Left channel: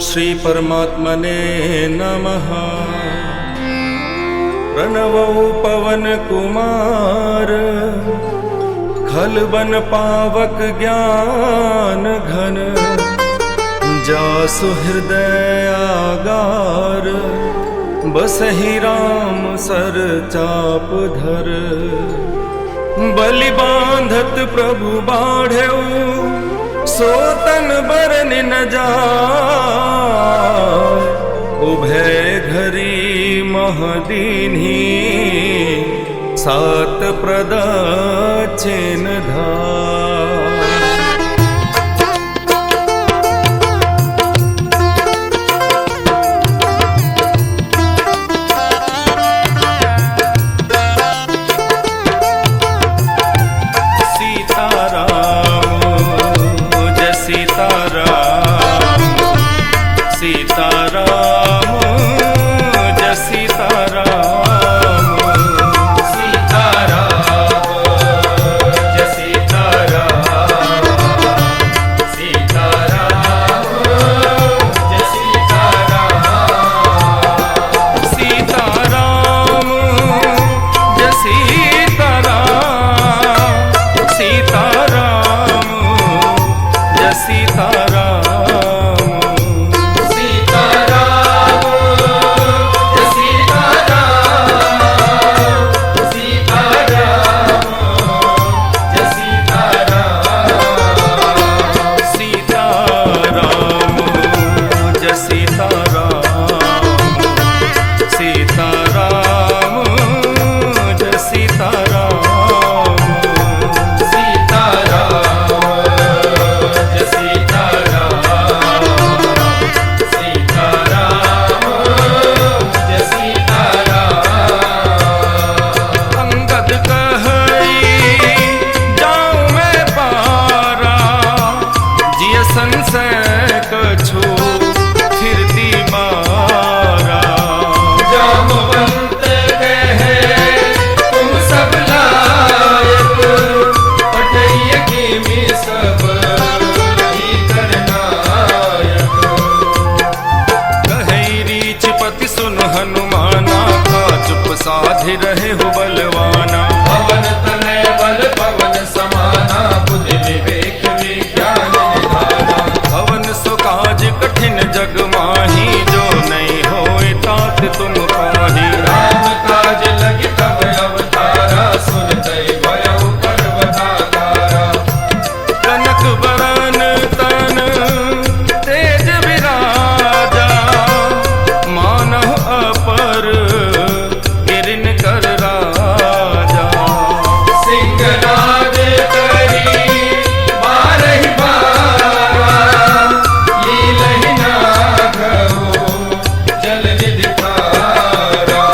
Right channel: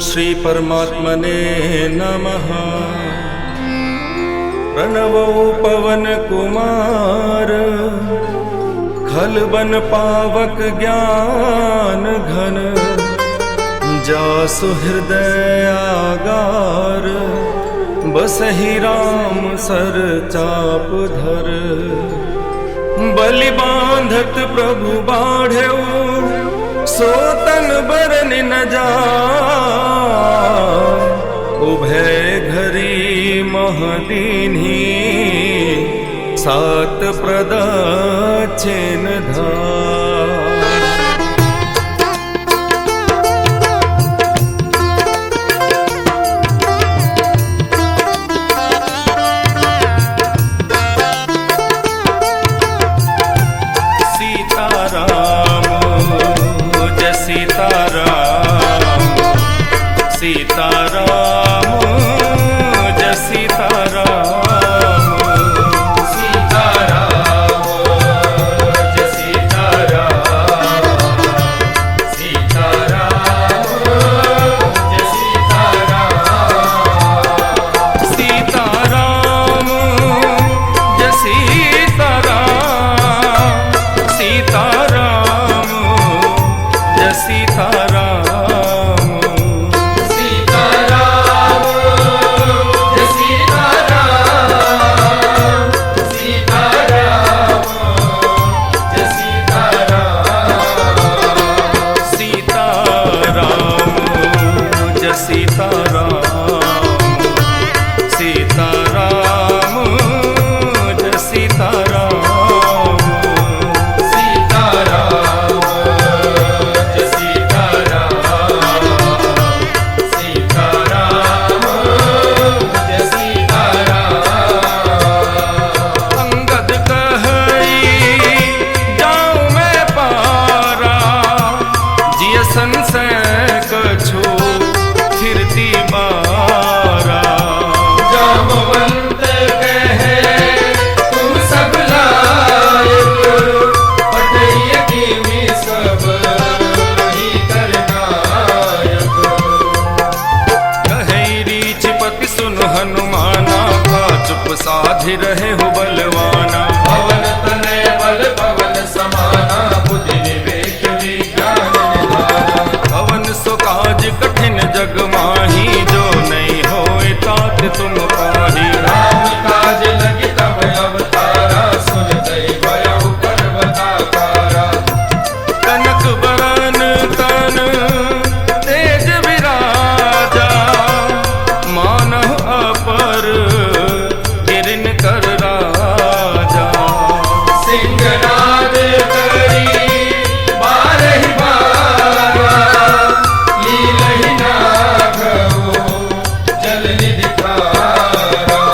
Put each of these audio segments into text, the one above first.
श्री परमात्मने नमः। प्रणवो पवन कुमार खल बन पावक ज्ञान घन। जासु हृदय आगार बसहि राम सर चाप धर। बलि बांधत प्रभु बाढ़ेऊ सोतन बरन न जाय। उभय घरी महदीन्ही सात प्रदक्षिण धाय। सीताराम जय सीताराम। सीताराम जय सीताराम। सीताराम जय सीताराम। सीताराम जय सीताराम। सीताराम जय सीताराम। सीताराम जय सीताराम। सीताराम जय सीताराम। सीताराम जय सीताराम। अंगद कहई जाऊं मैं पारा। जिय संशय कछु फिरती बारा। सुन हनुमाना का चुप साधि रहे हो बलवाना। पवन तनय बल पवन समाना बुद्धि विवेक विज्ञान निधाना। पवन सो काज कठिन जग माही जो नहीं होए तात तुम पाही। राम काज लगी तब अवतारा सुनते भयो पर्वताकारा। कनक बरन तन तेज विराजा। मानह अपर गिरन कर राजा। सिंहनाद करी बारहि बारा। लीलहि नागो जल निधि खारा।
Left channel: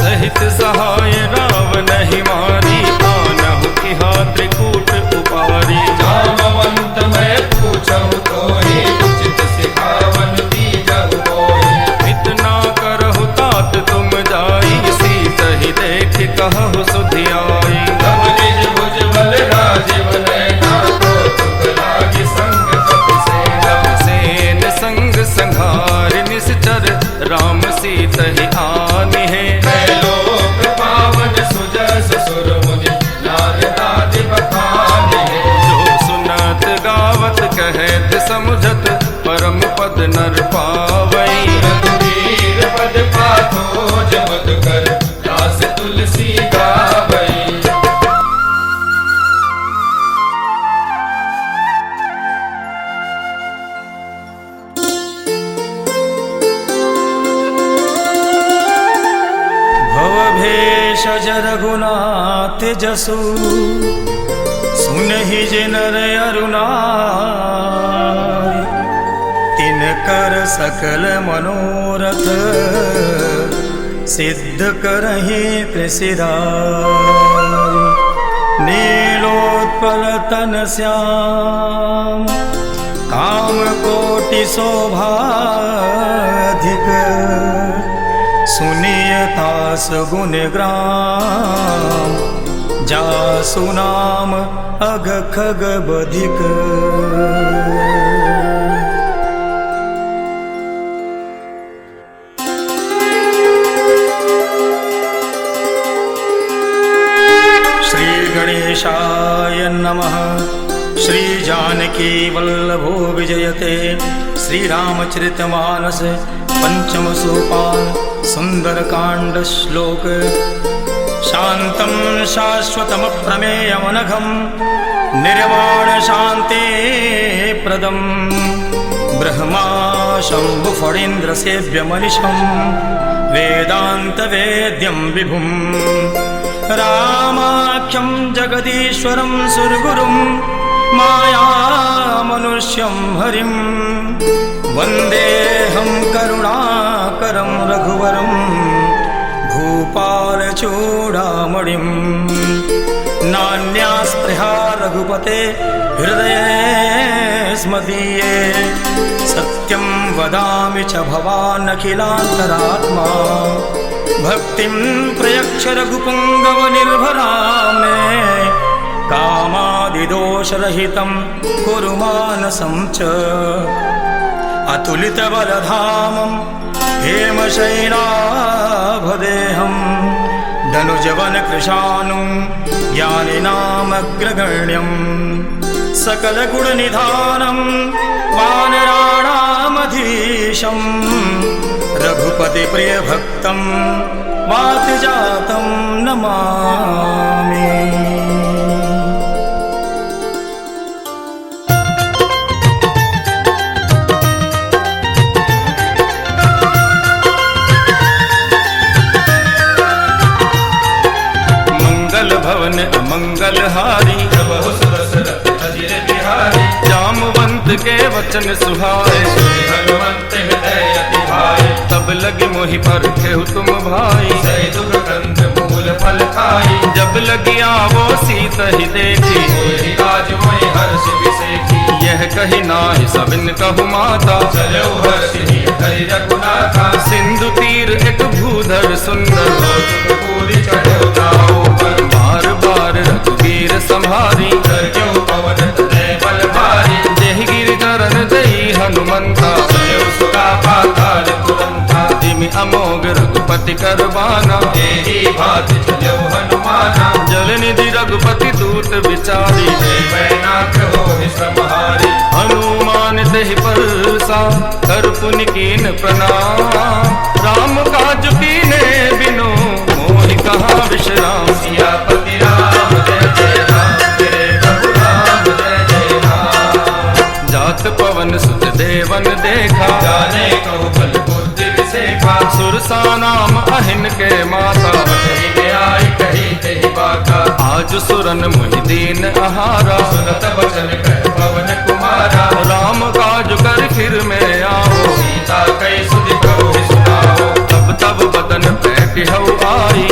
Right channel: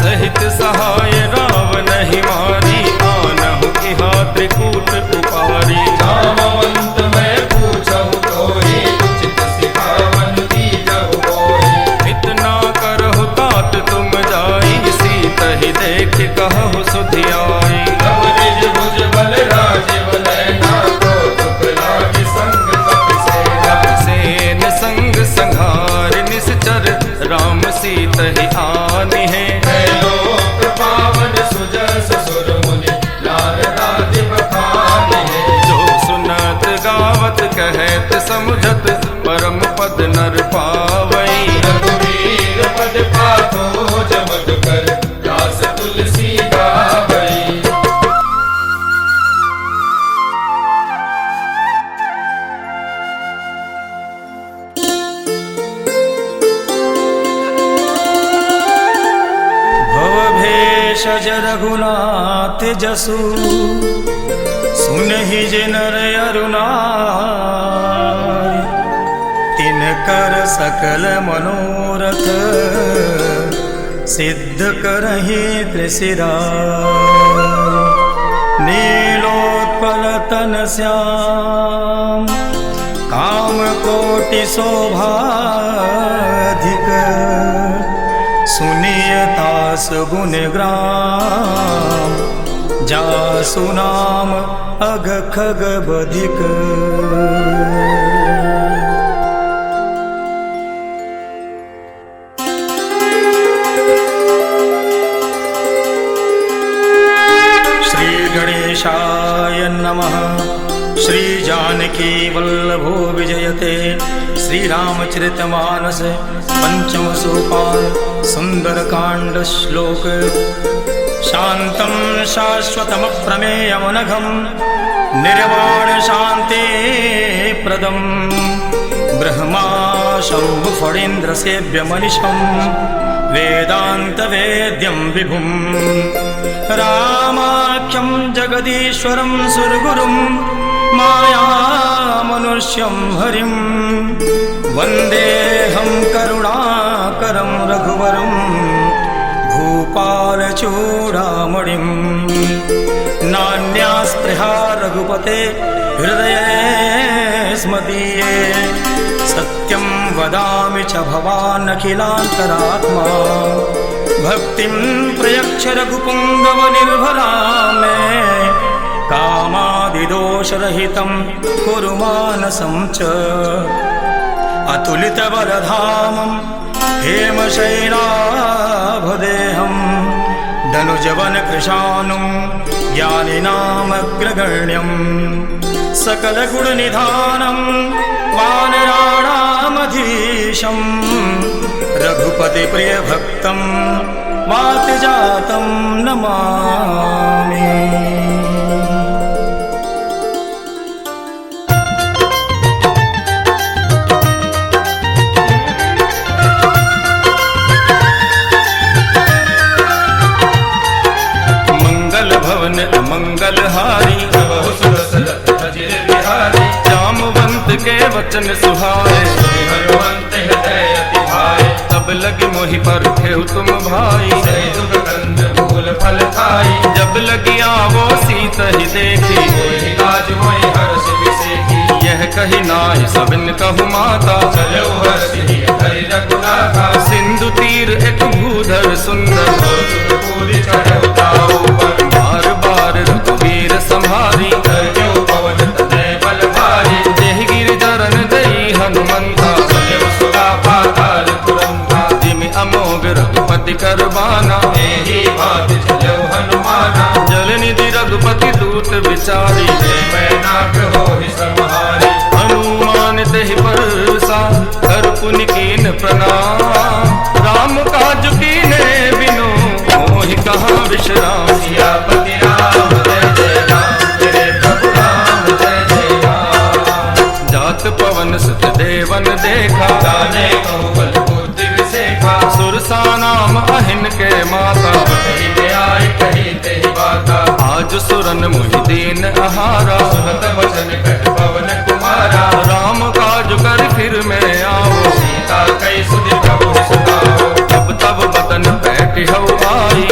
सहित सहाय रावण ही मारी। आनहु इहा त्रिकूट उपारी। जामवंत मैं पूछहु तोहि उचित सिखावन दीजहु। इतना करहु तात तुम जाई। सीत ही देख कहु सुधियाई। कपिसेन संग संघार निश्चर राम सीत ही आनि है। जो सुनत गावत कहत समझत परम पद नर पावई। पद पाथो जमद कर दास तुलसी गावई। भवभेषज रघुनाथ जसु सुनहि जे नर अरुणाई। तिनकर सकल मनोरथ सिद्ध करहि त्रिशिराई। नीलोत्पल तन श्याम काम कोटि शोभाधिक। सुनियतास गुण ग्राम जासु नाम अघ खग बधिक। गणेशाय नमः। श्री जानकी वल्लभो विजयते श्रीरामचरितमानस पंचम सोपान सुंदरकांड श्लोक। शांतं शाश्वतमप्रमेयमनघं निर्वाण शांति प्रदं ब्रह्मा शंभु फणीन्द्र सेव्य मनिषं वेदांत वेद्यं विभुं रामाख्यं जगदीश्वरं सुरगुरुं माया मनुष्यं हरिं वन्देऽहं करुणाकरं रघुवरं भूपालचूडामणिं। नान्या स्पृहा रघुपते हृदये स्मदीये सत्यं वदामि च भवान् अखिलान्तरात्मा। भक्तिं प्रयच्छ रघुपुङ्गवनिर्भरा मे कामादिदोषरहितं कुरु मानसं च। अतुलितबलधामं हेमशैलाभदेहं धनुजवनकृशानुं ज्ञानिनामग्रगण्यं सकलगुणनिधानं वानराणामधीशं रघुपतिप्रियभक्तं वातजातं नमामि। भवन अमंगलहारी जामवंत के वचन सुहाए तब लगी मोहि पर खेहु तुम भाई। जब लगी आवो सीत ही देखी यह कही नाहि सबिन कहु माता। सिंधु तीर एक भूधर सुंदर बार बार रघुवीर संहारी। देहि गिर चरण दई हनुमंता जिमि अमोघ रघुपति करबाना। जल निधि रघुपति दूत विचारी हनुमान तेहि परसा कर पुनि कीन प्रणाम। राम काज कीने बिनु मोहि कहाँ विश्राम। जात पवन सुत देवन देखा सुरसा नाम अहिन के माता। आज सुरन मुहि दीन आहारा राम काज कर फिर में आओ। तब तब बदन पैठी हऊ आई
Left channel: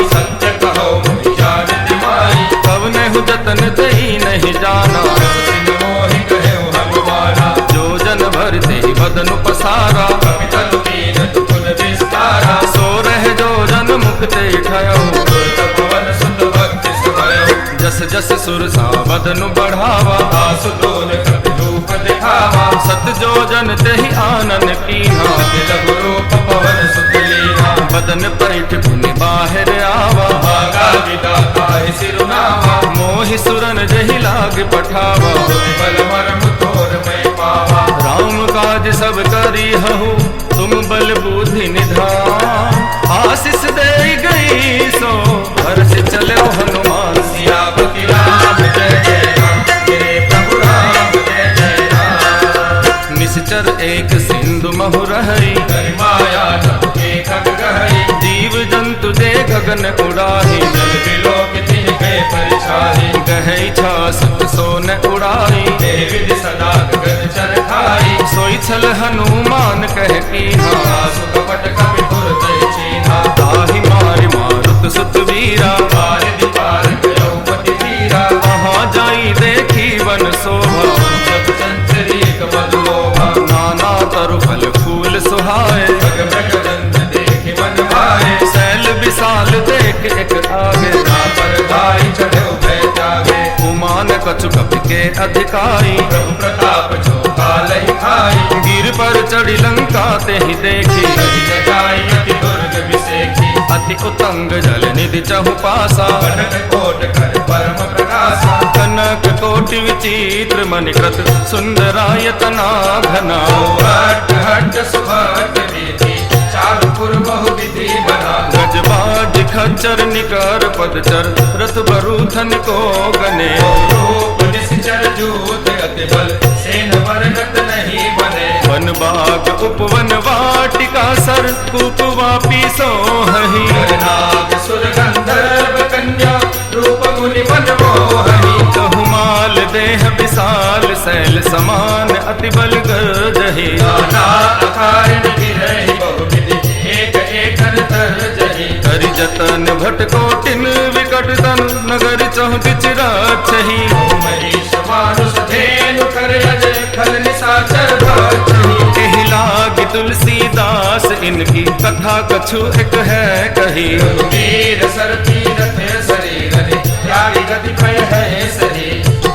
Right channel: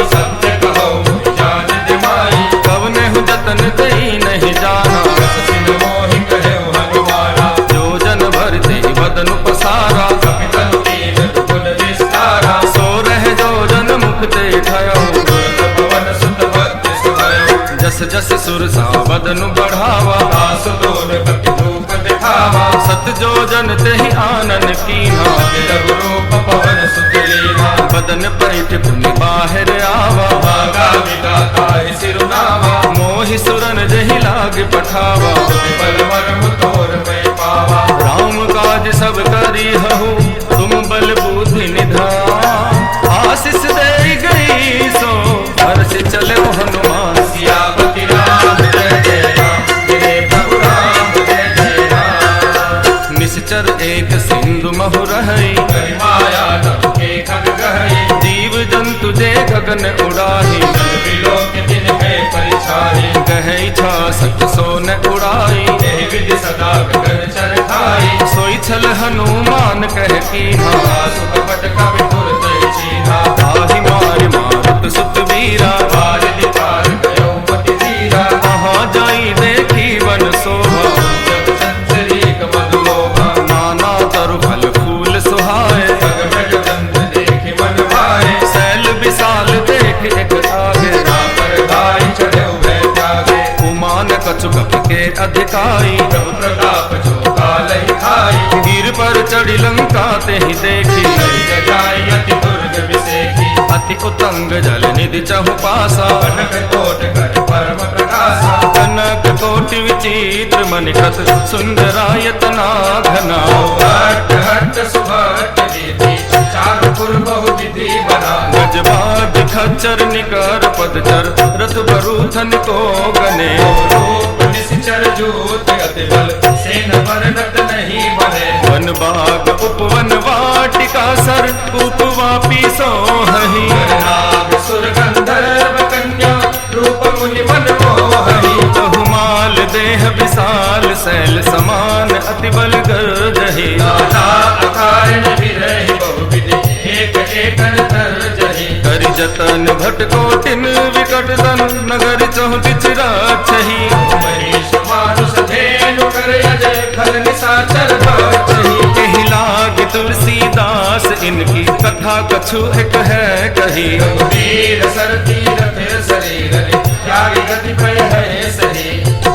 कवने हु जतन दई नहीं जाना। जो जन भर दे बदन पसारा सो रह जो जन मुक्ते ठयो। जस जस सुरसा बदन बढ़ावा सत जो जन तेहि आनन कीन्हा। बदन पैठ पुनि बाहर आवा मोहि सुरन जहि लाग पठावा। राम काज सब करी हहु तुम बल बुद्धि निधान। आशीष दे गई सो हर्ष चले हनुमान। निश्चर एक सिंधु महु रहई जीव जंतु दे गगन उड़ाही। गहई छा सत सोन उड़ाई सोई छल हनुमान कह कीन्हा। ताहि मारि मारुत सुत वीरा तहाँ जाई देखी वन शोभा। नाना तरु फल फूल सुहाए सैल विशाल देख एक आगे। उमान कछु कपि के अधिकाई गिर पर चढ़ी लंका ते ही देखी। अति उतंग जल निधि चहु पासा कोटि विचित्र मणिकृत सुंदरायतना घना। गजबाज खच्चर निकर पदचर रथ बरूथन को गने। वन बाग उपवन वाटिका सर कूप वापी सोहही। बहुमाल देह विशाल शैल समान अति बल गर्जहि। करि जतन भट कोटिन विकट तन नगर चौदिच राक्षही। कहि लागी तुलसीदास इनकी कथा कछु एक है कही।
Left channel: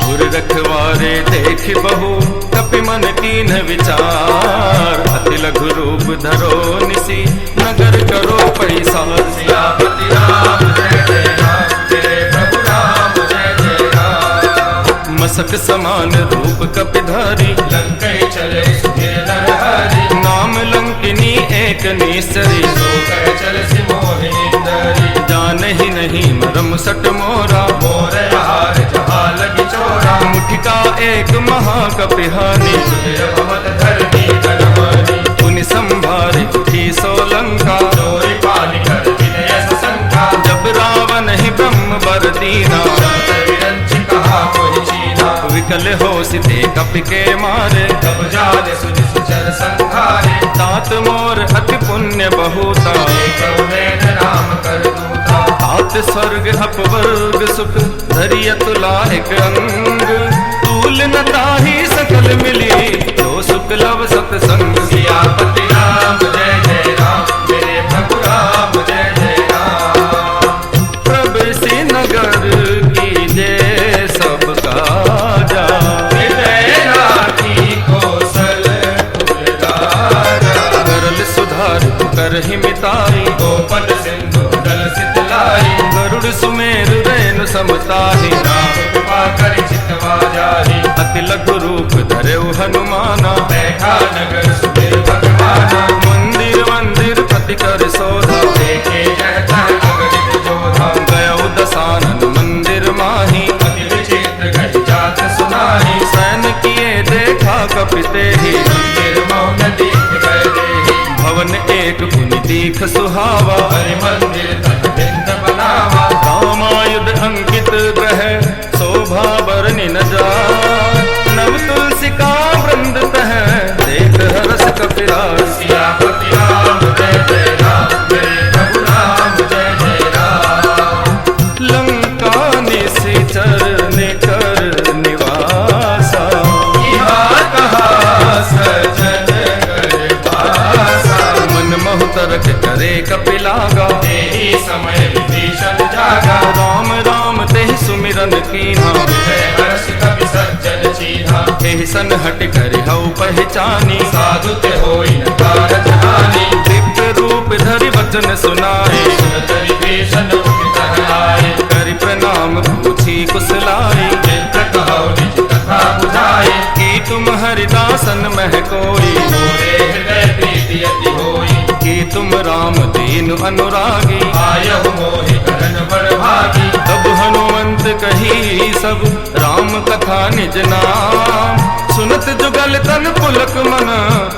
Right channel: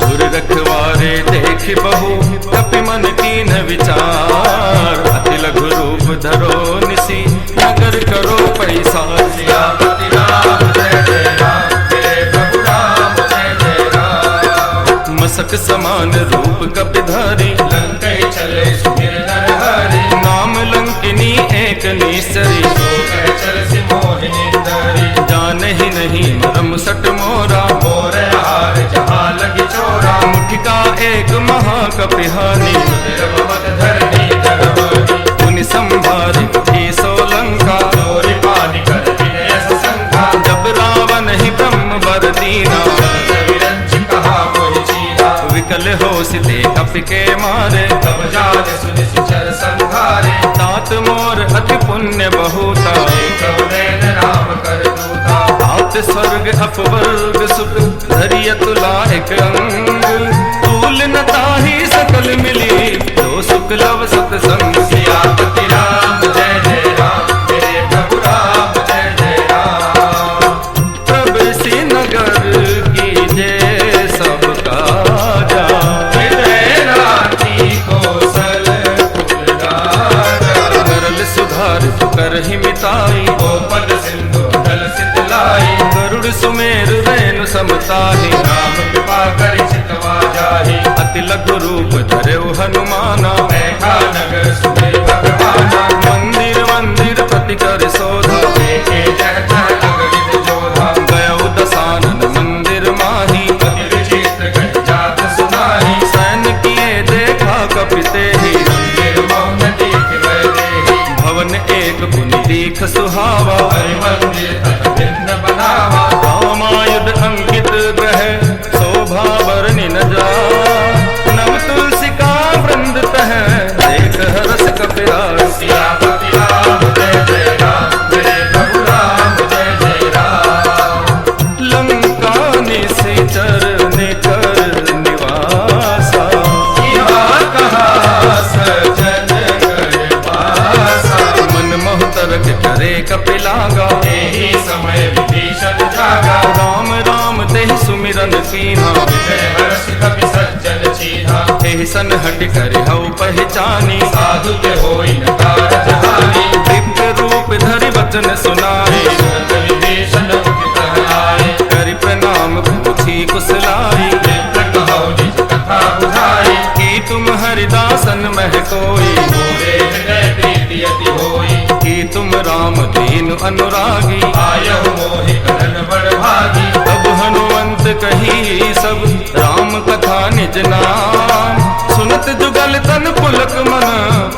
उर रखवारे देख बहु कपि मन कीन विचार। अति लघु रूप धरो निसी नगर करो पैसार। मसक समान रूप कपिधारी नाम लंकिनी एक निसरी। जान ही नहीं मरम सट मोरा मुठिका एक महाकपिहानी। पुनि संभारी उठी सोलंका जब रावण ही ब्रह्म बर दीना। विकल हो सिते कपि के मारे तात मोर अति पुण्य बहुता। तात स्वर्ग अपवर्ग सुख धरिय तुला एक अंग। तूल न ताहि सकल मिली लो सुख लव सतसंग। प्रभ सी नगर की जय सब काजा। करल सुधार कर ही मिताई। गरुड़ सुमेर रेणु समताहि। अति लघु रूप धरे हनुमाना। मंदिर मंदिर प्रति कर शोधा। गयो दसानन मंदिर माही। सैन किए देखा कपिते ही। भवन एक पुनि दीख सुहावा। रामायुध अंकित ग्रह शोभा बरनि न जाय। नव तुलसी का वृंद तह देख हरस कपिराज। लंका निश्चर ने कर निवासा। मन मोहतरक करे कपिलागा। राम राम तेहि सुमिरन कीन्हा। एहि सन हट कर हऊ पहचानी। दिव्य रूप धरि वचन सुनाए। करि प्रणाम पूछी कुशलाई। की तुम हरिदासन मह कोई। कि तुम राम दीन अनुरागी। तब हनुमंत कही सब राम कथा निज नाम। सुनत जुगल तन पुलक मन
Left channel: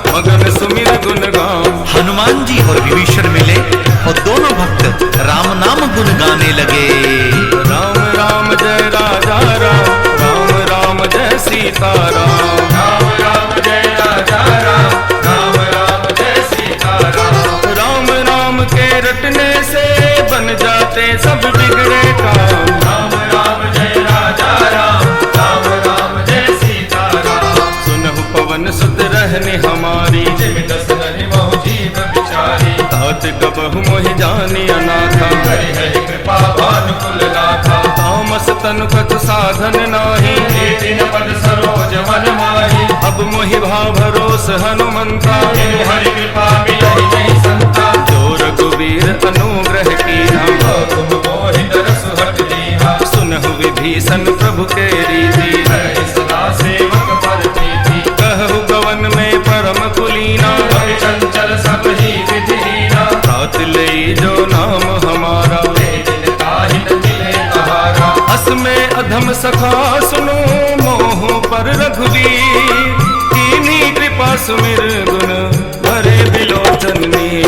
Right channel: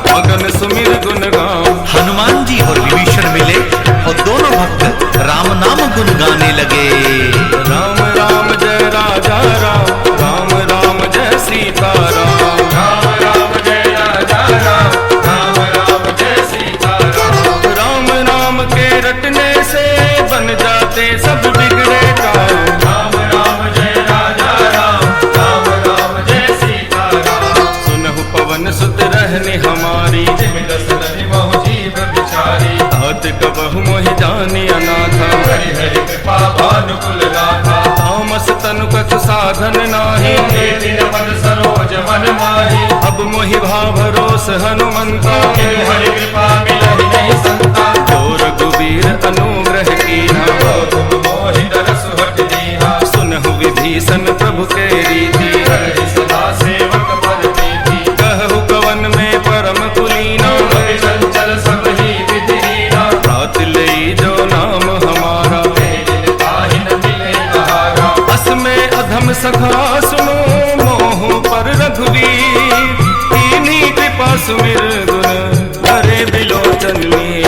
मगन सुमिर गुण गाम। हनुमान जी और विभीषण मिले और दोनों भक्त राम नाम गुण गाने लगे। राम राम जय राजा राम। राम राम जय सीता राम। राम राम जय राजा राम। राम राम जय सीता राम। राम नाम के रटने से बन जाते सब बिगड़े काम। राम राम जय राजा राम। राम राम जय सीता राम। सुनहु पवन सुत रहने हमारी। तात कबहु मोहि जानी अनाथा। तामस तनु कछु साधन नाही। अब मोहि भाव भरोस हनुमंता। जो रघुवीर अनुग्रह कीन्हा। सुनहु विभीषण प्रभु के रीति कहु कवन में परम कुलीना प्रात ले जो नाम हमारा अस में अधम सखा सुनो मोह पर रघुवीर कीन्ही कृपा सुमिर गुण भरे बिलोचन में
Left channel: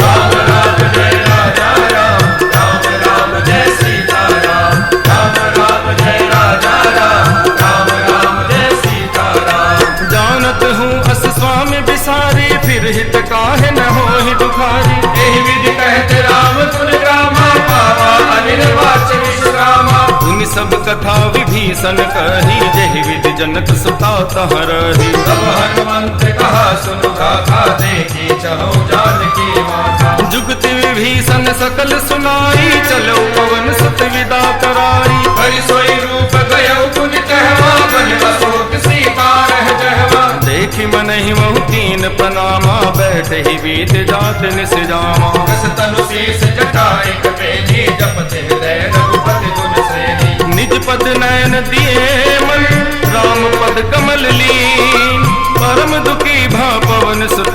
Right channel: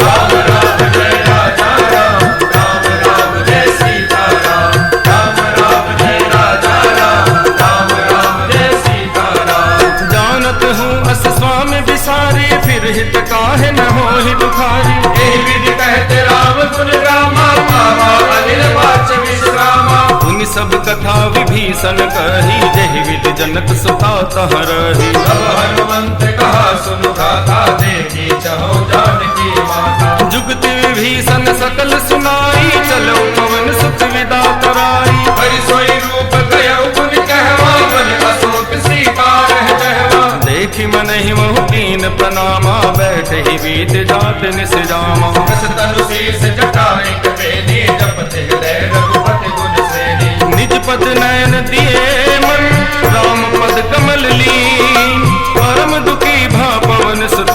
राम राम जय राजा राम राम राम जय सीता राम राम राम जय राजा राम राम राम जय सीता राम जानत हूँ अस स्वामी बिसारी फिर हित काहे न होहि दुखारी यही विधि कहते राम गुण रामा पावा अनिल वाच विश्रामा उन सब कथा विभीषण कही जहि विधि जनक सुता तह रही अब हनुमंत कहा सुन गाथा देखी चलो जानकी माता जुगति विभीषण सकल सुनाई चलो पवन सुत विदा कराई हरि सोई रूप गयो गुण कहवा बन अशोक सीता रह कहवा देखी मन ही महु कीन प्रणामा बैठ ही बीत जात निस जामा तनु शीस जटाई कपेली जपते हृदय रघुपति गुण सेनी निज पद नयन दिए मन राम पद कमल लीन परम दुखी भा पवन सुत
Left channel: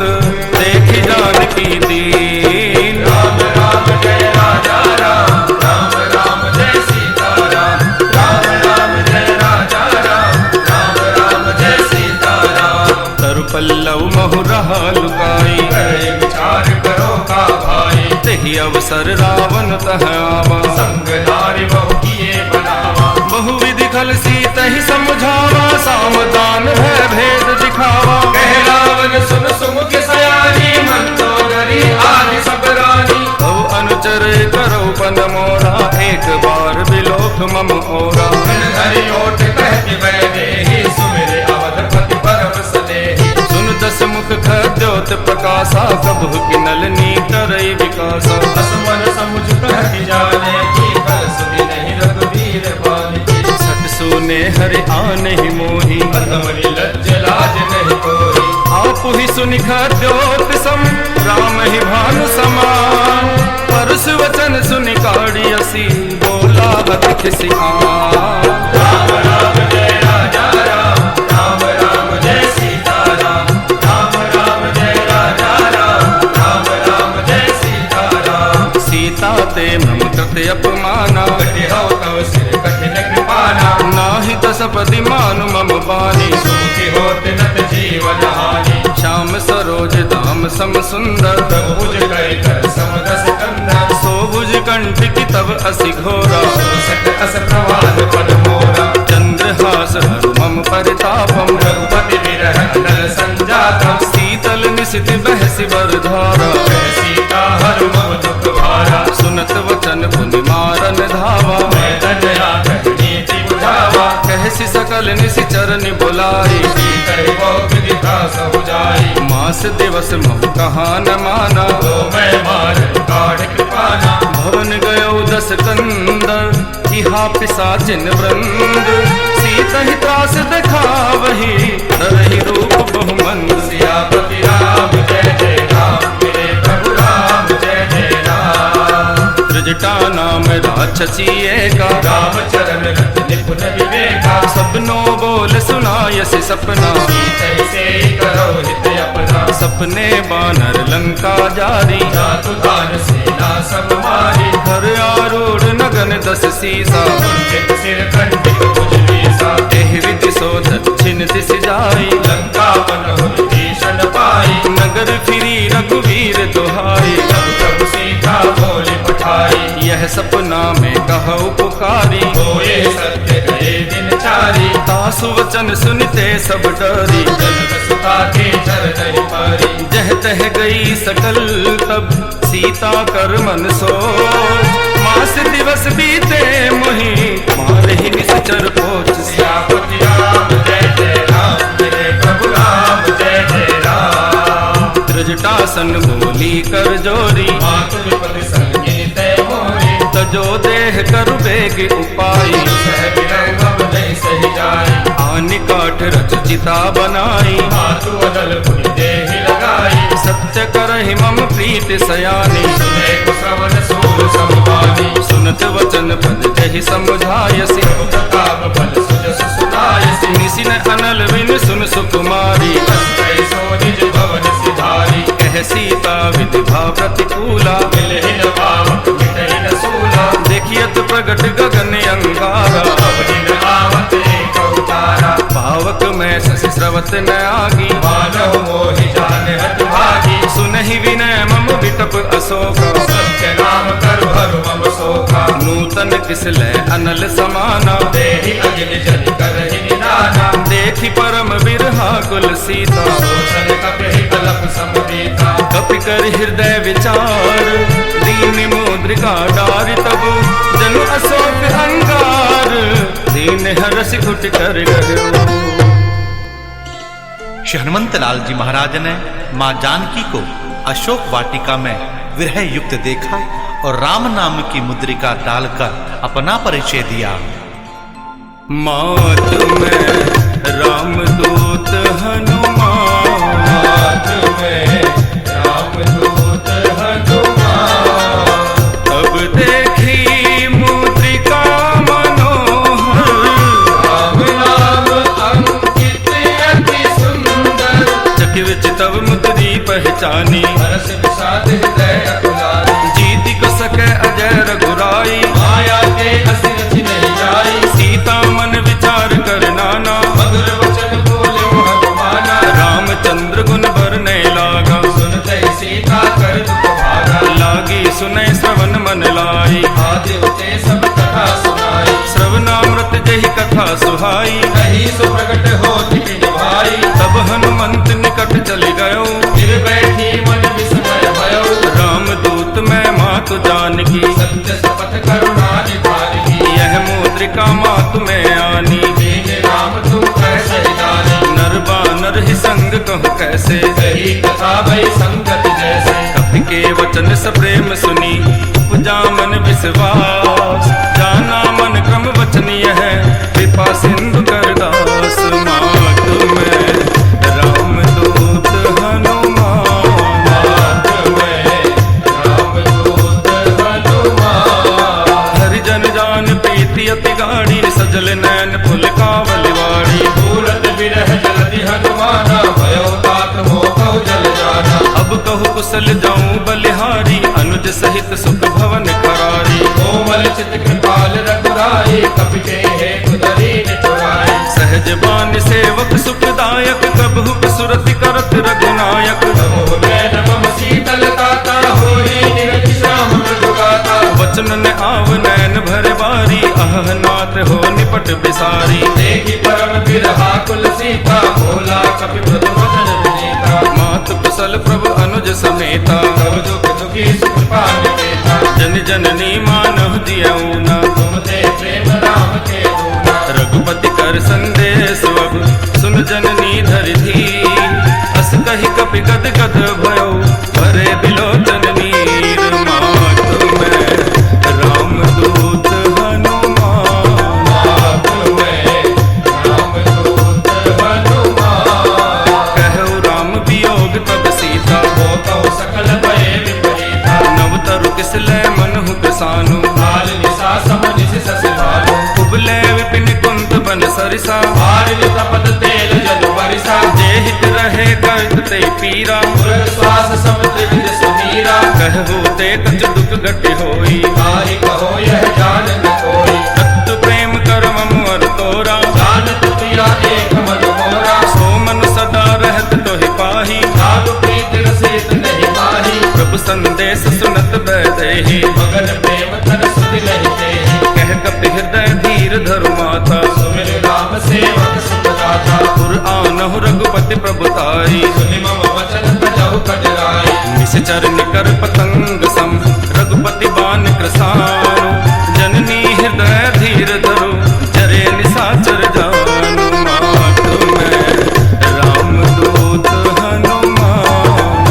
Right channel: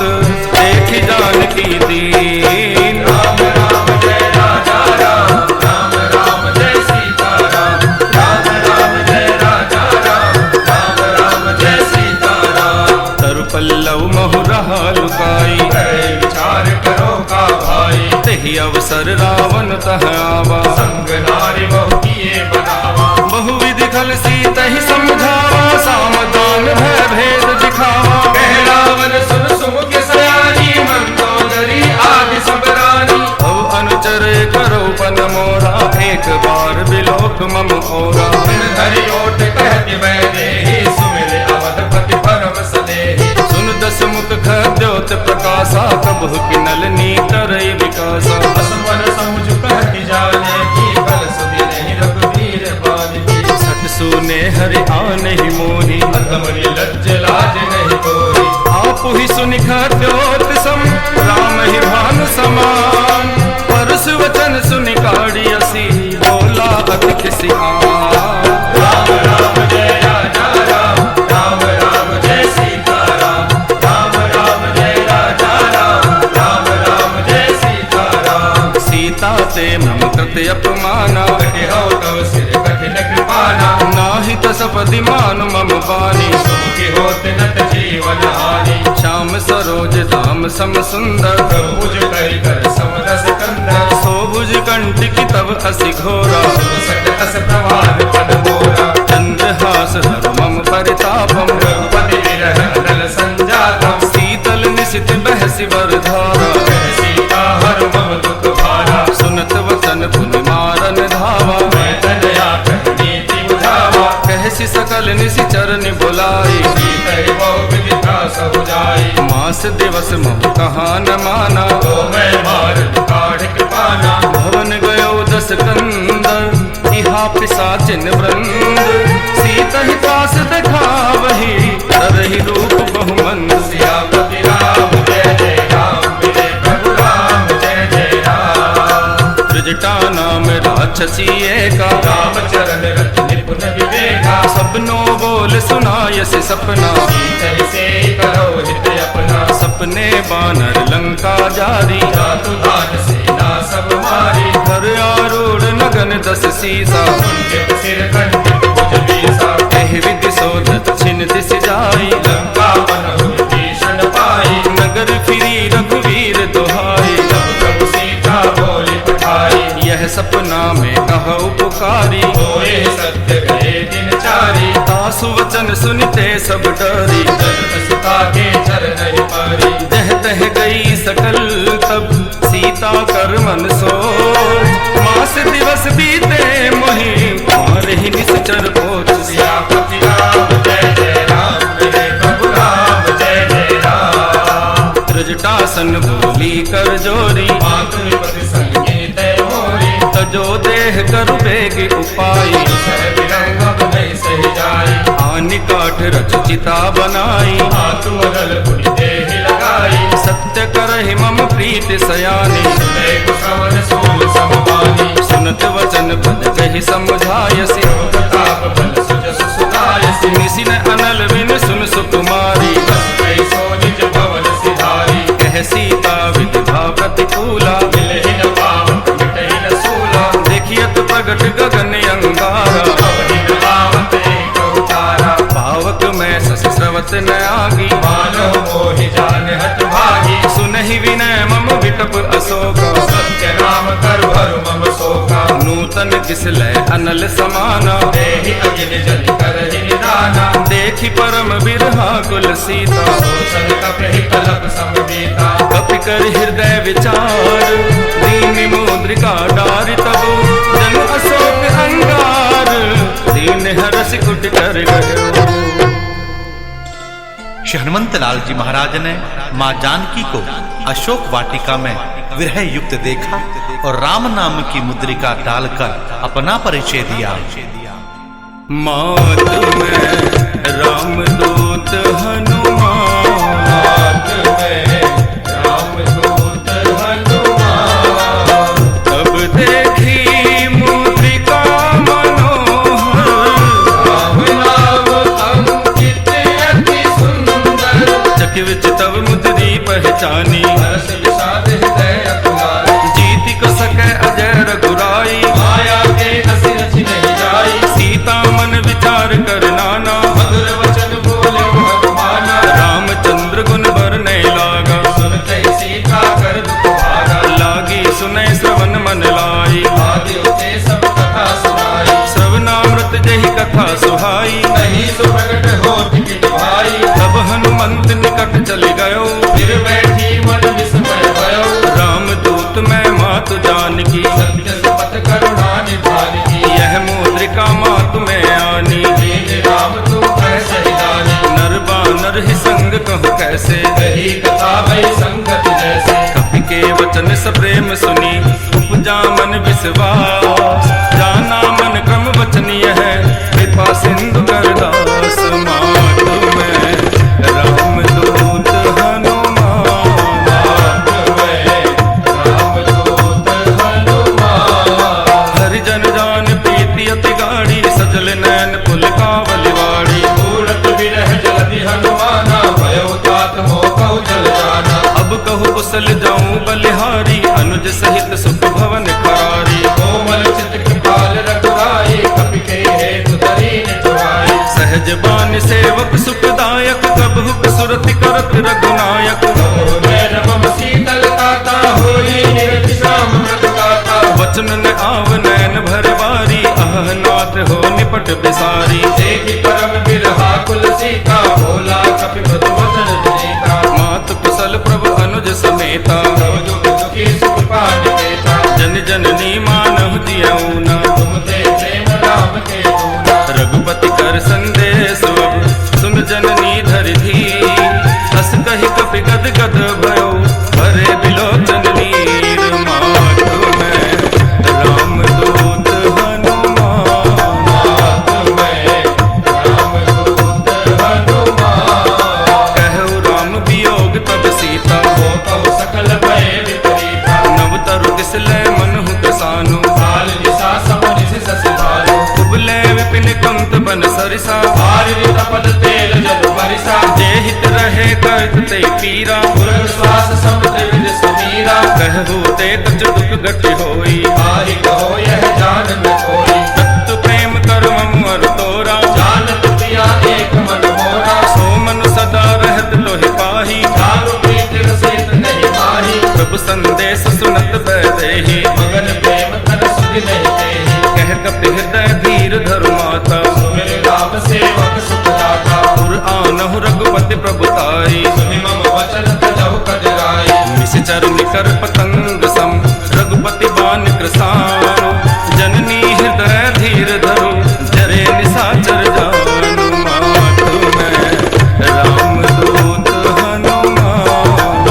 देखी जानकी दीन राम राम जय राजा राम राम राम जय सीता राम राम राम जय राजा राम राम राम जय सीता राम तरु पल्लव महु रहा लुकाई विचार करो का भाई तहि अवसर रावण तह आवा संग नारी बहु किए बनावा बहुविधि खल सीत ही समझावा सामदान भय भेद दिखावा कह रावण सुन सुमुख सयानी मंदोदरी आदि सब रानी अब अनुचर करो पन मोरा एक बार बिलोक मम ओरा हरि ओट कहति वैदेही सुमिरे अवधपति परम सदेही सुन दस मुख खद्योत प्रकाशा कबहु किनल नीतरई विकासा असुवन समुझ कहति जाने की कर सुधि नहीं रघुवीर पानी सट सुने हरि आन ही मोही अधमनि लज्ज लाज नहीं कोई आप ही सुनि खद्योत सम राम ही भानु समान परस वचन सुनि काढ़ी असी बोला अति खिसियान राम राम जय राजा राम राम राम जय सीता राम राम राम जय राजा राम राम राम जय सीता राम सीता ते मम कृत अपमाना हो तो सिर कठिन कृपाना नाहि तसपति मानु मम बानी सुखी होत नत जीवन हानि श्याम सरोज धाम सम सुंदर भुज कर समरस कंदर सोभुज कंठ की तब असि घोरा अस प्रवाद पद मोरा चंद्रहास हरु मम परितापम रघुपति विरहंदल संजातम शीतल निशित बहसि बरधारा सीता हरु मम दुख भारा सुनत वचन पुनि मारन धावा मैं तनया नीति बुझावा कहसि सकल निशिचर बुलाई मास दिवस महु कहा न माना भवन गयो दस कंदर इहा पिसाचिन वृंद सीता ही त्रास दिखावही तरहि रूप बहुमंद सियापति राम जय जय राम प्रभु राम जय जय राम त्रिजटा नाम राक्षसी एका चरण निपुण विवेका सबनो बोल सुनायसि सपना सपने बानर लंका जारी घर आरूढ़ नगन दस सीसा एहि विधि सो दक्षिण दिश जाई नगर फिरी रघुवीर दोहाई यह सपना में कहु पुकारी तासु वचन सुनते सब डरी जह तह गई सकल तब सीता कर मन सोच मास दिवस बीते मोहि मार ही निश्चर पोच त्रिजटासन बोली कर जोरी तजो देह करु बेग उपाई आनि काठ रच चिता बनाई सत्य करहि मम प्रीत सयानी सूल समपानी सुनत वचन पद जहि समझायसी प्रताप बल सुजस सुनायसी निसि न अनल बिन सुन सुकुमारी तस्मै सो निज भवन सिधारी कह सीता विधि भाव प्रतिकूला मिलहि न पावक मिटहि न सूला देखियत प्रगट गगन अंगारा अवधि न आवत एक उतारा पावक में शशि स्रवत न आगी मानव मोहि जान हत भागी सुनहि विनय मम विटप अशोका सत्य नाम करु हरु मम शोका नूतन किसलय अनल समाना देहि अगिनि जनि करहि निदाना देखि परम बिरहा कुल सीता सोचन कपि कलप समदीता कपि कर हृदय विचार दीन मुद्रिका डार तब जन अशोक अंगार दीन हरस उठ कर गयो। श्री हनुमंत लाल जी महाराज ने मां जानकी को अशोक वाटिका में विरह युक्त देखा और राम नाम की मुद्रिका डालकर अपना परिचय दिया। मात में रामदूत हनुमान रामदूत हनुमान तब देखी मुद्रिका मनोहर राम नाम अंकित अति सुंदर चकित तब मुद्री पहचानी हर्ष विषाद हृदय अकुलानी जीति को सके अजय रघुराई माया के हंस रचि नहीं जाई सीता मन विचार कर नाना मधुर वचन बोले हनुमाना रामचंद्र गुण बरने लागा सुनते सीता कर दुख भागा लागी सुनै श्रवण मन लाई आदि उते सब कथा सुनाई श्रवणामृत जहि कथा सुहाई नहीं सो प्रकट हो किन भाई तब हनुमंत निकट चले गयो फिर बैठी मन विस्मय भयो रामदूत मैं मातु जानकी सत्य शपथ करुणा निधारी यह मुद्रिका मातु में आनी तेज राम तुम कैसे निदानी नर बानर ही संग कहु कैसे यही कथा भई संगत जैसे कपि के वचन सप्रेम सुनी उपजा मन विश्वास जाना मन क्रम वचनीय है कृपा सिंधु कर दास मातु में रामदूत हनुमान हरिजन जान प्रीति अति गाड़ी सजल नैन पुल कावलिवाड़ी सूरत विरह जलधि हनुमाना भयो तात हो कहु जल जाना अब कहु कुशल जाऊं बलिहारी अनुज सहित सुख भवन करारी कोमल चित कृपाल रघुराई कपि के हेतु दरीन चुराई सहज बान सेवक सुखदायक कबहु सुरति करत रघुनायक नैन मम शीतलता का होई निरति श्रावण रघुनाथा वचन न आव नैन भर बारी अह नाथ हो निपट बिसारी देखि परम बिरहा कुल सीता बोला कपि मृदु वचन विनीता मात कुशल प्रभु अनुज समेता जुग दुखी सुख पानि देता जन जननी मानहु जियऊ ना तुम ते प्रेम राम के पूरा रघुपति कर संदेश अब सुन जननी धरि धी अस कहि कपि गद गद भयो भरे बिलोचन नीर मातु में रामदूत हनुमान रामदूत हनुमान कहु राम वियोग तब सीता हो कब सकल भय विपरीता नव तरु किसलय मनहु कृसानु काल निसा समरि से ससभालो कुबले विपिन कुंत बन सरिसा भारी तपद तेल जल बरिसा जे हित रहे करत ते पीरा तुरंत श्वास समुद्र विद समीरा कहु ते कछ दुख घट होई ताहि कहो यह जान न कोई तत्व प्रेम करम मुअर तोरा जानत पिया एक मन मोरा सो मन सदा रहत तोहि पाही दारु प्रीति रसित नहीं माही प्रभु संदेश सुनत बैदेहि मगन प्रेम कर सुध नहीं तेहि कह कपि हृदय धीर धरु माता सुमिर राम सेवक सुखदाता पुर आनहु रघुपति प्रभुताई सुनि मम वचन तजहु कजराई निश्चर निकर पतंग सम रघुपति बान कृसानु जननी हृदय धीर धरु जरे निशाचर जानु मातु में रामदूत हनुमान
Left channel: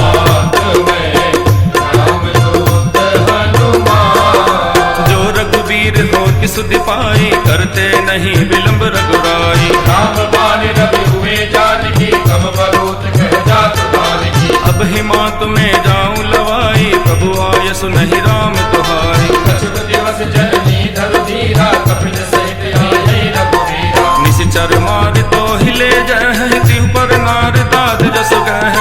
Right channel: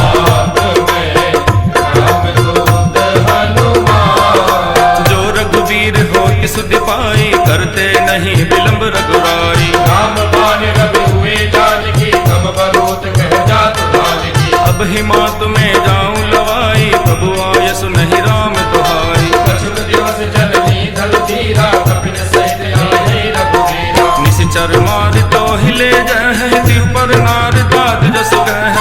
रामदूत हनुमान जो रघुवीर हो कि सुधि पाई करते नहीं विलंब रघुराई राम बाण रवि हुए जानकी कब करोत कह जात बारिकी अब हिमात में जाऊं लवाई भाई, प्रभु आय सुनहि राम दुहाई। अछुत दिवस जननी धल धीरा, कपिन सहित आये रघुवीरा। निशिचर मार तो हिले जय, तिहु पर नार दाद जस गह।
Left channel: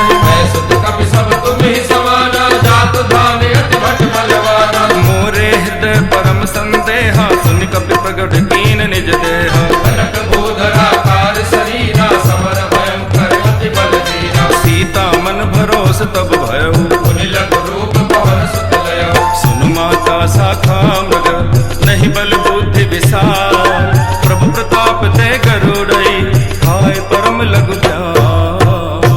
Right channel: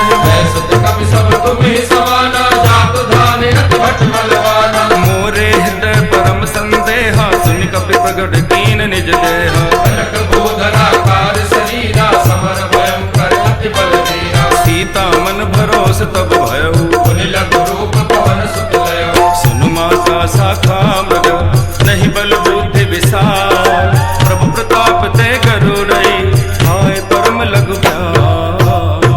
सुत कपि सब तुम ही समाना, जात दान अति भट बलवाना। मोरे हृदय परम संदेहा, सुन कपि प्रगट कीन निज देहा। कनक गोदरा कार शरीरा, समर भयंकर अति बल धीरा। सीता मन भरोस तब भयउ, पुनि लघु रूप पवन सुत लयो। सुनु माता शाखा मृग, नहीं बल बुद्धि विशाल। प्रभु प्रताप ते गरुड़ई, हाय परम लघु प्यार।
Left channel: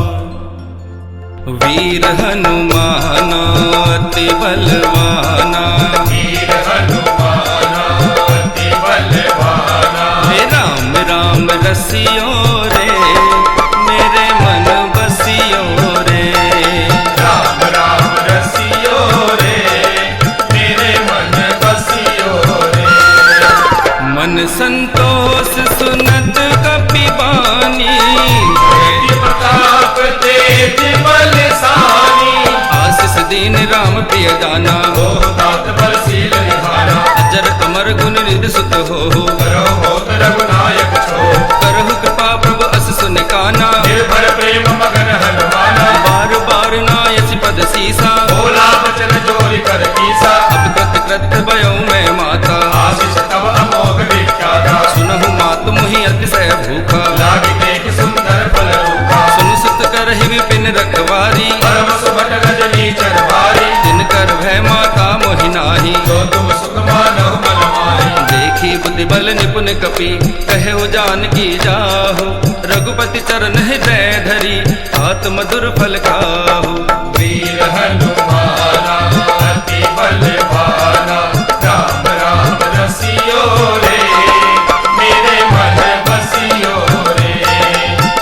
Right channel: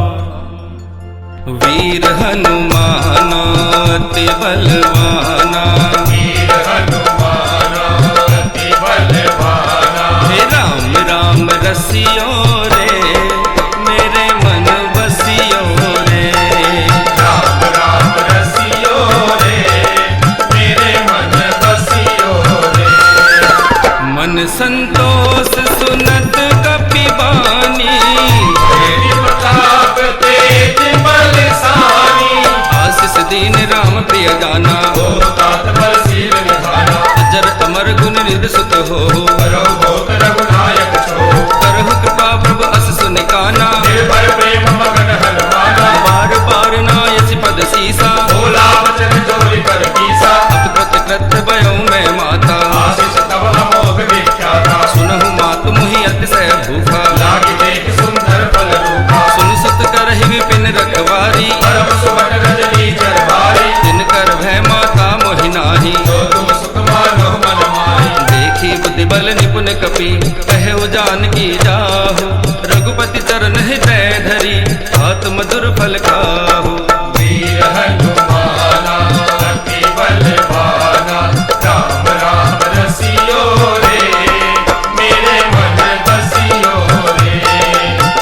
वीर हनुमाना अति बलवाना, वीर हनुमाना अति बलवाना। हे राम राम रसियो रे, मेरे मन बसियो रे। राम राम रसियो रे, मेरे मन बसियो रे। मन संतोष सुनत कपि बानी, तेरी प्रताप तेज बलशाली। आशीष दीन राम प्रिय दाना। ओ तात बलशील निधाना, अजर अमर गुण निधि सुत हो। करो होत रघुनायक छो। करहु कृपा प्रभु अस सुनिकाना, निर्भय प्रेम मगन हनुमाना। बार बार नायसि पद सीसा। भोला वचन जोरि कर कीसा, अब कृत कृत भयो मैं माता। आशीष तव अमोघ विख्याता। सुनहु मातु मुहि अतिशय भूखा, लागी देख सुंदर फल रूपा। सुन सुत करहि विपिन रखवारी। परम सुभट रजनी चरवारी, दिन कर भय माता मोहि नाही। जो तुम सुख मानो मन माही। देखी बुद्धि बल निपुण कपि, कहे जानकी जाहु। रघुपति चरण हृदय धरी, हाथ मधुर फल खाहु। वीर हनुमाना अति बलवाना, राम राम रसियो रे, मेरे मन बसियो रे।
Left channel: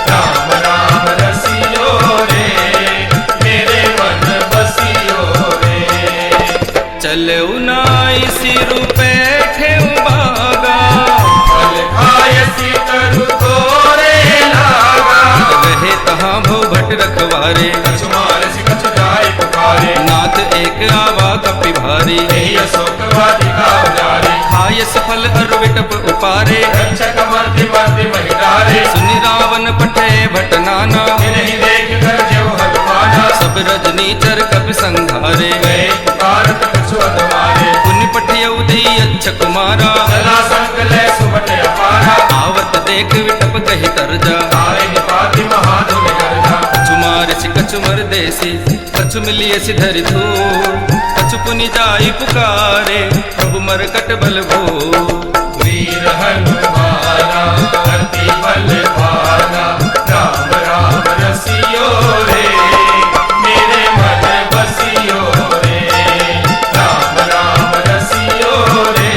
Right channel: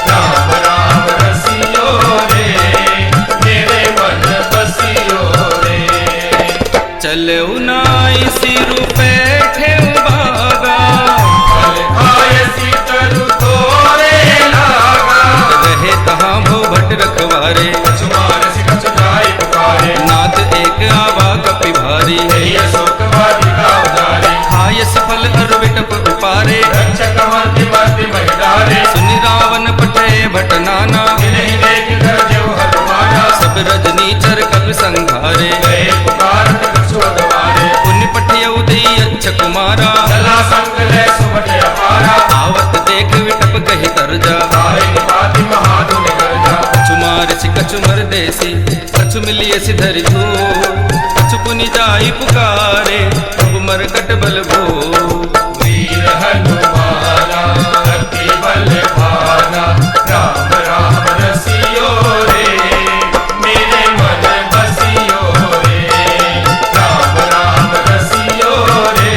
राम राम रसियो रे, मेरे मन बसियो रे। चलऊ नाई सिरु पैठे बागा, फल खाय सीतरु तोरे लागा। रहे तहाँ भो भट रखवारे। कछु मानसि कछु जाय पुकारे, नाथ एक आवा कपि भारी। यही अशोक वाटिका उजारे। खायस फल अरु विटप उपारे, रक्षक मर्दि मर्दि महिडारे। सुनि रावण पठे भट नाना। नहीं देख कर जो हनुमाना, सब रजनी चर कपि संघारे। गए पुकारत कछु अगवारे। पुनि पठियउ देई अच्छ कुमारा, चला संकले सुमट अपारा। आवत देख विटप गहि तरजा। तारे निपाति महाधुनि गर्जा। कछु मारसि कछु मर देसी, कछु मिलियसि धरि धूल। कछु पुनि जाई पुकारे, प्रभु मरकट बल भो। वीर हनुमाना अति बलवाना, राम राम रसियो रे, मेरे मन बसियो रे। राम राम रसियो रे,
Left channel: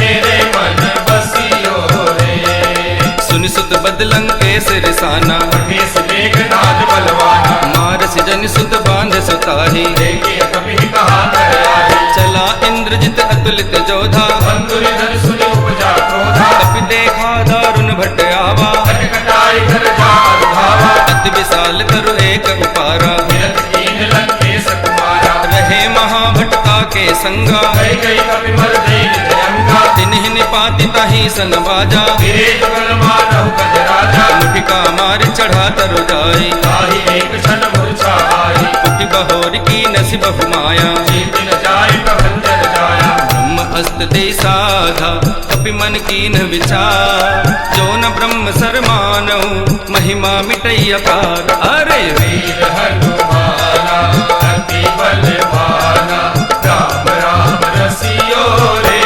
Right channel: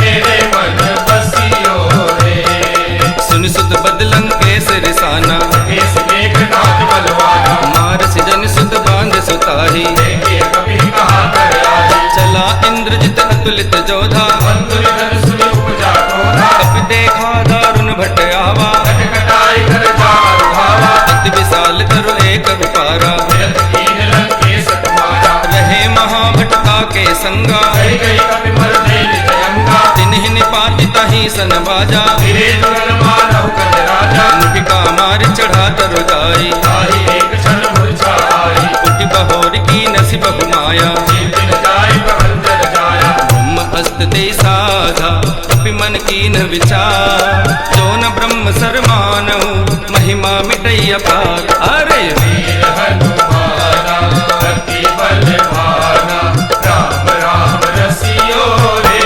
मेरे मन बसियो रे। सुनि सुत बदलंग केसरि साना, केस मेघनाद बलवाना। मारसि जनि सुत बांध सुताही। देखे कबीर कहा कर आही, चला इंद्रजित अतुलित जोधा। बंधुर धन सुनि उपजा क्रोधा। कपि देखा दारुण भट आवा, कटाई कर जाल भावा। अति विशाल तरु एक उपारा। मिलत कीन लंकेश कुमारा, रहे महाभटता के संगा। गई गई कपि बल तेज जयंगा। तिन्हि निपाति तहि सन बाजा। गिरे जुगल मानव कद राजा, मुठिका मार चढ़ा तरु जाई। ताहि एक क्षण मूर्छा आई। उठि बहोर की नसि बहु माया। जीत न जाय प्रभंजन जाया, ब्रह्म अस्त दे साधा, कपि मन कीन विचार। जो न ब्रह्म सर मानऊ, महिमा मिटई अपार। अरे वीर हनुमाना अति बलवाना, राम राम रसियो रे,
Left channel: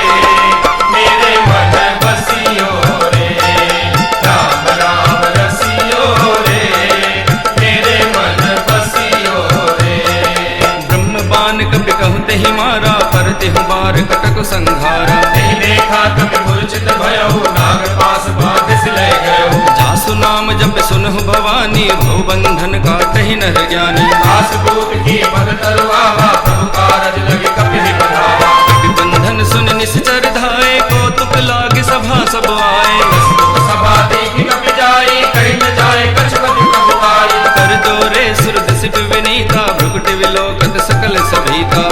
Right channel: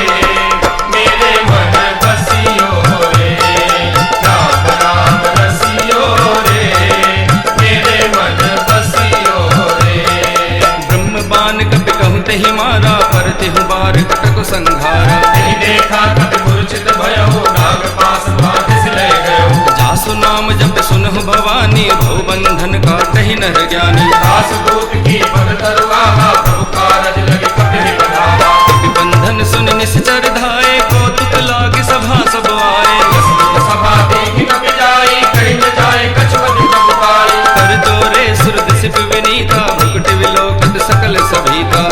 मेरे मन बसियो रे। राम राम रसियो रे, मेरे मन बसियो रे। ब्रह्म बान कपि कहूँ तेहि मारा, पर तिहु बार कटक संघारा। नहीं देखा कभी मूर्छित भयो, नाग पास भाग से ले गयो। जासु नाम जप सुनहु भवानी, भव बंधन काटहि नर ज्ञानी। दास दूत की पद तरुआवा, प्रभु कारज लगे कभी बधावा। कपि बंधन सुन निश्चर धाये, कौतुक लागे सभा सब आए। सभा देखी कभी जाई, कहीं न जाए कछु बदि कबुआई। कर जोरे सुरद सिप विनीता, भ्रुकुटि विलोकत सकल सकल सभीता।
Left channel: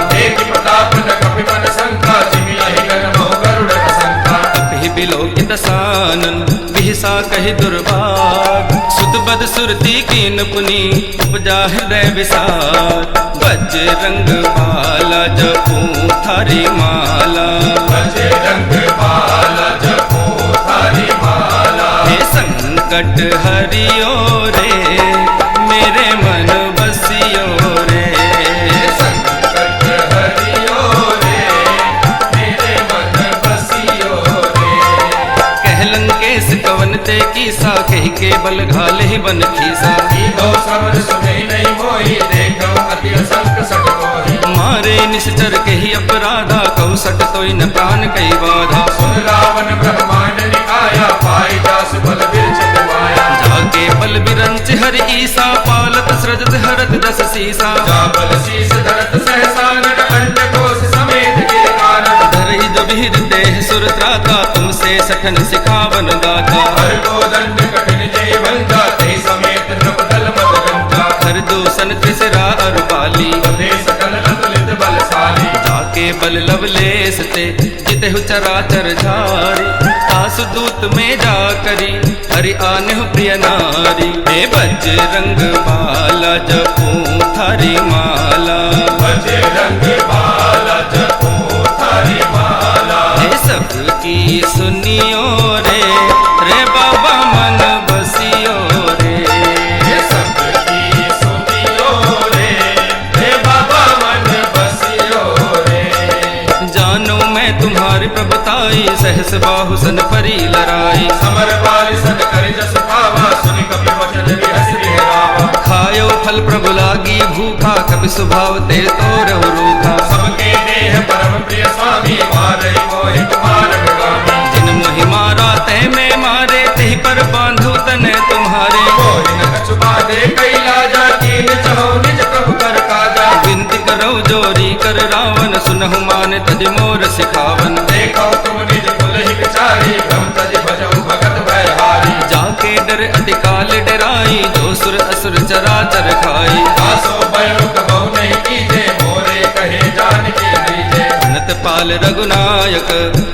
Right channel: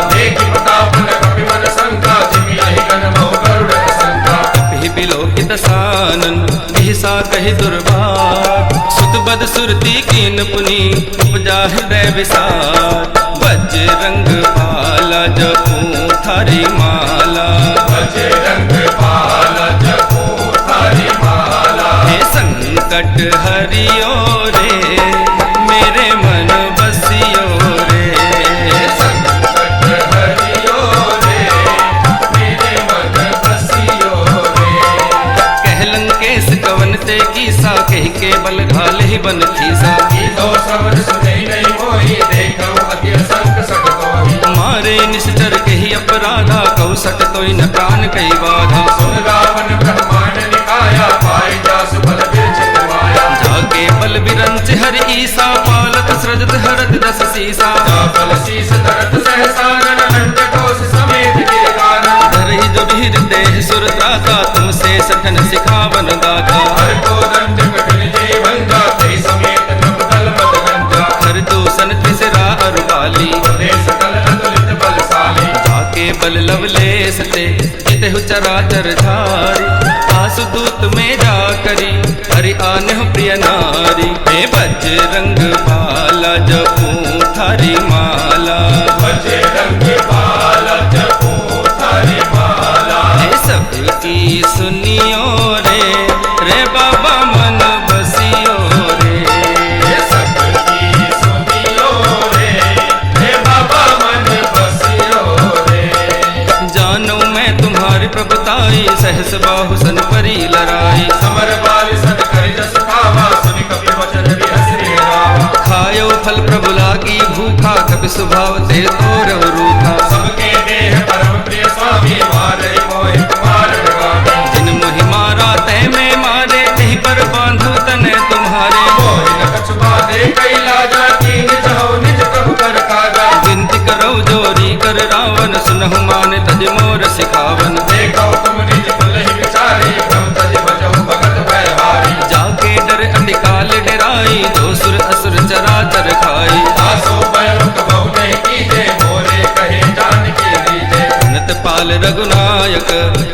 कपि बिलोकित सानन बिहसा कहि दुर्बाग, सुत बद सुरती कीन पुनि उपजा हृदय विषाद। बजरंग बाला जपू थारी माला, बजरंग बाला जपू थारी माला। हे संकट हरियो रे मेरे मन बसियो रे, संकट हरियो रे मेरे मन बसियो रे। कह लंकेश कवन ते कीसा, कह के बल घाले ही बन खीसा। मारे निश्चर के ही अपराधा, कहु सट तोई न प्राण कई बाधा। जाके बल बिरंच हर ईसा, पालत सृजत हरत जस सीसा। धरहि जो विहिर देह सुर त्राता, तुमसे सठन सिखावन दाता। खर दूसन त्रिसरा अरु बाली, जाके बल लवलेस ते जितहु चराचर झारी। आसु दूत में जा करी हरि आनेहु प्रिय नारी। हे बजरंग बाला जपू थारी माला, बजरंग बाला जपू थारी माला। हे सबकी सुनियो रे रे बाबा मन बसियो रे, जानो मैं तुम्हारी प्रभुताई, सहस बाहु सन परी लड़ाई। खायो फल प्रभु लागी भूखा, कपि स्वभाव ते तोरहु रूखा। जिन मोहि मारा तै में मारे, तेहि पर बांधु तने तुम्हारे। विनती करो जोरी कर रावण, सुनहु मान तज मोर सिखावन। जाके डर अति काल डराई, जो सुर असुर चराचर खाई। अनंत पाल रघुनायक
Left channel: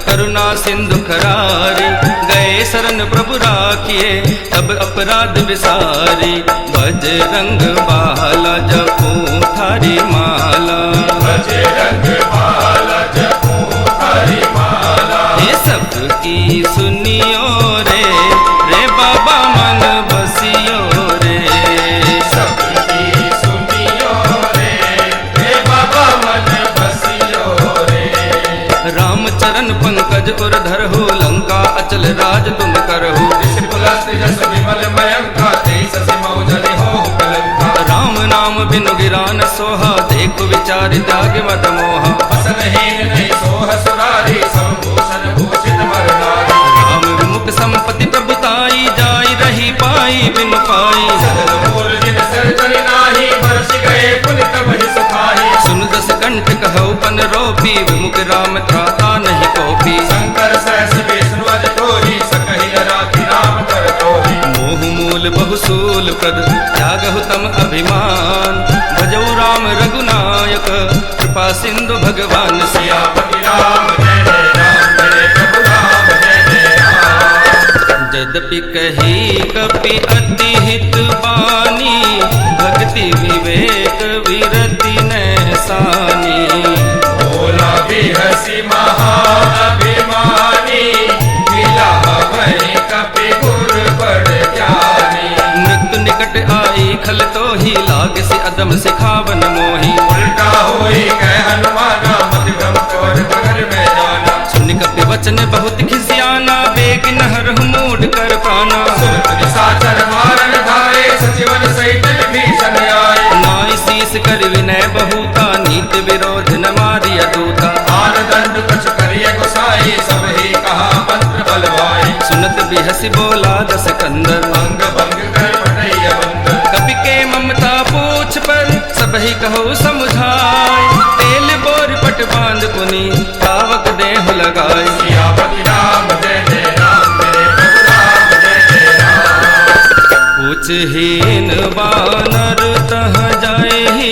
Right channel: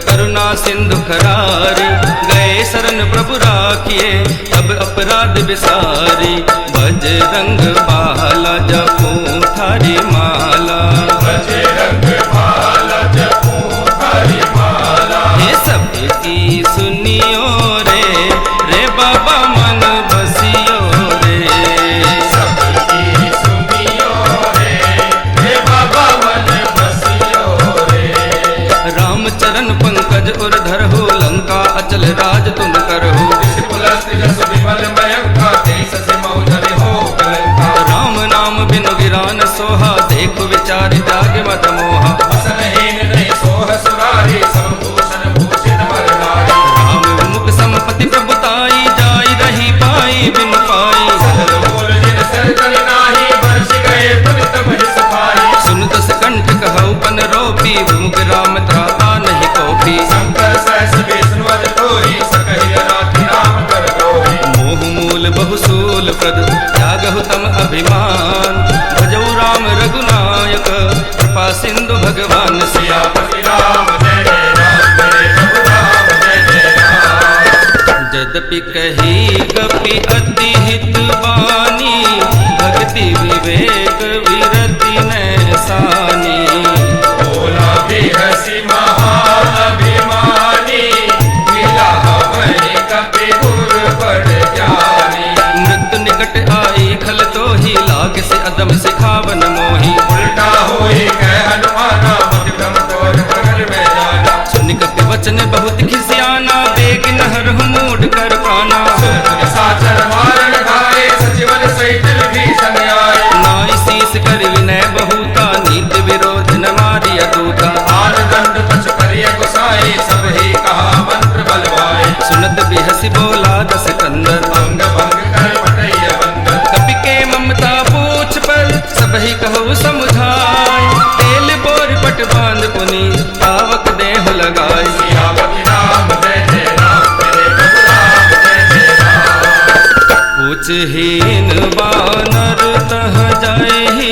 करुणा सिंधु खरारी, गए शरण प्रभु राखिए तब अपराध विसारी। बजरंग बाला जपू थारी माला, बजरंग बाला जपू थारी माला। ये सबकी सुनियो रे रे बाबा मन बसियो रे, सबकी सुनियो रे रे बाबा मन बसियो रे। राम चरण पंकज उर धरहु, लंका अचल राज तुम करहु। राम नाम बिनु गिरा न सोहा, देखो विचार त्याग मत मोहा। राम विमुख संपत्ति प्रभुताई, जाई रही पाई बिनु पाई। सुन दस कंठ कहु पन रोपी, विमुख राम त्राता नहीं कोपी। मोह मूल बहुसूल प्रद, त्यागहु तम अभिमान। भजऊ राम रघुनायक, कृपा सिंधु भगवान। सियापति राम जय जय राम, जय प्रभु राम जय जय राम। यद्यपि कही कपि अति हित बानी, भक्ति विवेक विरति नैसानी। भोला भी हसी महान अभिमानी, मिला हवै कपि गुर बड़ ज्ञानी। मृत्यु निकट आई खल तो ही, लाग से अदम सिखावन मोही। उल्टा होई कह हनुमाना, पति ब्रह्म तवन भगल में जाना। सुन कपि वचन बहुत खिसियाना, बेग नहर मूड कर पाना। नाई शीस कर विनय बहुता, नीति विरोध न मारिय दूता। सुनत बिहसी बोला दस कंदर, कपि के ममता पूछ पर सबहि कहो समुझाय। तेल बोर पट बांध पुनि पावक देहु लगाय। हीन बानर तह जाए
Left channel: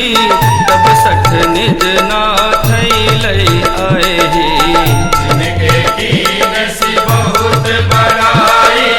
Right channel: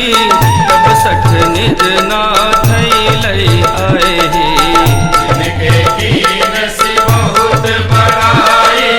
तब सठ निज नाथ लई आए जिनके कीन सी बहुत बड़ाई,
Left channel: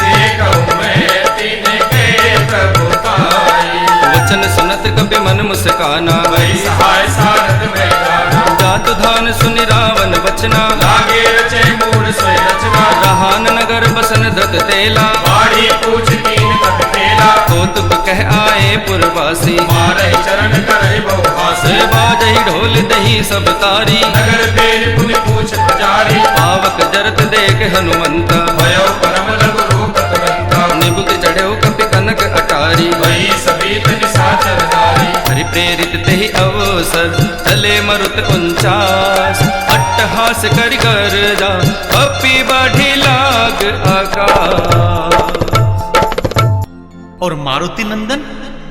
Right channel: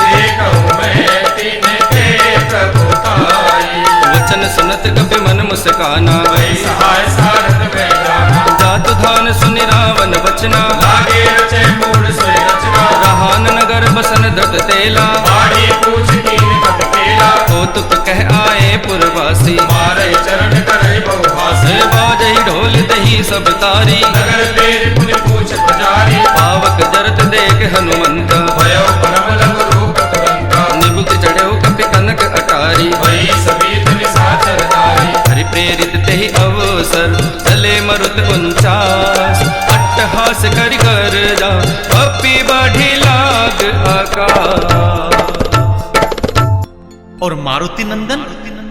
देखूं मैं तिनके प्रभु ताई। वचन सुनत कपि मन मुस्काना, वही सहाय सारथ में जाना। जातु धान सुनि रावण बचना, लागे रचे मूढ़ सोई रचना। रहान नगर बसन दत तेला, बाढ़ी पूछ कीन कट तेला। कौतुक कह आए पुरवासी, मारे चरण करे बहुहासी। से बाजहि ढोल दही सब तारी, नगर तेज पुनि पूछ पुजारी। पावक जरत देख हनुमंत, भयो परम लघु रूप तुरंत। निबुक चढ़ो कपि कनक अटारी, वही सभी निशाचर नारी। हरि प्रेरित तेहि अवसर चले मरुत 49, अट्टहास करि कर जा कपि बढ़ि लाग आकाश। और मारुति नंदन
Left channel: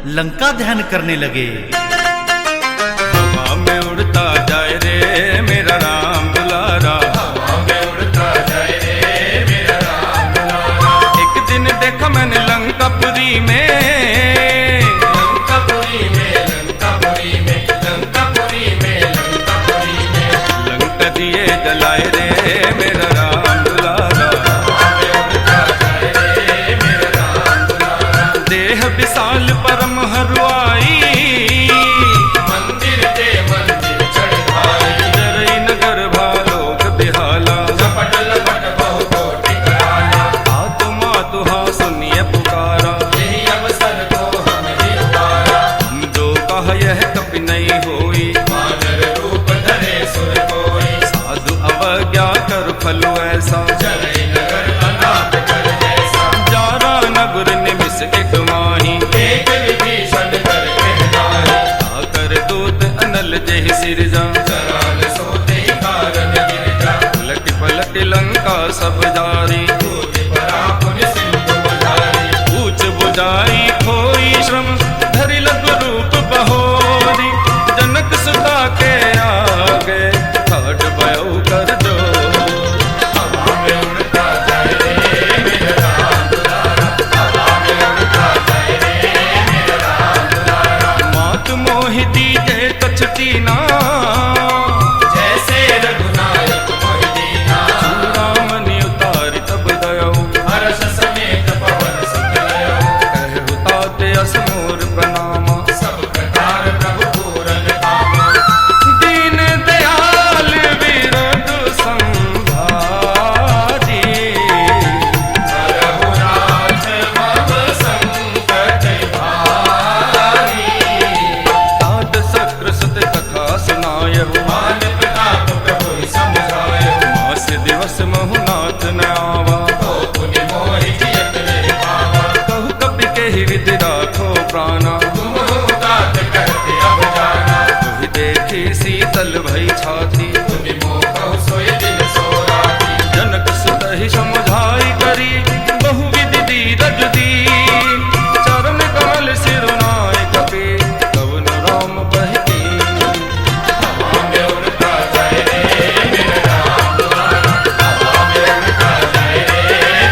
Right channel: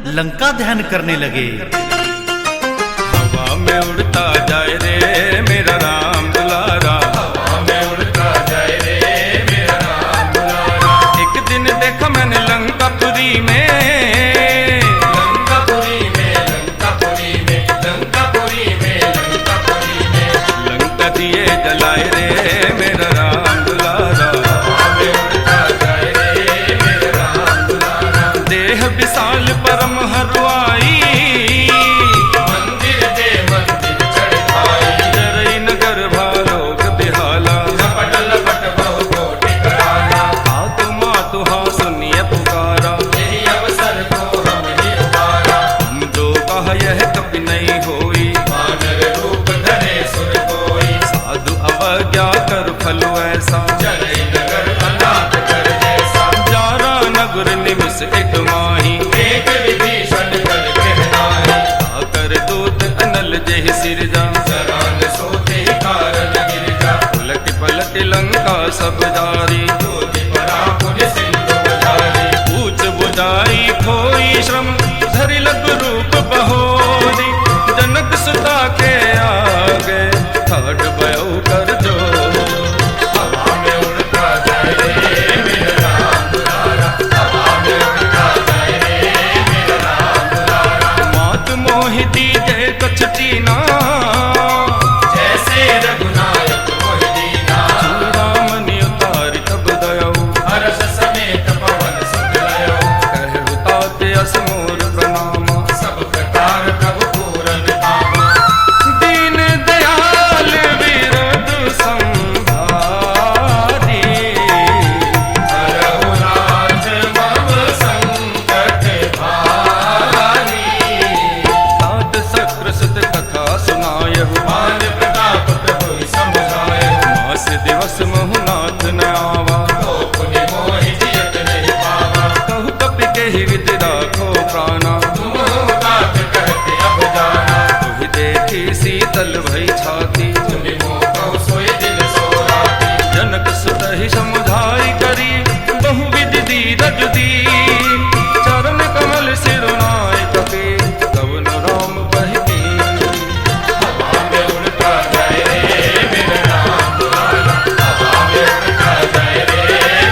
लंका ध्यान करने लगे। हवा में उड़ता जाए रे मेरा राम दुलारा, हवा में उड़ता जाए रे मेरा राम दुलारा। एक दिन देखा मैंने लंकापुरी में, लंकापुरी में, लंकापुरी में, लंकापुरी में, लंकापुरी में। लंका दिए जलाए रे मेरा राम दुलारा। हवा में उड़ता जाए रे मेरा राम दुलारा। देह विशाल परम हरुआई, मंदिर दे मंदिर चढ़ भाई। जरई नगर भालोक बिहाला, झपट लपट बहु कोटि कराना। आत्मा तुहा सुनिए पुकारा, यही अवसर को हम ही उबारा। हम जो कहा यह कपि नहीं होई, वानर रूप धरे सुर कोई। साधु अवज्ञा कर फलो ऐसा, चले नगर अनाथ कर जैसा। जारा नगर निमिष एक माही, एक विभीषण कर कहनाही। आकर दूत अनल जेहि सिरजा, सराल सोते ही कारण गिरजा। उलट पलट लंका सब जारी, योगी परा पुनि सिंधु बुलारी। पूछ बुझाई खोई श्रम धरि लघु रूप बहोरी, जनक सुता के आगे ठाठ भयो कर जोर। हवा में उड़ता जाए रे मेरा राम दुलारा। हवा में उड़ता जाए रे मेरा राम दुलारा। मात मोहि दीजे कछुटी ना, जैसे रघुनायक मोहि दीना। चूड़ामणि उतारि तब दयाऊ, हर्ष समेत पवन सुत लयो। कहु तात अस मोर प्रणामा। सब कतार प्रभु पूरन धामा। दीन दयाल विरधु संभारी, रघुनाथ मम संकट भारी। तात शक्र सुत कथा सुनायहु, मान प्रताप प्रभु समुझायो। मास दिवस महुनाथ न आवा, तो पुनि मोहि जियत नहीं पावा। कहु कपि केहि विधि राखो प्राणा, तुम हो तात कहते अब जाना। तुहि देखी शीतल भई छाती, तुनि मोह कहु सोई दिल सोराती। जनक सुत ही समुझाई करी बहुविधि धीरज दीन, चरण कमल सिरुनाय कपि कवन राम बहकी। हवा में उड़ता जाए रे मेरा राम दुलारा। हवा में उड़ता जाए रे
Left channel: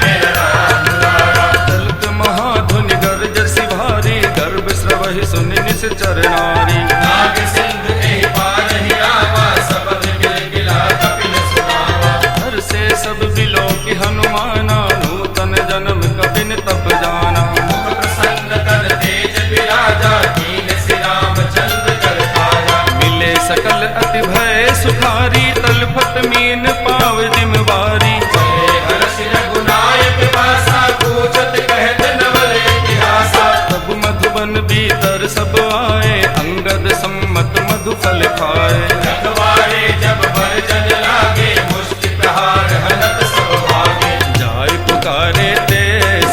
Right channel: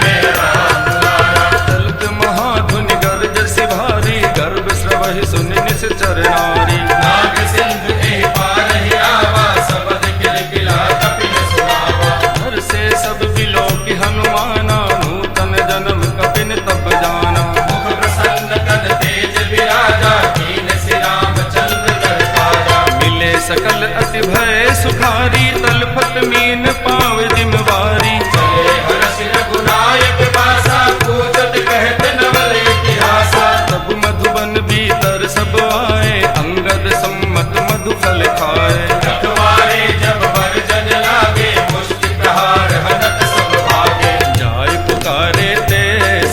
मेरा राम दुलारा। चलत महाधुनि गर्ज सि भारी, गर्भ स्रवहि सुनि निश्चर नारी। नाग सिंधु एहि पार ही आवा। सबद किलकिला कपिन सुनावा। हर से सब बिलो की हनुमाना, नूतन जन्म कपिन तब जाना। मुख प्रसन्न कर तेज विराजा। कीन सि रामचंद्र कर काजा। मिले सकल अति भय सुखारी, तलफत मीन पाव जिमवारी। चले हर्ष रघुनायक वासा। पूछत कहत नवल इतिहासा। तब मधुबन भीतर सब आए, अंगद सम्मत मधु फल खाए। रखवारे जब भर जग लागे। मुष्टि प्रहार हरत सब भागे। जाय पुकारे ते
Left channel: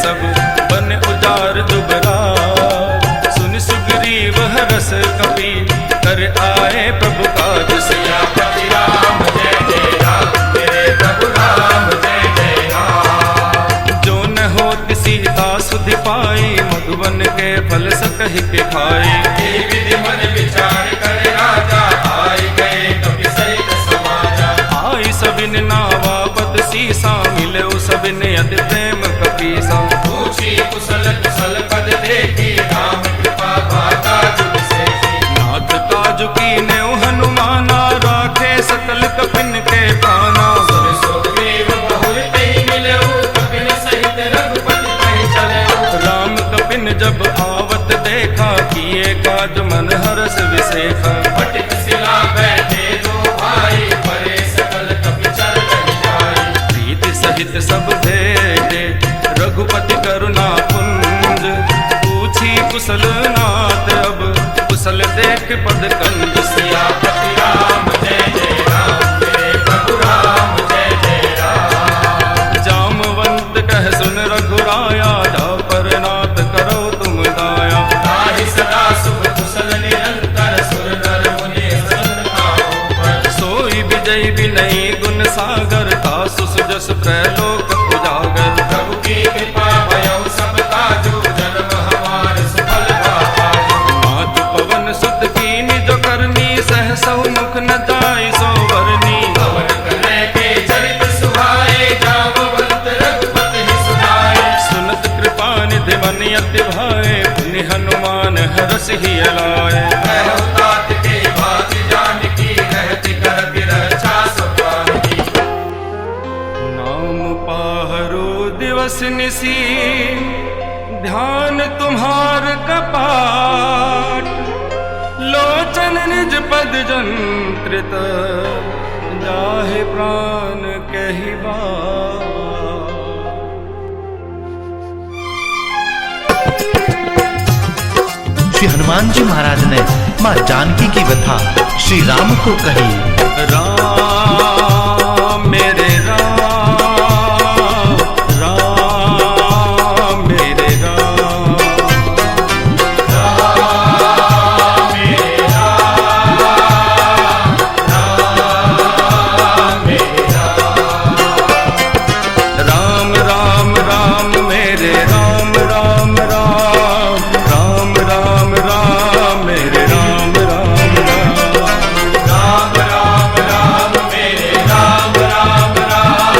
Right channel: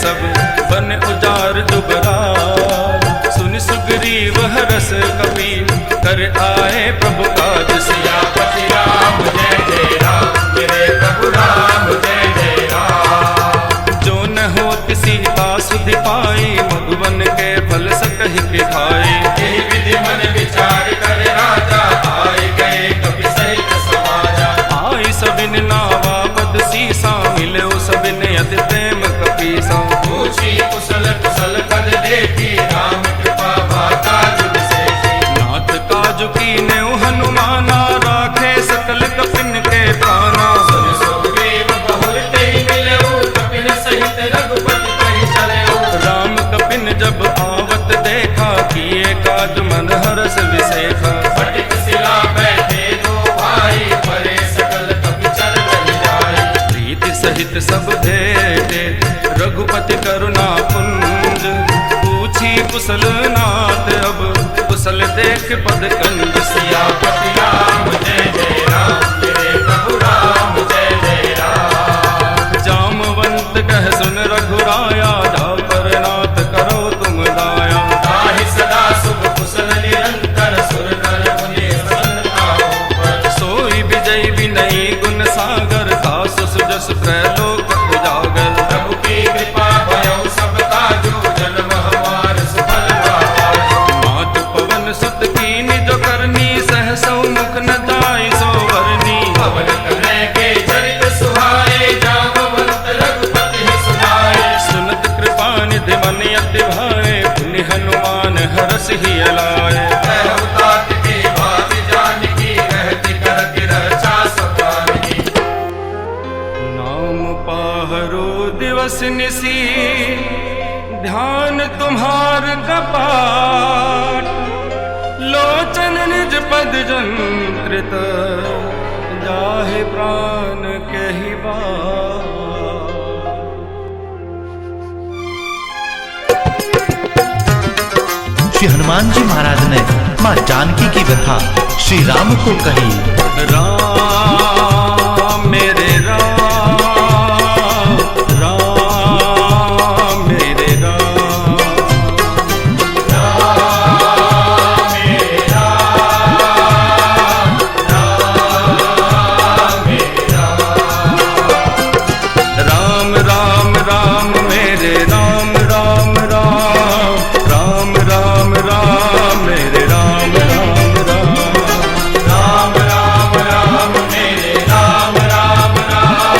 सब बन उजार दुबरार, सुन सुग्रीव हरस कपि कर आए प्रभु काज सिया। सियापति राम जय जय राम। मेरे प्रभु राम जय जय राम। जो न होत सीता सुधि पाई, मधुबन के फल सकहि के खाए। एहि विधि मन विचार कर राजा। आए गए कपि सहित समाजा। आई सबिन नावा पद सीसा, मिले सबिन अति प्रेम कपीसा। पूछी कुशल कुशल पद देखी राम कृपा माता जुग सेठी। नाथ काजु की नेव हनुमाना राखे सकल कपिन के प्राणा। सुग्रीव बहुर तेहि मिलऊ कपिन सहित रघुपति पहि चलऊ। राम कपिन जब आवत देखा किए काज मन हरस विसेखा। फटिक शिला बैठे दो भाई परे सकल कपि चर रहि जाई। प्रीति सहित सब भेटे रघुपति करुणा पुंज। पूछी कुशल नाथ अब कुशल देख पद कंज। सियापति राम जय जय राम मेरे प्रभु राम जय जय राम। जामवंत कह सुन रघुराया जा पर नाथ करो तुम दाया। ताहि सदा शुभ कुशल निरंतर सुर नर मुनि सदा पर। सोई विजय विनयी गुण सागर तासु सुजस त्रैलोक उजागर। प्रभु की कृपा भयउ सब काजू जन्म हमार सुफल भाजू। मात पवन सुत कीनि जो करनी सहसौ मुख न जाय सो बरनी। पवन कन्हैया के चरित सुहाए जामवंत रघुपति सुनाए। सुनत कृपा निधि मन अति भाए पुनि हनुमान हरस ही अलाए। तात के भाति जानकी रहति करति रक्षा सब जानकी। नाम पाहरो दिवस निसी ध्यान तुम्हार कपाट। लोचन निज पद जंत्रित जाहे प्राण कहि बात। श्री हनुमान जी महाराज ने माँ जानकी की व्यथा श्री राम को कही। राम मेरे राम, राम मेरे राम। राम राम राम मेरे राम राम राम। राम राम राम मेरे राम राम राम। राम राम राम मेरे राम राम राम।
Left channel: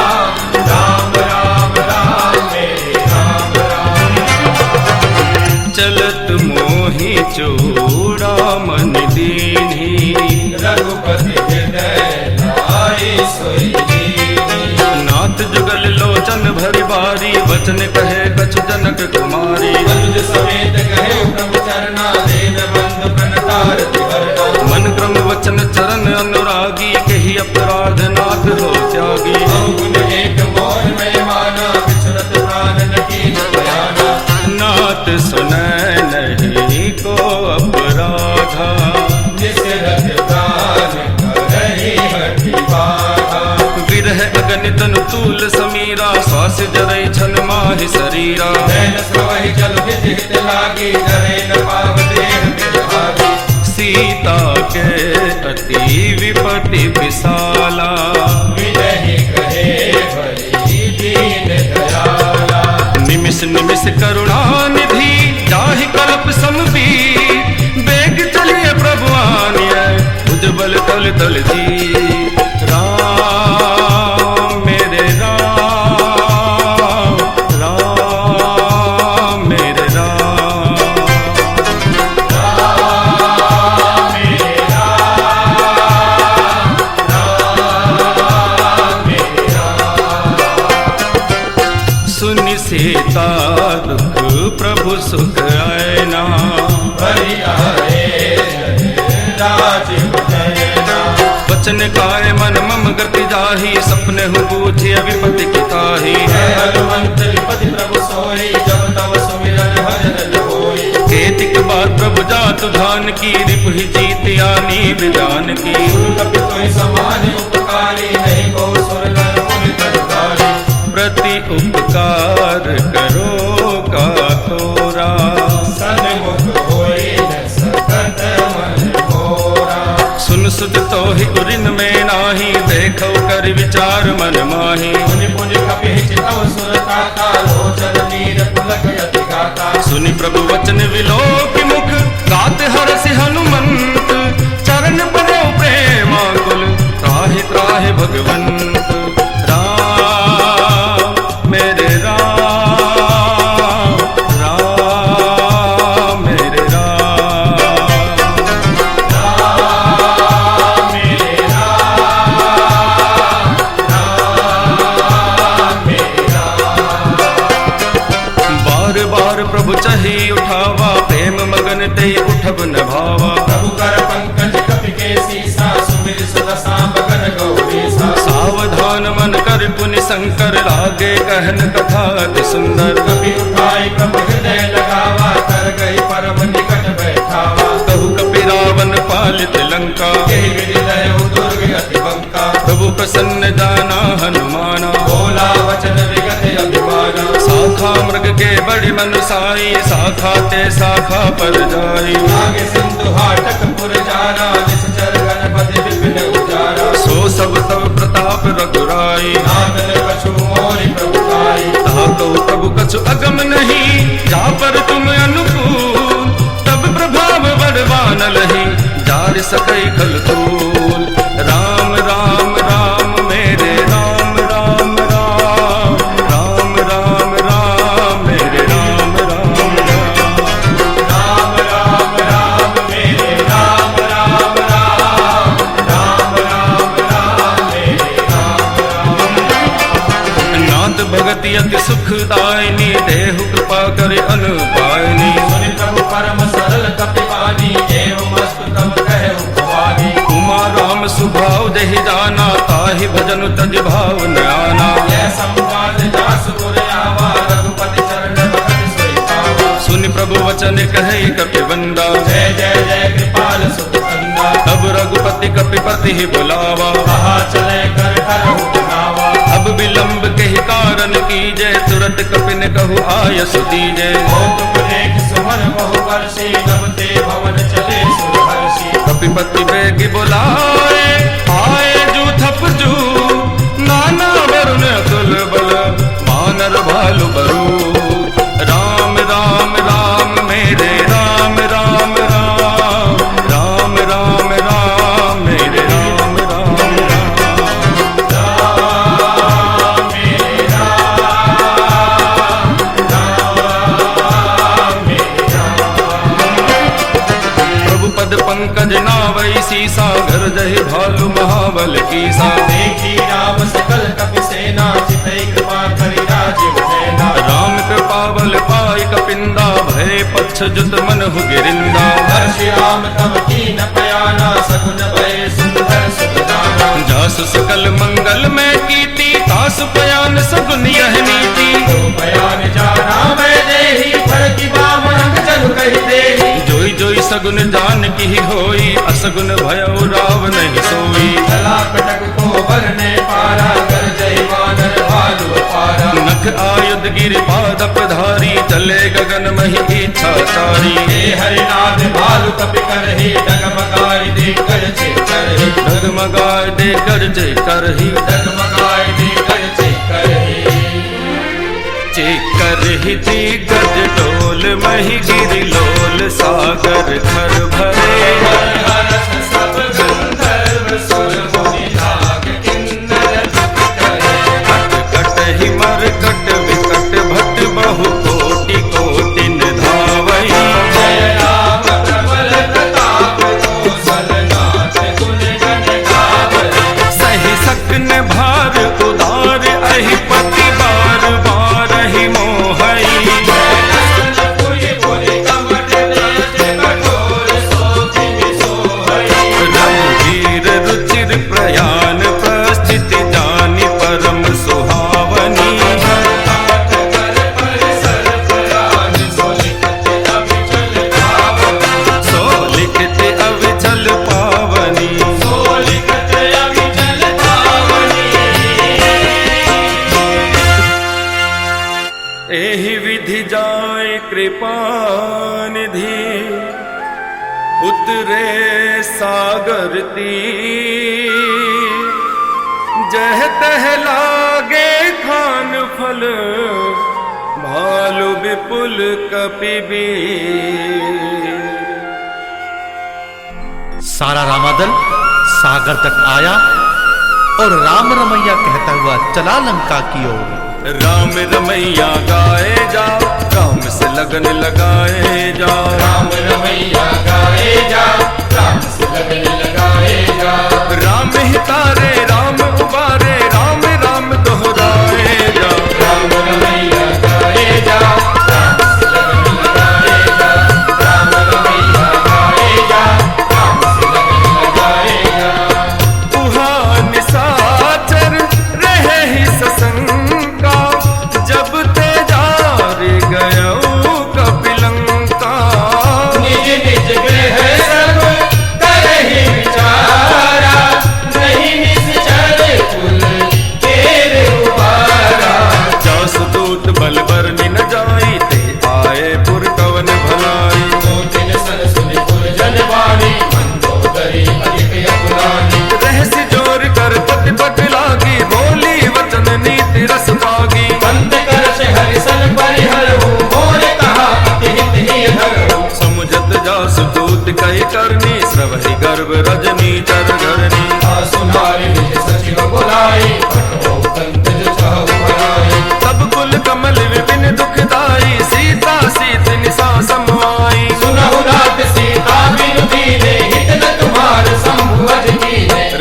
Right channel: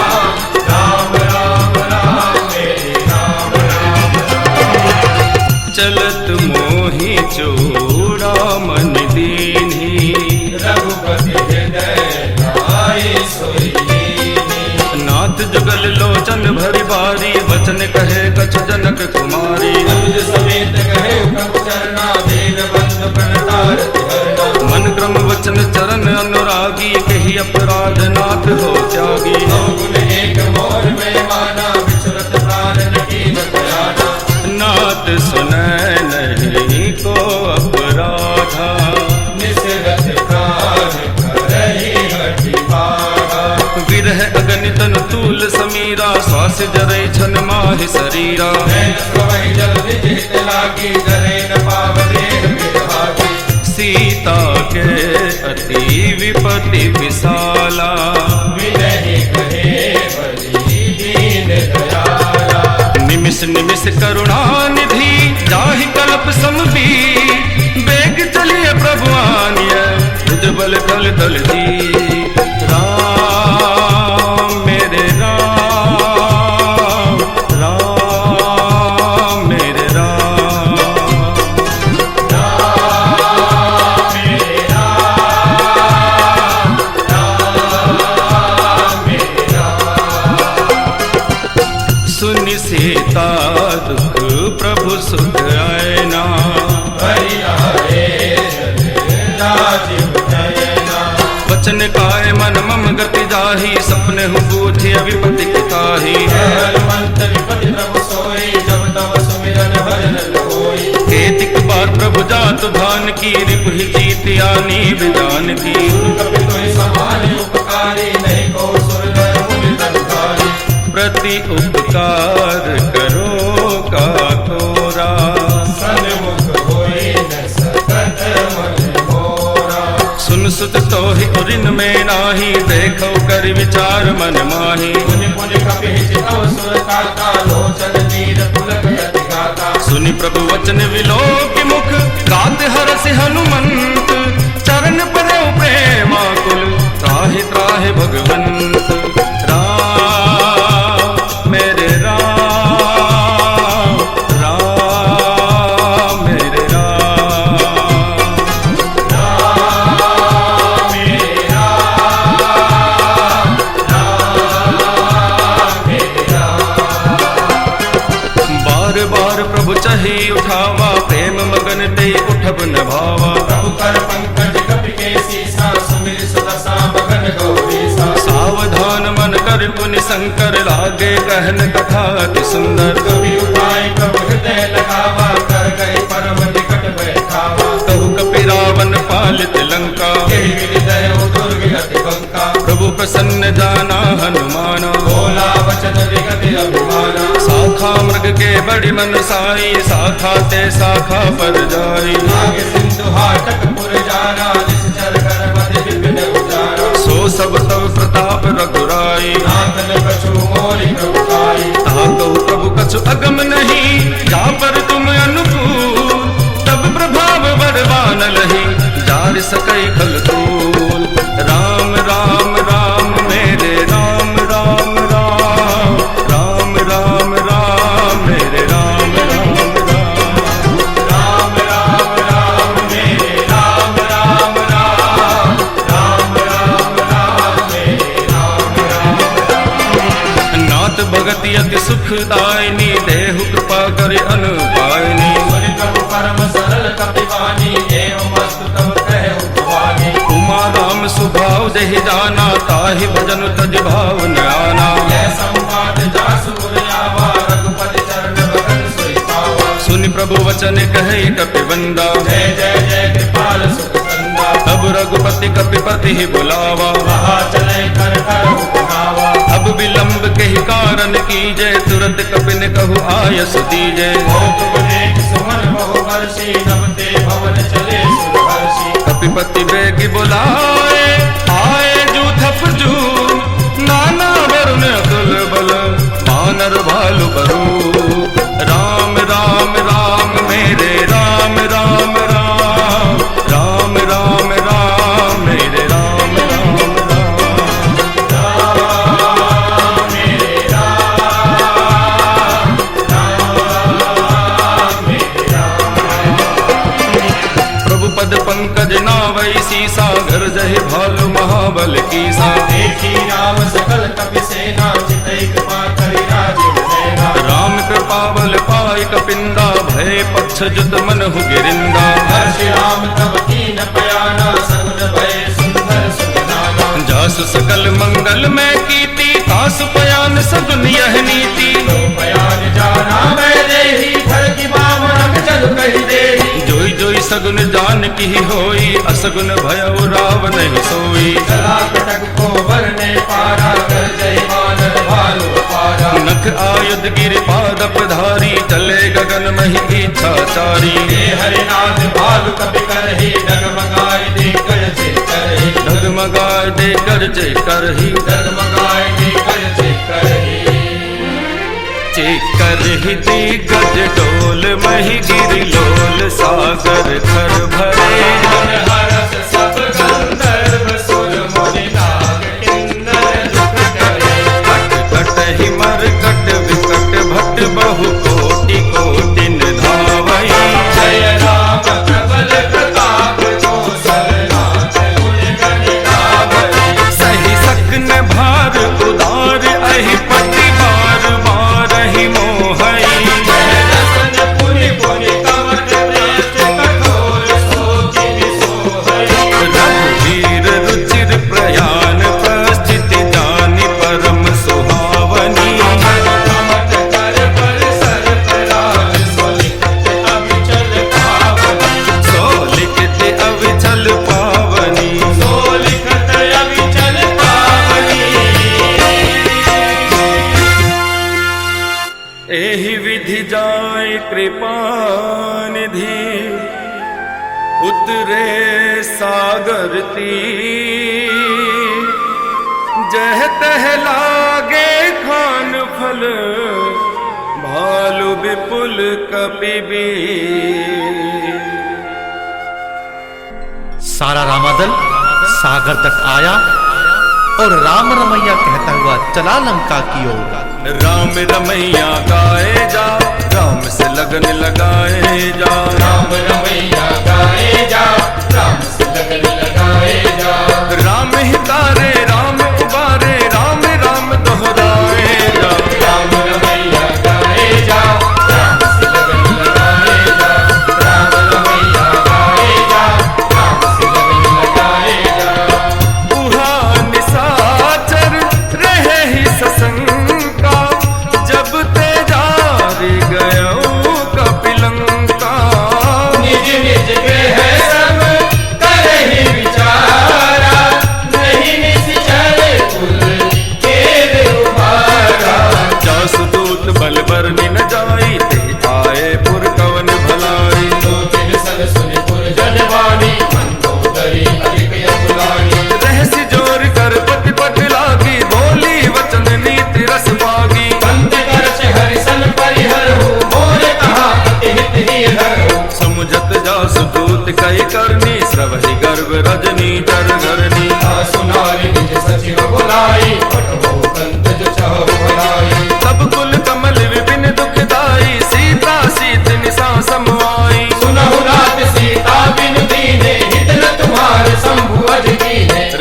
राम राम राम मेरे राम राम। चलत मोहि चूड़ामन दीन्ही। रघुपति हृदय लाई सोई दीन्ही। नाथ जुगल लोचन भरि बारी वचन कहे कछ जनक कुमारी। अनुज समेत कहे प्रभु चरना देव बंधु प्रणतारति वरना। मन क्रम वचन चरण अनुरागी कही अपराध नाथ हो त्यागी। गुण एक मोर में माना विचरत प्राण की बयाना। नाथ सुनय नहीं को अपराधा। निसरत प्राण करहि हठि बाधा। विरह अगणित तनु तूल समीरा श्वास जरै छन माहि शरीरा। नैन स्रोहि जल निज हित लागी नरेन पावते मिल भागी। सीता के अति विपति विशाला। विनहि कहे बलि दीन दयाला। निमिष निमिष करुणा निधि जाहि कल्प समबीर। बेग चलिए प्रभु आनिय भुजबल तल तल जी। राम मेरे राम, राम मेरे राम। सुनि सीता दुख प्रभु सुख आयना। वचन काय मन मम गति जाही सपने हूँ बूझी विपति की ताही। हनुमंत विपति प्रभु सोई जब तब सुमिरन भजन होई। केतिक बार प्रभु जातु धान की रिपु ही जीत आनी विजान की। कपि कोई समान उपकारी नहीं को सुर नर मुनि तत्काली। प्रति उपकार करो का तोरा। सन्मुख होई न सकत मन मोरा। सुन सुत तो ही उरिन में नाही देखो कर विचार मन माही। मुनि मुनि कपि चितौ सुर काता लोचन वीर पुलक यति गाता। सुनि प्रभु वचन विलोक मुख गात हरसि हनुमंत। चरण परो प्रेमाकुल त्राहि त्राहि भगवंत। राम मेरे राम, राम बार बार प्रभु चही उठावा, प्रेम मगन ते उठब न भावा। प्रभु कर पंकज कपि केसी सा, सुमिर सुबसा बगन गौरीसा। सावधान मन कर पुनि शंकर, लागे कहन कथा अति सुंदर। कपि उठाई प्रभु हृदय लगावा, कर गए परम निकट बैठावा। कहु कपि रावण पालित लंका, तेहि हृदय दुर्ग अति बंका। प्रभु प्रसन्न जाना हनुमाना, बोला वचन विगत अभिमाना। शाखा मृग के बड़ी मनुसाई, शाखा ते शाखा पर जाई। आगे सिंधु हाटक पुर जाना, निश्चर गणपति विपिन उजारा। सो सब तब प्रताप रघुराई, नाथन कछु मोरि प्रभु आई। कहा कहु प्रभु कछु अगम नहीं, जा पर तुम अनुकूल। तब प्रभाव बड़वान लही, जार सकई खल तूल। राम राम राम मेरे राम राम राम, राम राम राम मेरे राम राम राम। राम राम राम मेरे राम राम राम, राम राम राम मेरे राम राम। नाथ भगति अति सुखदायिनी, देहु कृपा करे अनुपायनी। सुनि प्रभु परम सरल कपिवानी, एवं अस्तुतम कहु भवानी। उमा राम सुभाव देहि जाना, ताहि भजन तज भाव न आना। जय संवाद जासु पुर आवा, रघुपति चरण भगत सोई पावा। सुनि प्रभु वचन कहे कपिबंदा, जय जय जय कृपाल सुख कंदा। तब रघुपति कपिपति ही बुलावा। कहा चले कर करहु कहावा। अब विलंब के ही कारण कीजे, तुरंत कपिन कहु आयसु दीजे। कौतुक देख सुमन बहु वर्षी, नमते भवन चले सुरहर्षि। कपिपति बेगी बुलाए, आए जूथप जू। नाना वरुण अतुल बल, मानर भालु बरू। राम राम राम मेरे राम राम राम, राम राम राम मेरे राम राम राम। प्रभु पद पंकज नावई सीसा, घर जहि भालु महाबल कीसा। देखी राम सकल कपि सेना, चितई कृपा करि राजीव नैना। राम कृपा बल पाई कपिंदा, भय पक्ष जुत मनहु गिरिंदा। हर्षि राम तब कीन पयाना, सगुन भय सुंदर सुजाना। जासु सकल मंगल में कीती, तासु पयान सगुन यह नीति। पयान जाना मैं देही, फरकी बाम रंग जग कहि देही। जोई जोई सगुन जान की होई, असगुन भयउ राव नहीं सोई। चला कटक को वन में पारा, कर जहि वानर भालु अपारा। नख आयुध गिरि पादप धारी, चले गगन महि इच्छाचारी। हे हरिनाथ भालु कपि करहि, डगमगाई दे कर जे करहि। डगमगाए दे कर जय करही, डगमगाई दे कर जे करहि। चेकर ही दिग्गज डोल, मही गिरि लोल, सागर खर भरे। हरस सब गंधर्व सुर मुनि नाग, किन्नर दुख करे। कट कट ही मर कट विकट, भट बहु कोटि कोटि धावई। जय राम प्रबल प्रताप, कौशलनाथ गुण गण गावई। सही सकन भार उदार, अहि पति बार बार ही मोहई। रघुवीर रुचिर प्रयाण, प्रस्थिति जानि परम सुहावनी। सो लिखित अविचल पावनी। एहि विधि जाय कृपा निधि, उतरे सागर तीर। जह तह लागे खान फल, भालु विपुल कपिबीर। सारा रामादल सागर तट आया और राम रमैया कहता हुआ चला लंका की ओर। राम रमैया गाए जा, राम से लगन लगाए जा। राम रमैया गाए जा, राम से लगन लगाए जा। राम ही तारे राम उबारे, राम राम दोहराए जा। राम रमैया गाए जा, राम जाई, ते आए पुर कवन भलाई। रहस्य जोर कर पति पट लागी, बोली वचन नीति रस पागी। समुझत जासु दूत कई करनी, श्रवहि गर्भ रजनी चर घरनी। तब कुल कमल विपिन दुखदाई, सीता सीत निसा समवाई।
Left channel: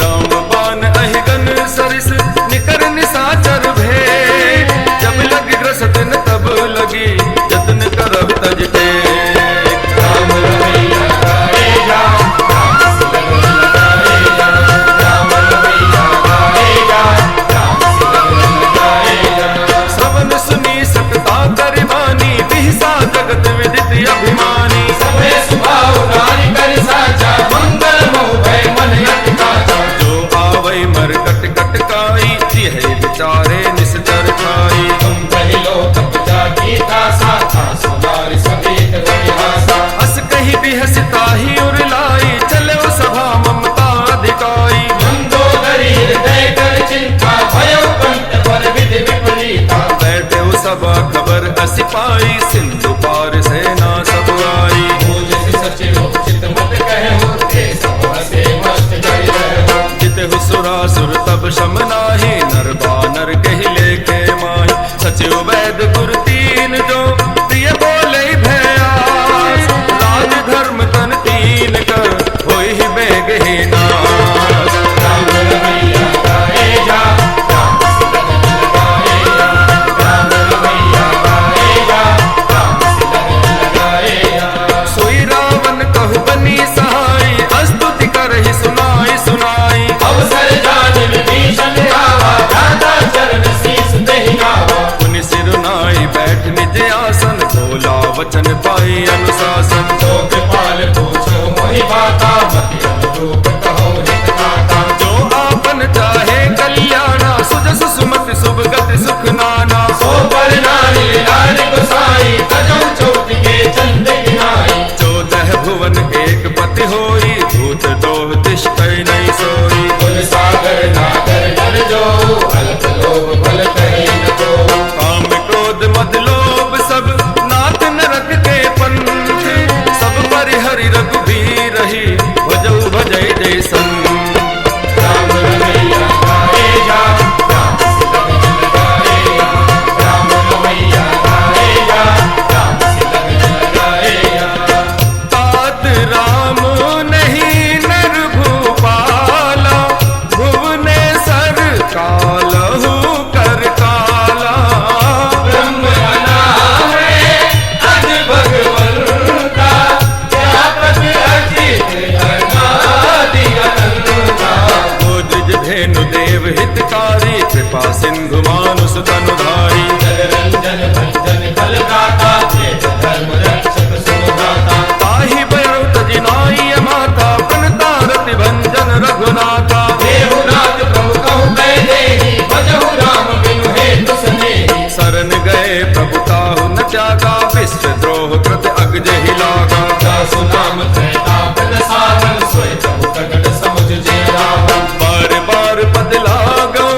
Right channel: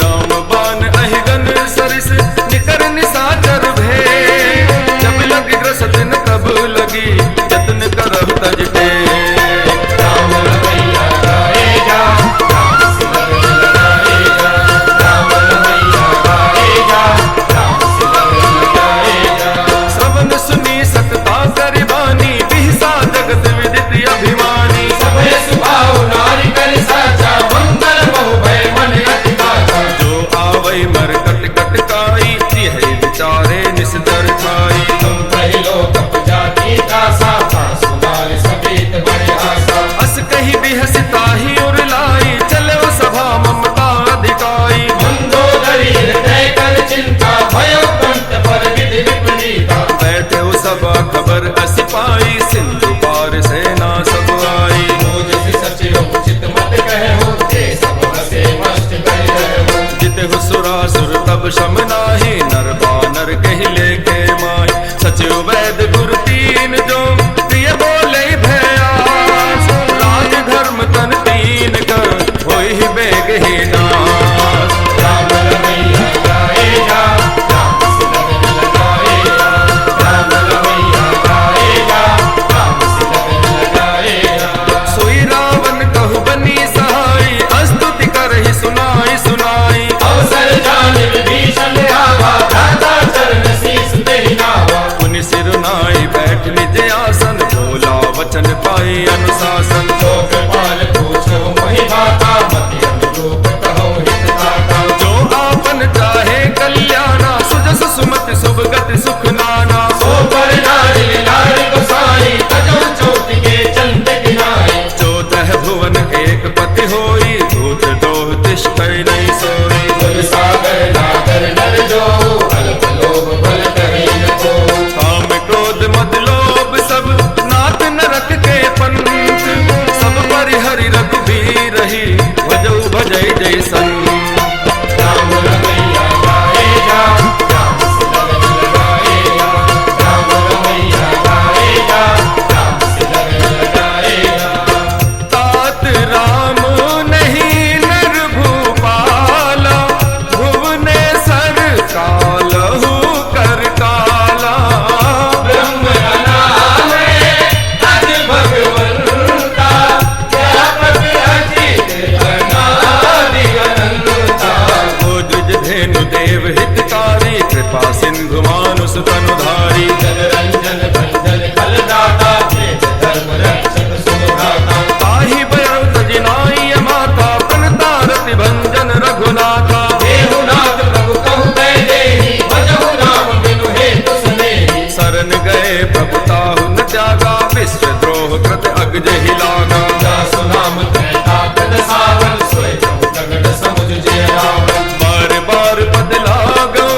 राम बान अहिगन सरिस, निकर निसाचर भे। जब लग ग्रसत न तब लगी, जतन करहु तज टेक। श्रवण सुनी सकता गरिबानी, बिहसा जगत विदित अभिमानी। जो आवै मर कट कट काई, जिह विचारे निस्तर खाई। अस कही बिहसिता ही उरलाई, चलो सभा ममता अधिकाई। बैठे सभा खबर अस पाई, सिंधु पार सेना सब आई। जितहु सुरासुर तब शम नाही, नर बानर कहि लेखे माही। सचिव वैद गुरु तीन जो, प्रिय बोले भयास। राज धर्म तन तीन कर, होई बेग ही नास। सोई रावण कहु बनी सहाई, स्तुति करहि सुनाई सुनाई। पुनि सिरुनाई बैठ निज आसन, भोला वचन पाई अनुशासन। जो आपन चाहे कल्याणा, सुजस सुमति शुभ गति सुख नाना। चौदह भुवन एक पति होई, भूत दोह तिष्ठै नहीं सोई। काम क्रोध मद लोभ सब, नाथ नरक के पंथ। सब परिहरि रघुबीर ही, भजऊ भजै जैसन। तात राम नहीं नर भूपाला, भुवनेश्वर कालहु कर काला। गोद्विज धेनु देव हितकारी, कृपा सिंधु मानुष तनुधारी। ताहि बयरु तजिनाई माता, प्रणतारति भंजन रघुनाथा। शरण गए प्रभु ताहु न त्यागा, विश्व द्रोह कृत अग्ज ही लागा। बार बार पद लागो,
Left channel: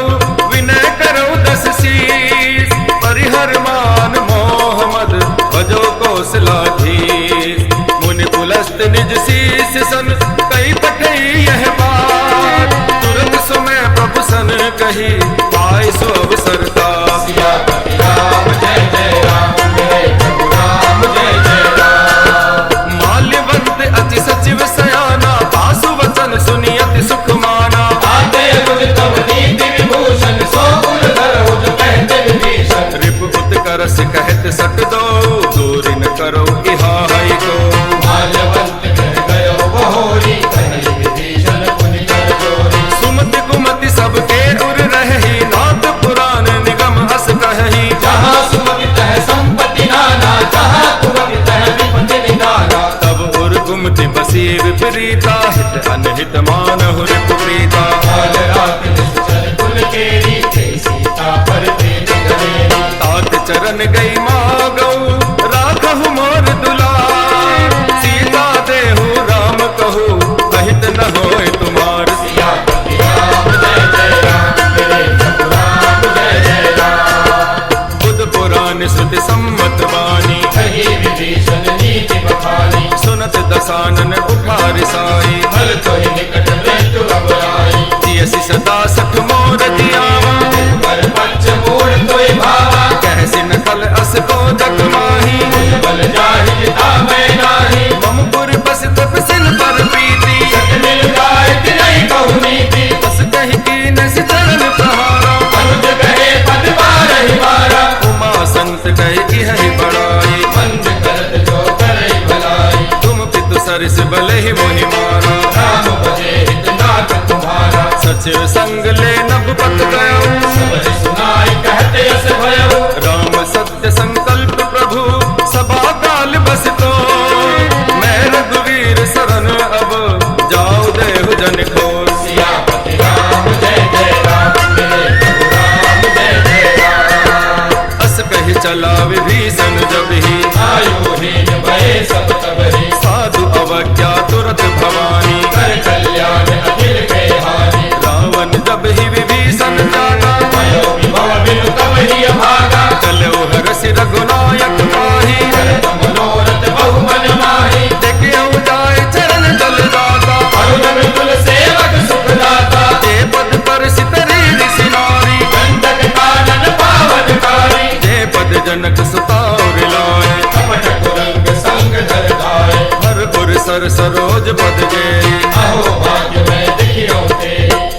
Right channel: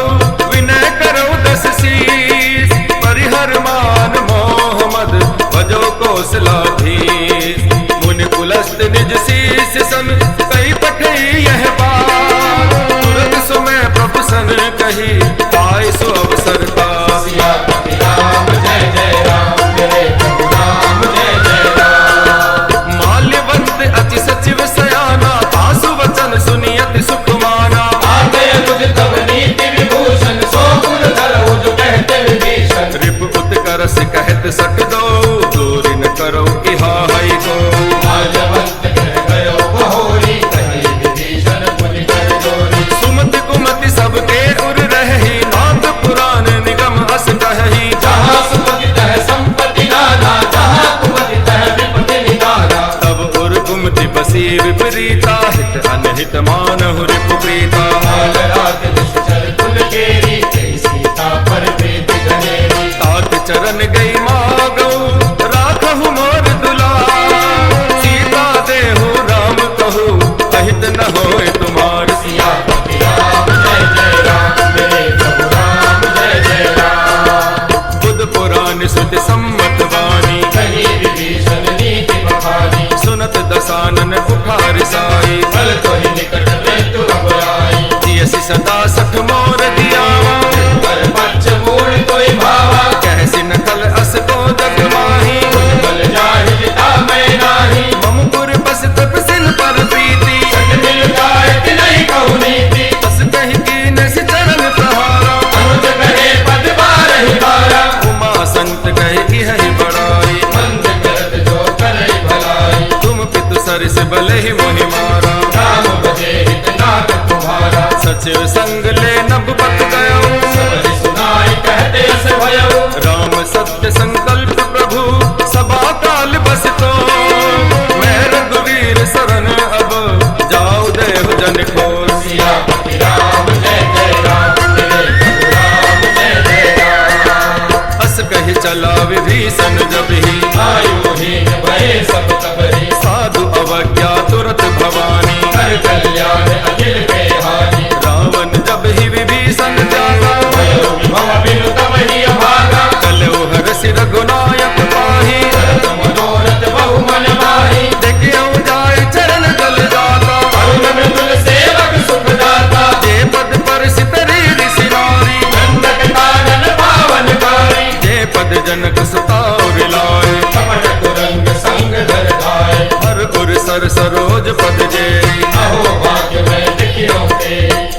विनय करो दस शीस। परिहर मान मोह मद, भजो कौशलाधीश। मुनि कुलस्त निज शीस सन, कई पठई यह बात। तुरत सुमय प्रभु सन कही, पाय सो अवसर का। माल्यवंत अति सचिव सयाना, तासु वचन सुनि अति सुख माना। रिप उत्कर्ष कहत सट दो, दूर न करो इहा हई को। सुमति कुमति सबके उर रही, नाथ पुराण निगम अस कही। तब उर गुमति बसी विपरीता, हित अनहित मानहु रिपु प्रीता। हाथ चरण गई मागो राखहु मोर दुलार, सीता देहु राम कहू अहित न होए तुम्हार। बुध पुराण श्रुति सम्मत वाणी, सुनत दसानन उठा रिसाई। जियसि सदा सठ मोर जियावा, कहसि नखल अस को जग माही। मम पुर बस तपसिन पर प्रीति, तस कहि कीन सि चरण प्रहारा। उमा संत कहि इहि बड़ाई, तुम पितु सरिस भले ही मोहि मारा। सचिव संग ले नभ पत गयो, राम सत्य संकल्प प्रभु सभा काल बस तो। मैं रघुवीर शरण अब जाऊ देहु जन खोर। अस कहि चला विभीषण जब ही, साधु अवज्ञा तुरत भवानी। रावण जब ही विभीषण जागा, चलो हरसि रघुनायक पाही। देखियो जाय चरण जल जाता, जे पद पर सितरी ऋषि नारी। जे पद जनक सुता और लाए, हर उर सर सरोज पद जे।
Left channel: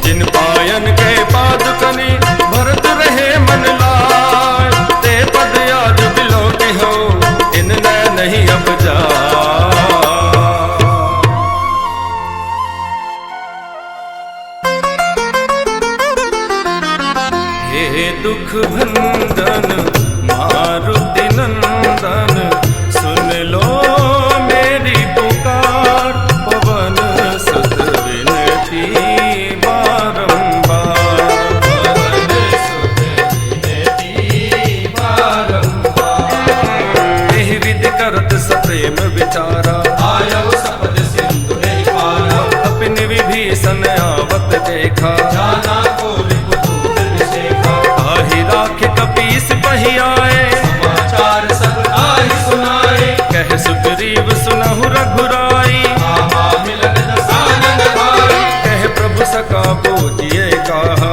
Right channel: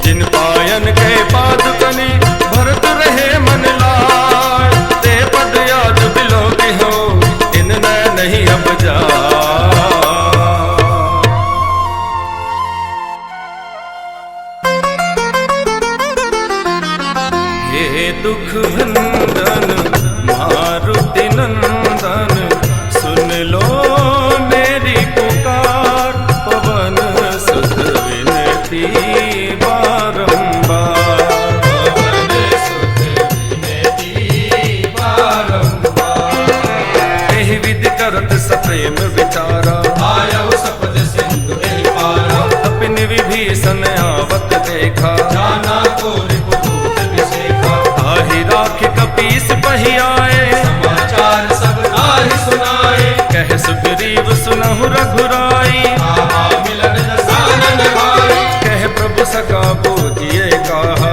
जिन पायन के पादुकनि भरत रहे मन लाय, ते पद आज बिलो के हो इन न नहीं अब जा। हे दुख भंजन मारुति नंदन, सुन लो मेरी पुकार। पवन सुत विनती बारंबार, एहि विधि करत सप्रेम विचारा। अपने विभीषण आवत देखा, ताहि राख कपीस पहियाए। कह सुग्रीव सुनहु रघुराई, कह प्रभु सका बोझिए कहा।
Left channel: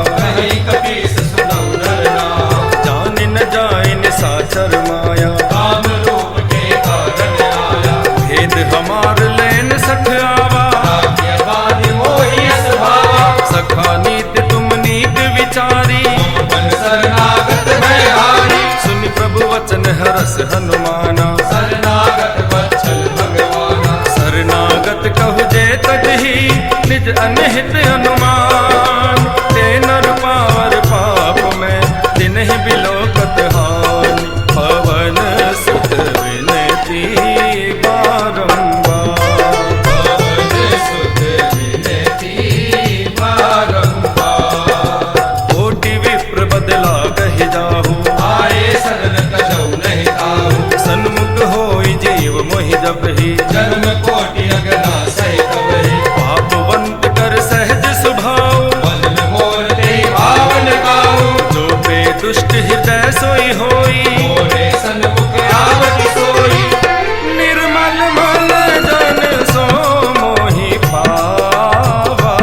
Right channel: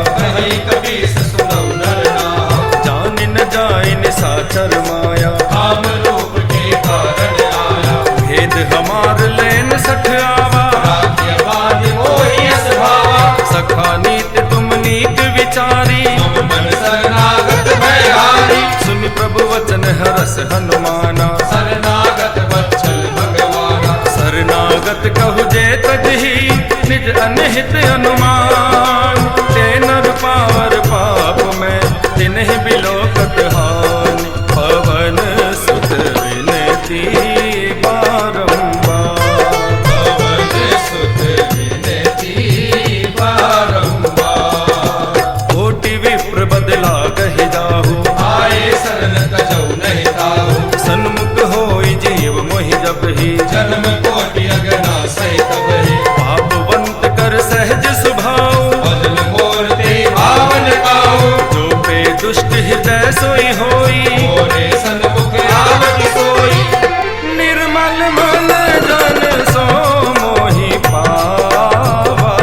जान न जाय निशाचर माया, भेद हमार लेन सठ आवा। सखा नीत तुम नीत विचारी, सुनि प्रभु वचन हरस हनुमाना। शरणागत कहु जे तजहि, निज अनहित अनुमान। ते नर पावर पाप में तिन्हि बिलोकत हानि, पवन सुत विनती बारंबार। कोटि विप्र बदला कहि जाहु, सन्मुख होई जीव मोहि जब ही। पापवंत कर सहज स्वभाव, जो पे दुष्ट हृदय सोई होई। निर्मल मन जन सो मोहि पावा,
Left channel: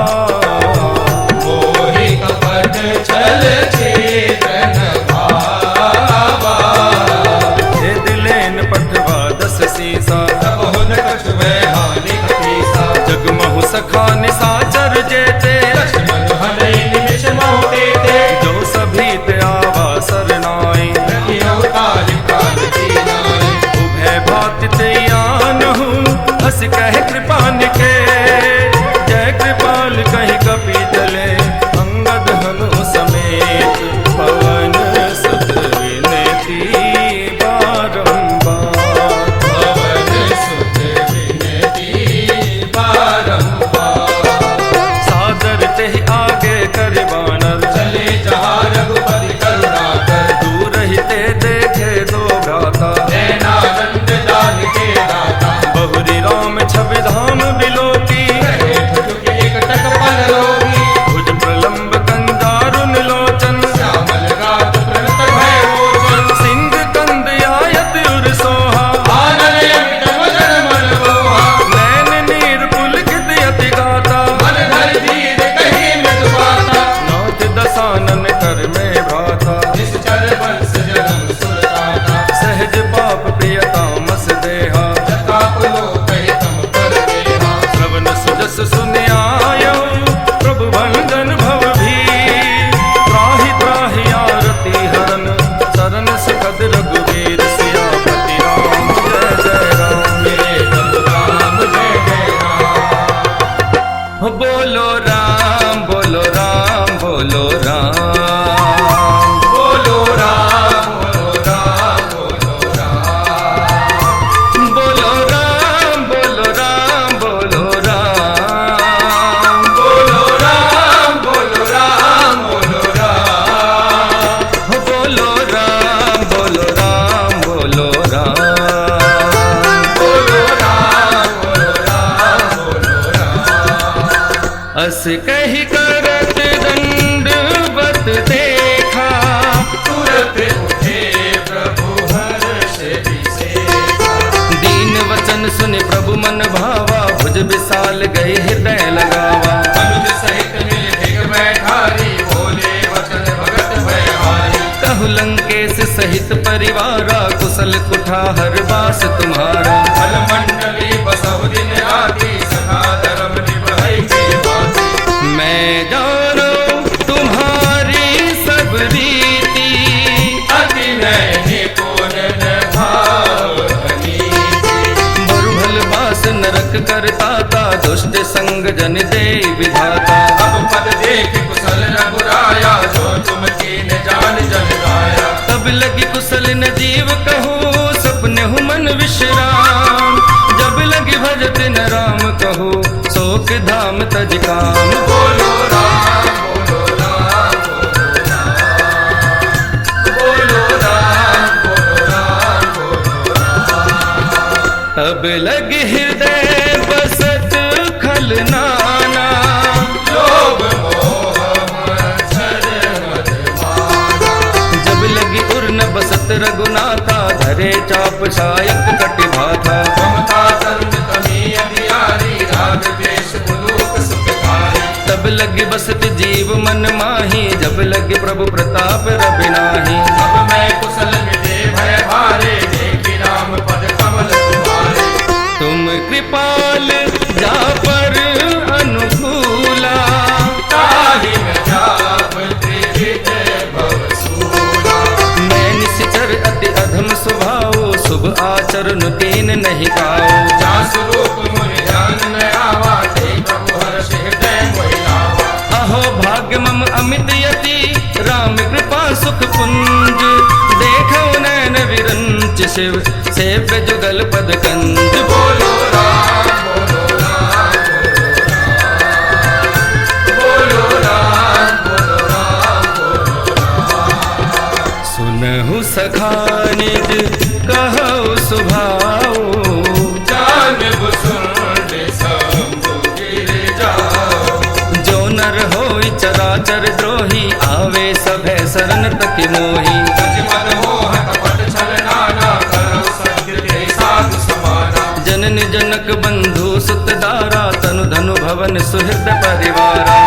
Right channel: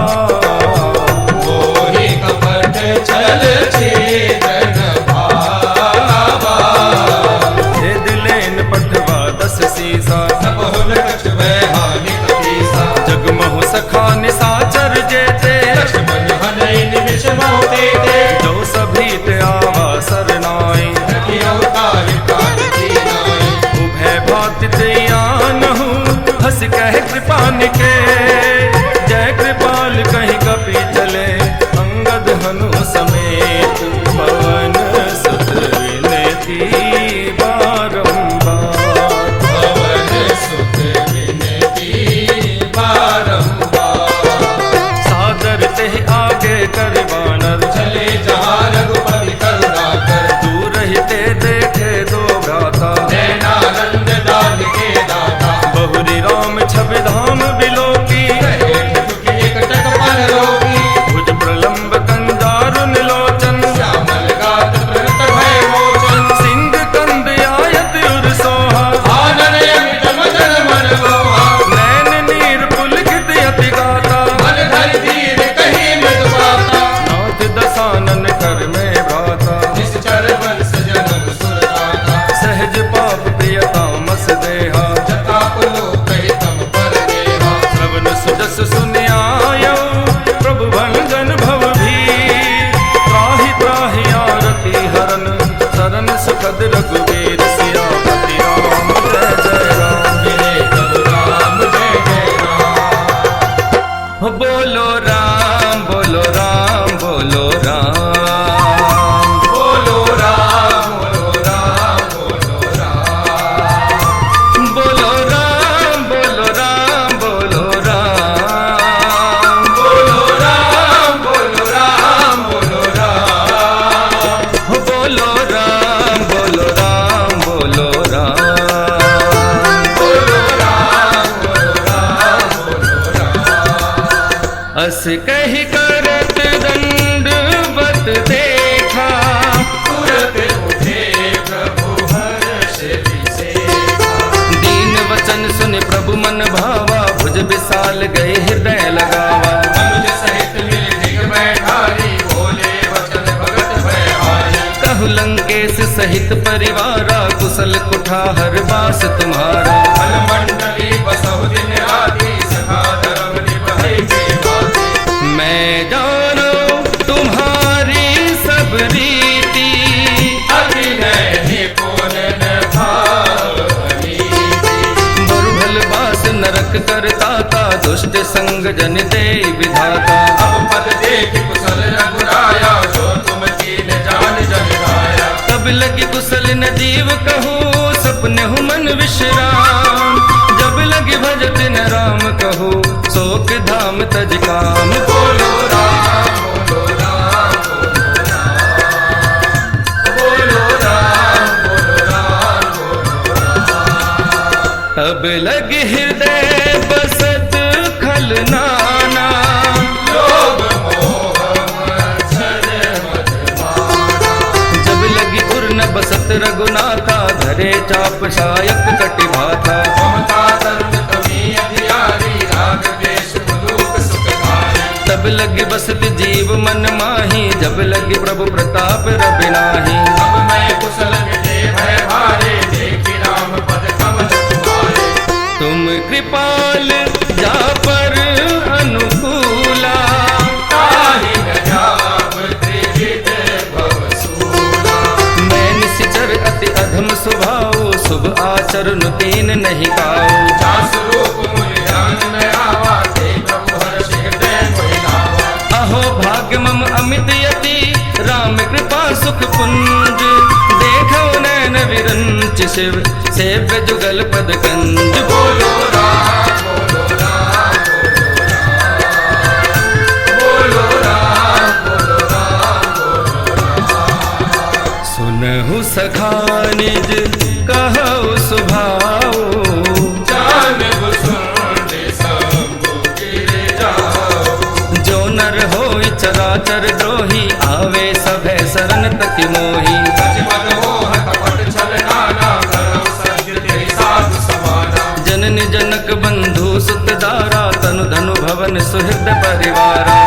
हे दिलेन पठवा दस सीसा। जगमहु सखा निशाचर जेते, जो सभी ते आवा सरनाई। उभय भाति ते आनहु, हस कह कृपान के। जय कृपाल कहि कपि चले, अंगद हनु समेत। पवन सुत विनती बारंबार, सादर ते आगे कर बानर। दूर ही ते दे राम छवि धाम बिलोकी, भुज प्रलंब कंजारुन लोचन, सिंह कंद आयत उर सोहा, नैन नीर पुलकित अति गाता, नाथ दसानन कर में भ्राता, सहज पाप प्रियतामस देहा, श्रवण सुजस सुनियायो प्रभु भंजन भव भी, त्राहि त्राहि आरती हरन सरन सुखद रघुवीर, सियापति राम जय जय राम, बोलो राम बोलो राम बोलो राम, बोलो राम बोलो राम बोलो राम, बोलो राम बोलो राम, बोलो राम बोलो राम बोलो राम, बोलो राम बोलो राम बोलो राम, बोलो राम बोलो राम बोलो राम। अस कही करत दंडवत देखा, दीन वचन सुन प्रभु मन भावा, भुज विशाल गए हृदय लगावा, कहु लंकेश सहित परिवारा, कुशल कुठार बास तुम्हारा, मैं जानो तुम्हारी सब रीति, बरुभल बास नरक करताता, दुष्ट संग जन दे विधाता, तब लगी कुशल न जीव कहो, सपने हु मन विश्राम, जब लगी भजत न राम कहो, शोक धाम तज काम, बोलो राम बोलो राम बोलो राम बोलो राम बोलो राम, तब लगी हृदय बसत खलनाना, जब लगी उर न बसत रघुनाथा, धरे चाप शायक कटि भाथा, तब लगी बसत जीव मन माही, जब लगी प्रभु प्रताप रवि नाही, तुम कृपाल जा पर अनुकूला, मैं निश्चर अति अधम स्वभाव, शुभ आचरण तीन नहीं काओ, अहो भाग्य मम अमित यति, राम कृपा सुख पुंज, देखो नैन विरंच शिव सेव्य जुगल पद कंज, बोलो राम बोलो राम बोलो राम बोलो राम बोलो राम, सुनहु सखा निज कहु सुभाओ, नर होई चराचर द्रोही, आवे सभय शरण तक मोही, जनन जनक बंधु सुत दारा, तनु धनु भवन सुहृद परिवारा,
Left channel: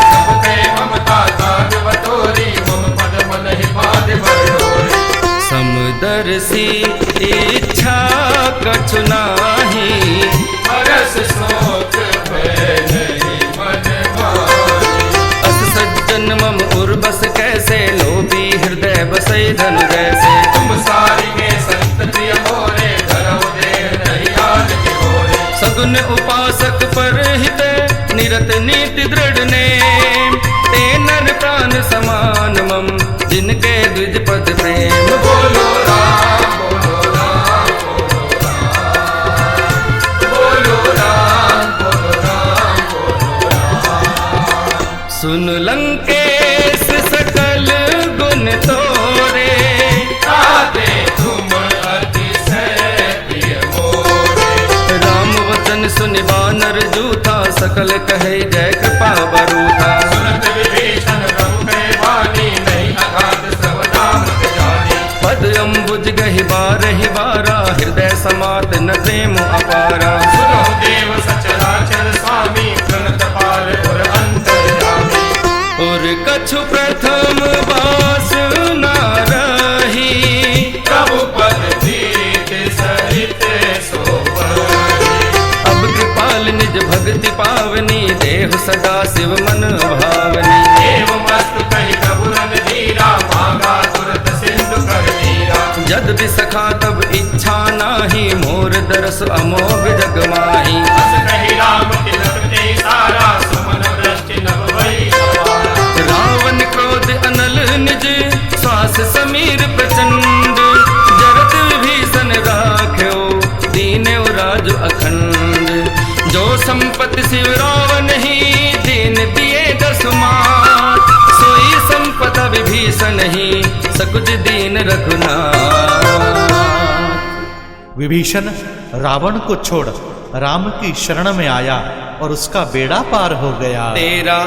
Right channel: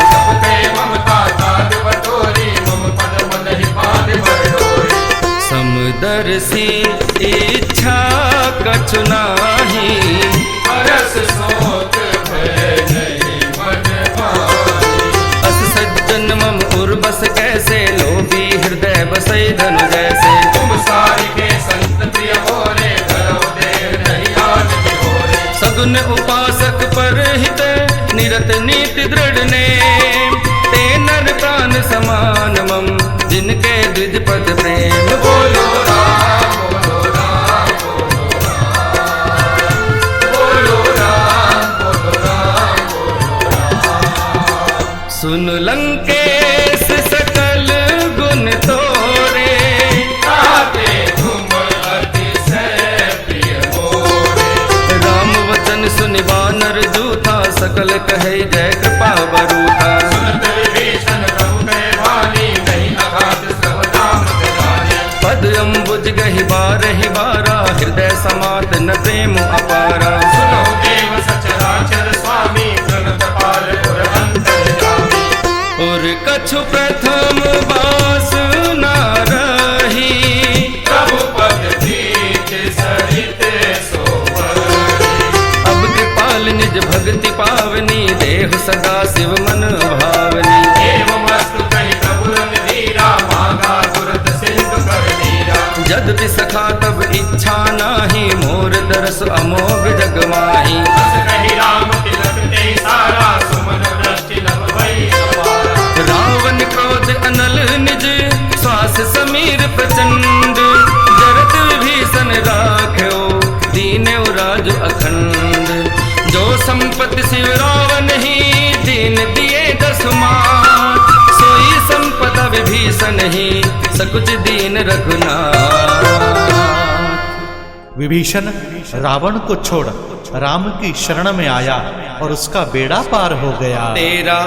समदर्शी इच्छा कछु नाही, सज्जन मम उर्बस कैसे, लोभी हृदय बसई धनु जैसे, सगुन उपासक पर हित, निरत नीति दृढ़ नेम, ते नर प्राण समान मम, जिनके द्विज पद प्रेम, बोलो राम बोलो राम बोलो राम बोलो राम बोलो, सुन लंकेश सकल गुण तोरे, राम वचन वचन सुनि बानर जूथा, सकल कहे जय कृपा बरूथा। पद अम्बुज गहि बारहि बारा, हृदय समात न प्रेम अपारा। और कछु प्रथम बास न रही, अब कृपाल निज भक्ति पावनी, देहु सदा शिव मन भावनी। जद भी सखा तब इच्छा नाही, मोर दरस अमोघ जग माही। रावण क्रोध अनल निज, श्वास समीर प्रचंड। जरत विभीषण राख्यो, दीने राज अखंड। जो संपत्ति शिव रावण ही, दीन दिए दसमात। सोई संपदा विभीषण ही, सकुच दीन रघुनाथ। विभीषण रावण को छोड़ राम की शरण में आया और उसका बेड़ा पार हो गया। तेरा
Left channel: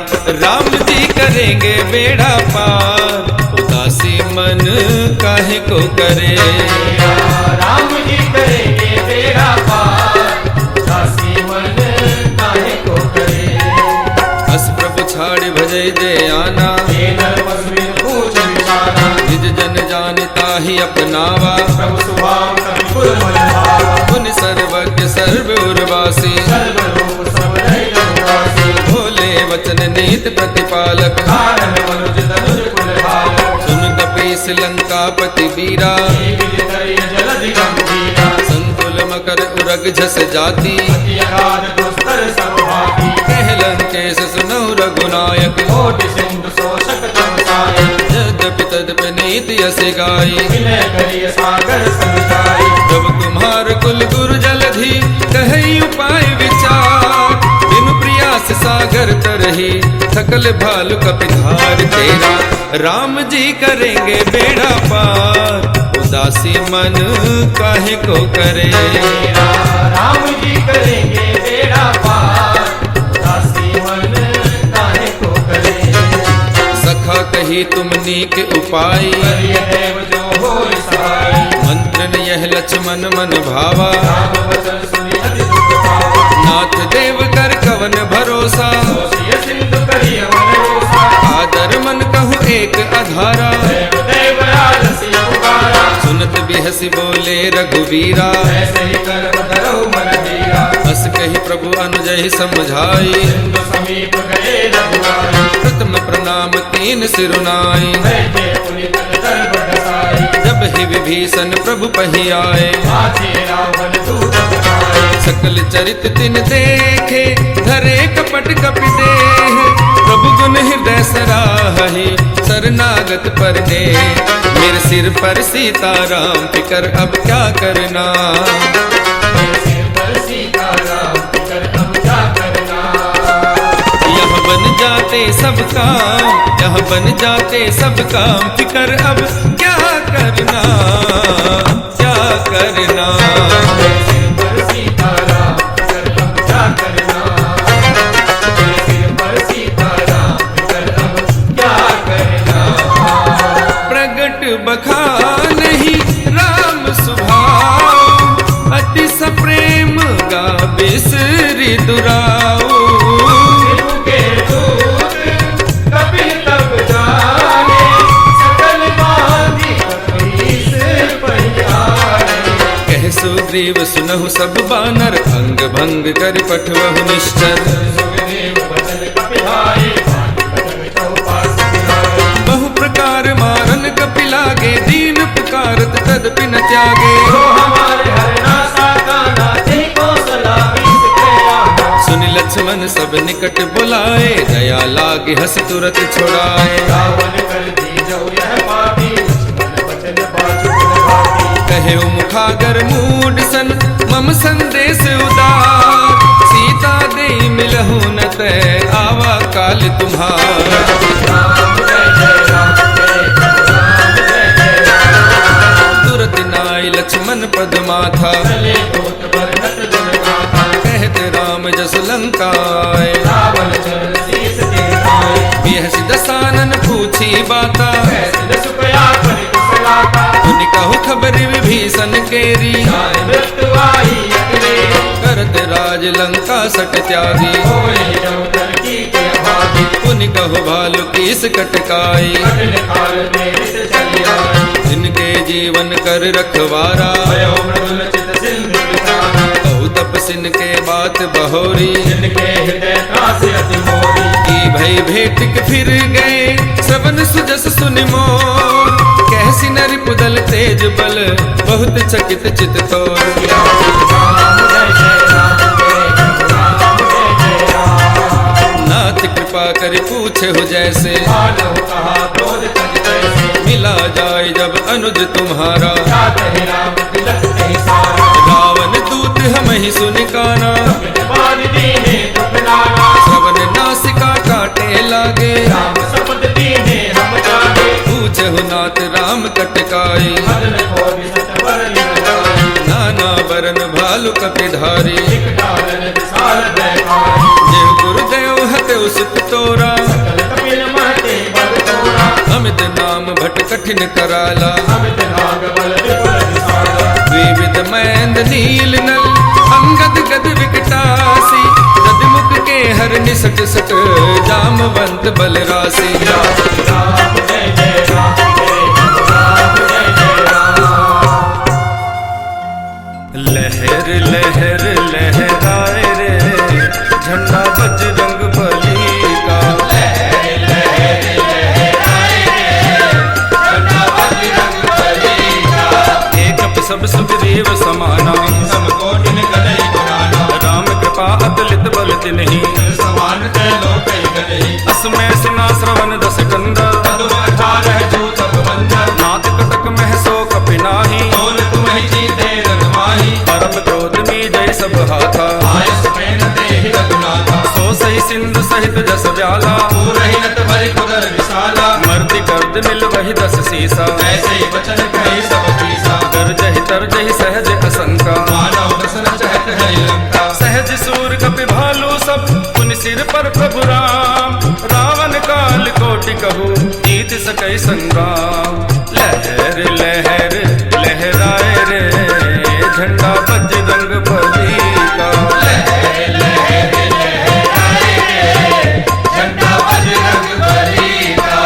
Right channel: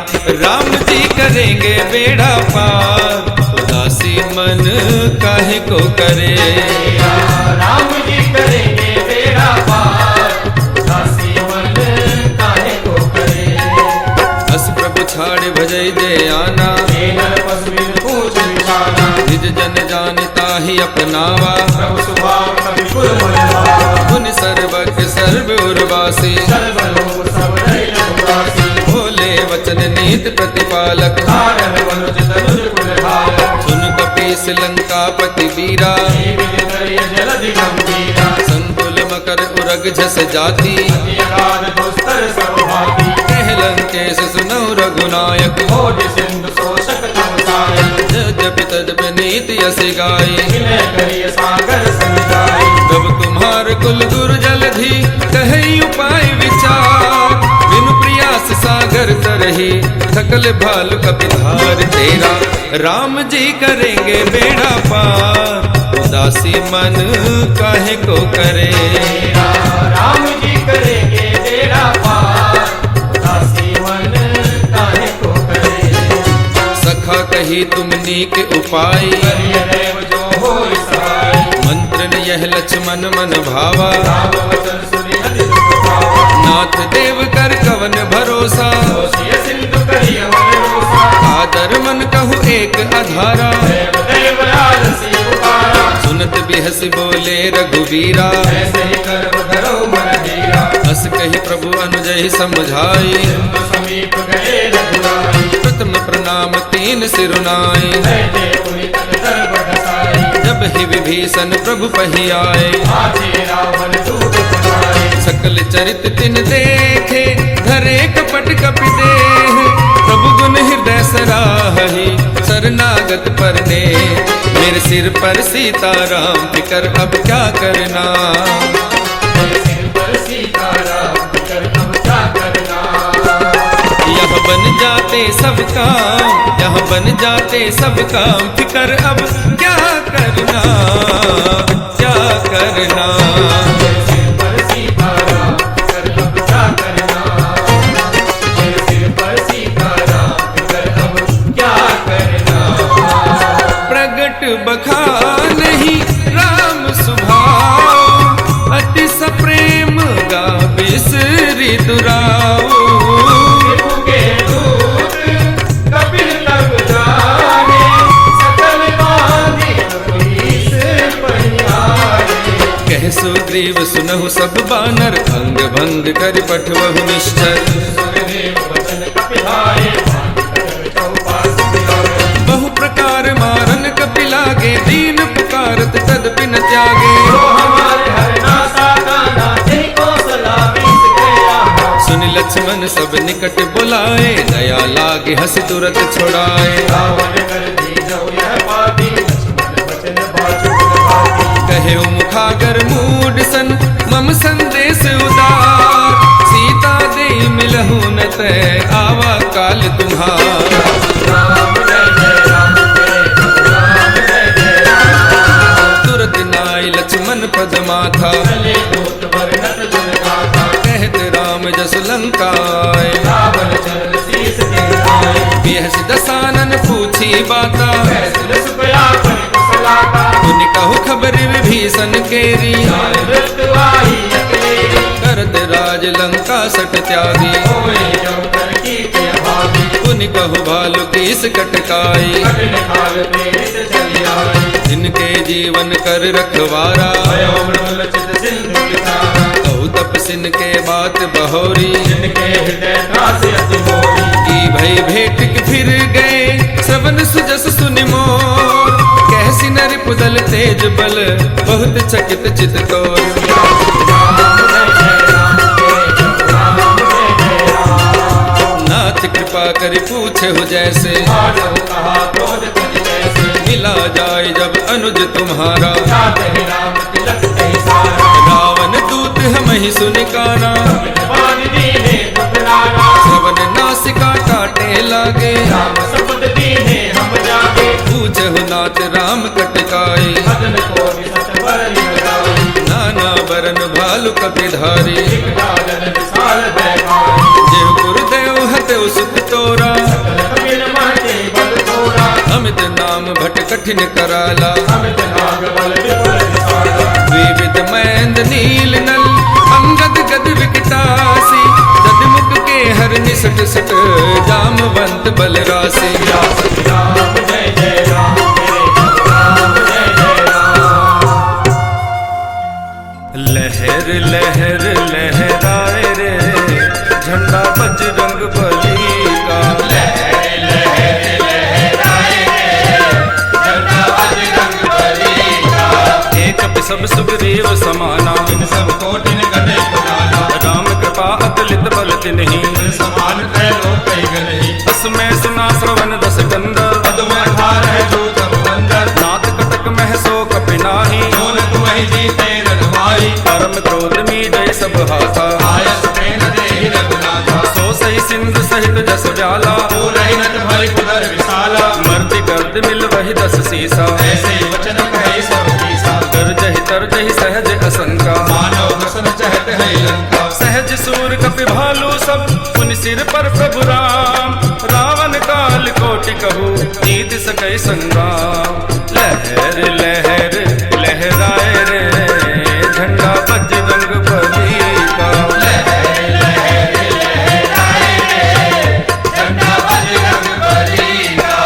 राम जी करेंगे बेड़ा पार, उदासी मन काहे को करे। तेरा राम जी करेंगे बेड़ा पार, उदासी मन काहे को करे। अस प्रभु छाड़ भजई जय आना, पूछ विचारा। निज जन जानता ही अपनावा, प्रभु स्वभाव कवि कुल मन भावा। पुन सर्वज्ञ सर्व उर्वासी, सर्वलोक सब रहित निवासी। भोले वचन नीत प्रतिपालक, कारण मनुज तनुज कुल भालक। सुन कपीस लंकापति वीरा, जलधि गंभीरा। संकुल मकर उरग झस जाति, अति अगाध दुस्तर सब भांति। कह लंकेश सुनहु रघुनायक, कोटि सिंधु शोषक तम सायक। यद्यपि तद्यपि नीति यस गाई, विनय करिय सागर समुदाय। प्रभु तुम्हार कुल गुरु जलधि, कहि उपाय विचार। बिनु प्रयास सागर तरही, थकल भालु कपिधार। तेरा राम जी करेंगे बेड़ा पार, उदासी मन काहे को करे। तेरा राम जी करेंगे बेड़ा पार, उदासी मन काहे को करे। सखा कही तुम नीक उपाय, करिय देव जो होय सहाय। मंत्र न यह लक्ष्मण मन भावा, राम वचन सुनि अति दुख पावा। नाथ देव कर कवन भरोसा, दोषिय सिंधु करिय मन रोसा। आदर मन कहु एक अधारा, देव देव राजसी पुकारा। सुनत बिहसी बोले रघुवीरा, ऐसे ही कर्म धरो मन धीरा। हस कही प्रभु अनुजहि समझाई, सिंधु समीप गए रघुनाई। प्रथम प्रणाम तीन सिरुनाई। बैठे पुनि तन दर्भ दसाई। जब ही विभीषण प्रभु पही आए, आजे रावण दूत बनाए। सकल चरित तिन देखे, धरे कपट कपि देह। प्रभु गुण हृदय सराहि, शरणागत परने। मेरे सिर पर सीताराम, फिकर अब क्या करना। मेरे सिर पर सीताराम, फिकर अब क्या करना। यह बन जाते सब काम, यह बन जाते सब काम। फिकर अब क्या करना, क्या करना। मेरे सिर पर सीताराम, फिकर अब क्या करना। मेरे सिर पर सीताराम, फिकर अब क्या करना। प्रगट बखान ही राम सुभाव, अति सप्रेम गा बिसरि दुराऊ। के दूत कपिल तब जाने, सकल बांधि कपीस पहियारे। कह सुग्रीव सुनहु सब बानर, अंग भंग कर पठवहु निश्चर। सुग्रीव वचन कपिलाए, बांधि कटक चौपास दिलाए। बहु प्रकार मारन कपिलागे, दीन पुकारत तदपि न त्यागे। तो हमारे हरनासा गाना, जय कौशला बीस के आना। सुन लक्ष्मण सब निकट बुलाए, दया लागे हंस तुरत छुड़ाए। रावण कर दी जो यह पापी, लक्ष्मण वचन बाजु भाती। कहे मुखागर मूड सन, मम संदेश उदार। सीता दे मिलहु न तय, आवा काल तुम्हार। राम जय जय राम, जय राम जय जय राम। तुरत नाय लक्ष्मण पद माथा, चले दूत बरनत जुन गाथा। कहते राम जस लंकाए। रावण चरण शीस टेकाए। बिहसि दसानन पूछी बाता, कैसिन सुखया परि कुशलाता। पुनि कहु खबर विभीषण केरी, जाने मृत्यु आई अकेले। करत राज लंका सट त्यागी, होए जब कर कीर्ति अभागी। पुनि कहु भालु कीस कटकाई, कठिन काल प्रेरित चली आई। इनके जीवन कर रखवारा, भयो मृदुल चित सिंधु बिचारा। कहु तपसिन के बात बहोरी, जिनके हृदय त्रासि अति मोरी। की भई भेट के फिर गए श्रवण सुजस सुनि मोर। कैसी नर पुदल तेज बल बहुत चकित चित तोर। राम जय जय राम जय जय राम जय जय राम। नाथ कृपा करि पूछे हो जैसे, मानव कहा क्रोध तज तैसे। मिला जाए जब अनुज तुम्हारा, जात ही राम तिलक कही सारा। रावण दूत हम ही सुनि काना, बान दीने दुख नाना। श्रवण नासिका काटे लागे। राम सपद दीने हम जागे। पूछे हो नाथ राम कटकाई, मदन को विसत बर लगाई। नाना बरन भालु कपिधारी। एक डालन विशाल भयकारी। जेहु गुरुदेव हते सुत तोरा, सकल कपिल महते बल तोरा। अमित नाम भट कठिन कराला। अमित नाग बल विपुल विशाला। विविध मैंद नील नल अंगद गद विकटासी। ददमुख के हर निसट सट जामवंत बल राशि। राम जय जय राम मेरे राम जय जय राम। लहर लहर लहराए रे झंडा बजरंग बली का। लहर लहर लहराए रे झंडा बजरंग बली का। एक सब सुग्रीव समाना, सब कोटिन गदई पुराना। राम कृपा अतुलित बल तिन्हि। समान त्रैलो कई गदई। असमय सुना श्रवण दस कंदर। पद्म अठार जो तप बंदर। नाथ कटक महसो कपिनाही। सोन तुम्हि जीते रन माही। परम क्रोध मी जय सब हाथा। आयस प्रेम देहि रघुनाथा। सो सही सिंधु सहित जस व्याला। पूरहि नत भरि पुदर विशाला। मर्ति गर्द मिल वही दस सीसा। ऐसे ही वचन कहे सब कीसा। गर्जहि तरजहि सहज असंका। मानव बसन चहत है लंका। सहज सूर कपि भालू सब पुनि सिर पर प्रभु राम। रावण काल कोटि कहू जीत सकै संग्राम। लहर लहर लहराए रे झंडा बजरंग बली का। लहर लहर लहराए रे झंडा बजरंग बली का।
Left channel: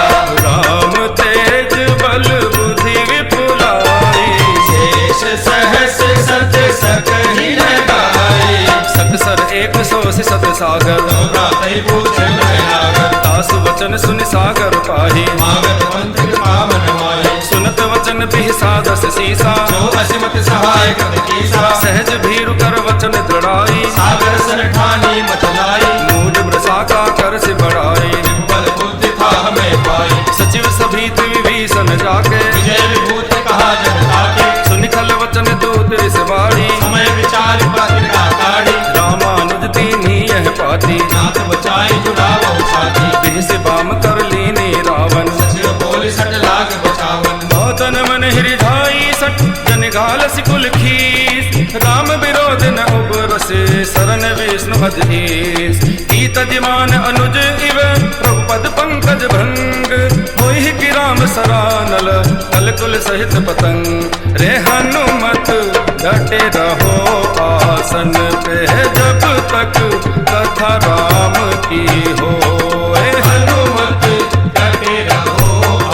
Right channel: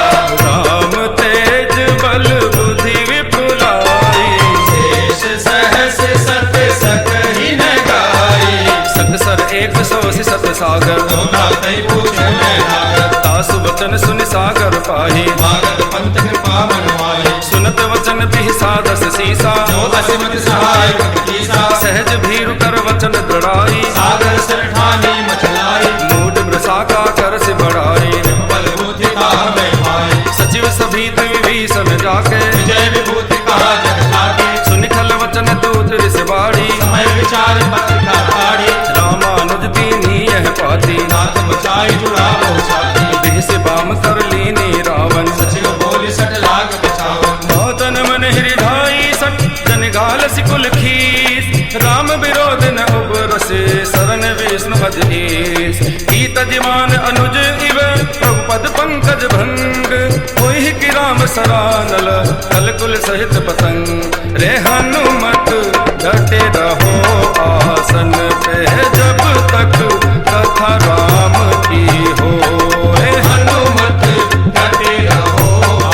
राम तेज बल बुद्धि विपुलाई। शेष सहस सत सकहि न गाई। सत सर एक सौ सत सागर। सोना तई पूछन नागर। तासु वचन सुनि सागर पाही। मागत पंथ कृपा मन माही। सुनत वचन बिहसा दस सीसा। जो असिमत सहाय कपि कीसा। सहज भीरु कर वचन दृढ़ाई। सागर सर ठानी मचलाई। मूड मृषाका कर से बढ़ाई। बल बुद्धि कहा मैं पाई। सचिव सभीत विभीषण जाके। विजय विभूति कहा जग आगे। सुनिखल वचन दूत रिस बाड़ी। समय विचार मत ना आड़ी। रामानुज दीनी यह पाती। नाथ बचाई जुड़ा बहु छाती। बिह से बाम कर लीनी रावण। सचिव बोले सट लाग बचावन। तन मन हृदय सट जन घाल सिकुल खीस। राम विरोध न उबरसे शरण विष्णु अधीस। ईत दिमान अनुज इव प्रभुपद पंकज भंग। होई कि राम सरानल कलकुल सहित पतंग। रे हनुमत डटे रहो आसन पे जब तक कथा राम की हो। हनुमत डटे रहो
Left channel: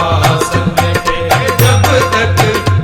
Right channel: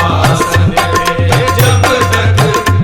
आसन पे जब तक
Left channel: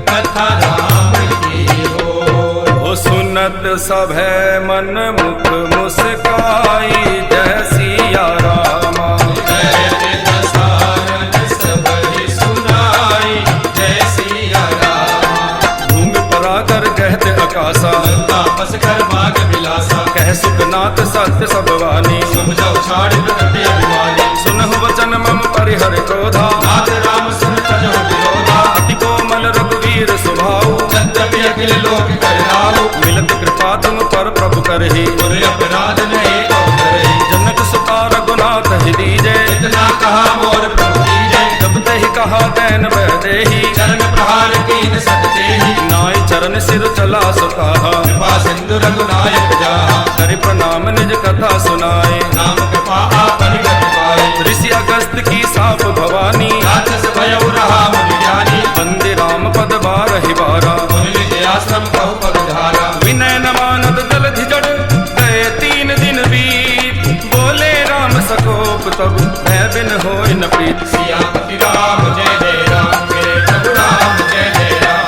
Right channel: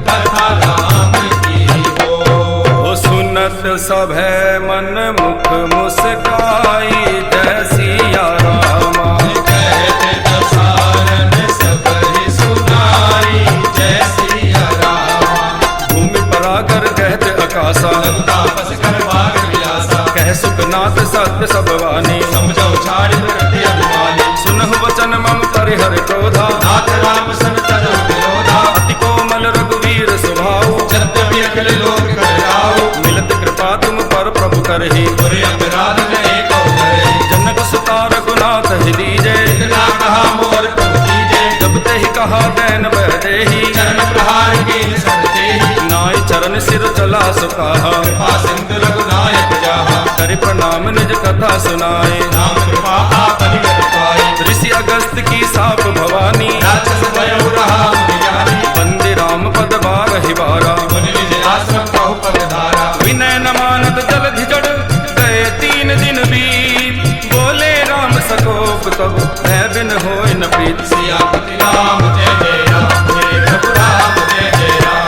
कथा राम की हो। सुनत सभै मन मुख मुस्काई जय सिया रामा। जय दसारन सबहि सुनाई जय सिया रामा। भूमि परागर कहत आकाशा। तापस कर भाग विलासा। कह सुखनाथ सत्य सब वाणी। समझो छाड़ प्रगति अभिमानी। सुनहु वचन मम परिहर क्रोधा। नाथ राम सन तजो विरोधा। अति कोमल रघुवीर स्वभाव। यद्यपि अखिल लोक करहाओ। मिलत कृपा तुम पर प्रभु करहि। गुरु अपराध न एक अवतरहि। जनक सुता रघुनाथ ही दीजे। इतना कहा मोर प्रभु कीजे। जब ते ही कहा दैन बह देहि। चरण प्रहार कीन सकते ही। नाई चरण सिर चला सुकाहा। कृपा सिंधु रघुनायक जाहा। करे तुम्हारे प्रणाम निज कथा सुनाए। नाम कृपा आपनि कर पाए। ऋषि अगस्त की साप भवानी, राक्षस भयउ रहा मुनि ज्ञानी। वंदे राम पद बारहि बारा, मुनि निज आश्रम कहु पद धारा। विनय न मानत जलधि जड़, गए 3 दिन बीत। बोले राम सकोप तब, मैं बिन होय न प्रीत। सियापति राम जय जय राम, मेरे प्रभु राम जय जय राम।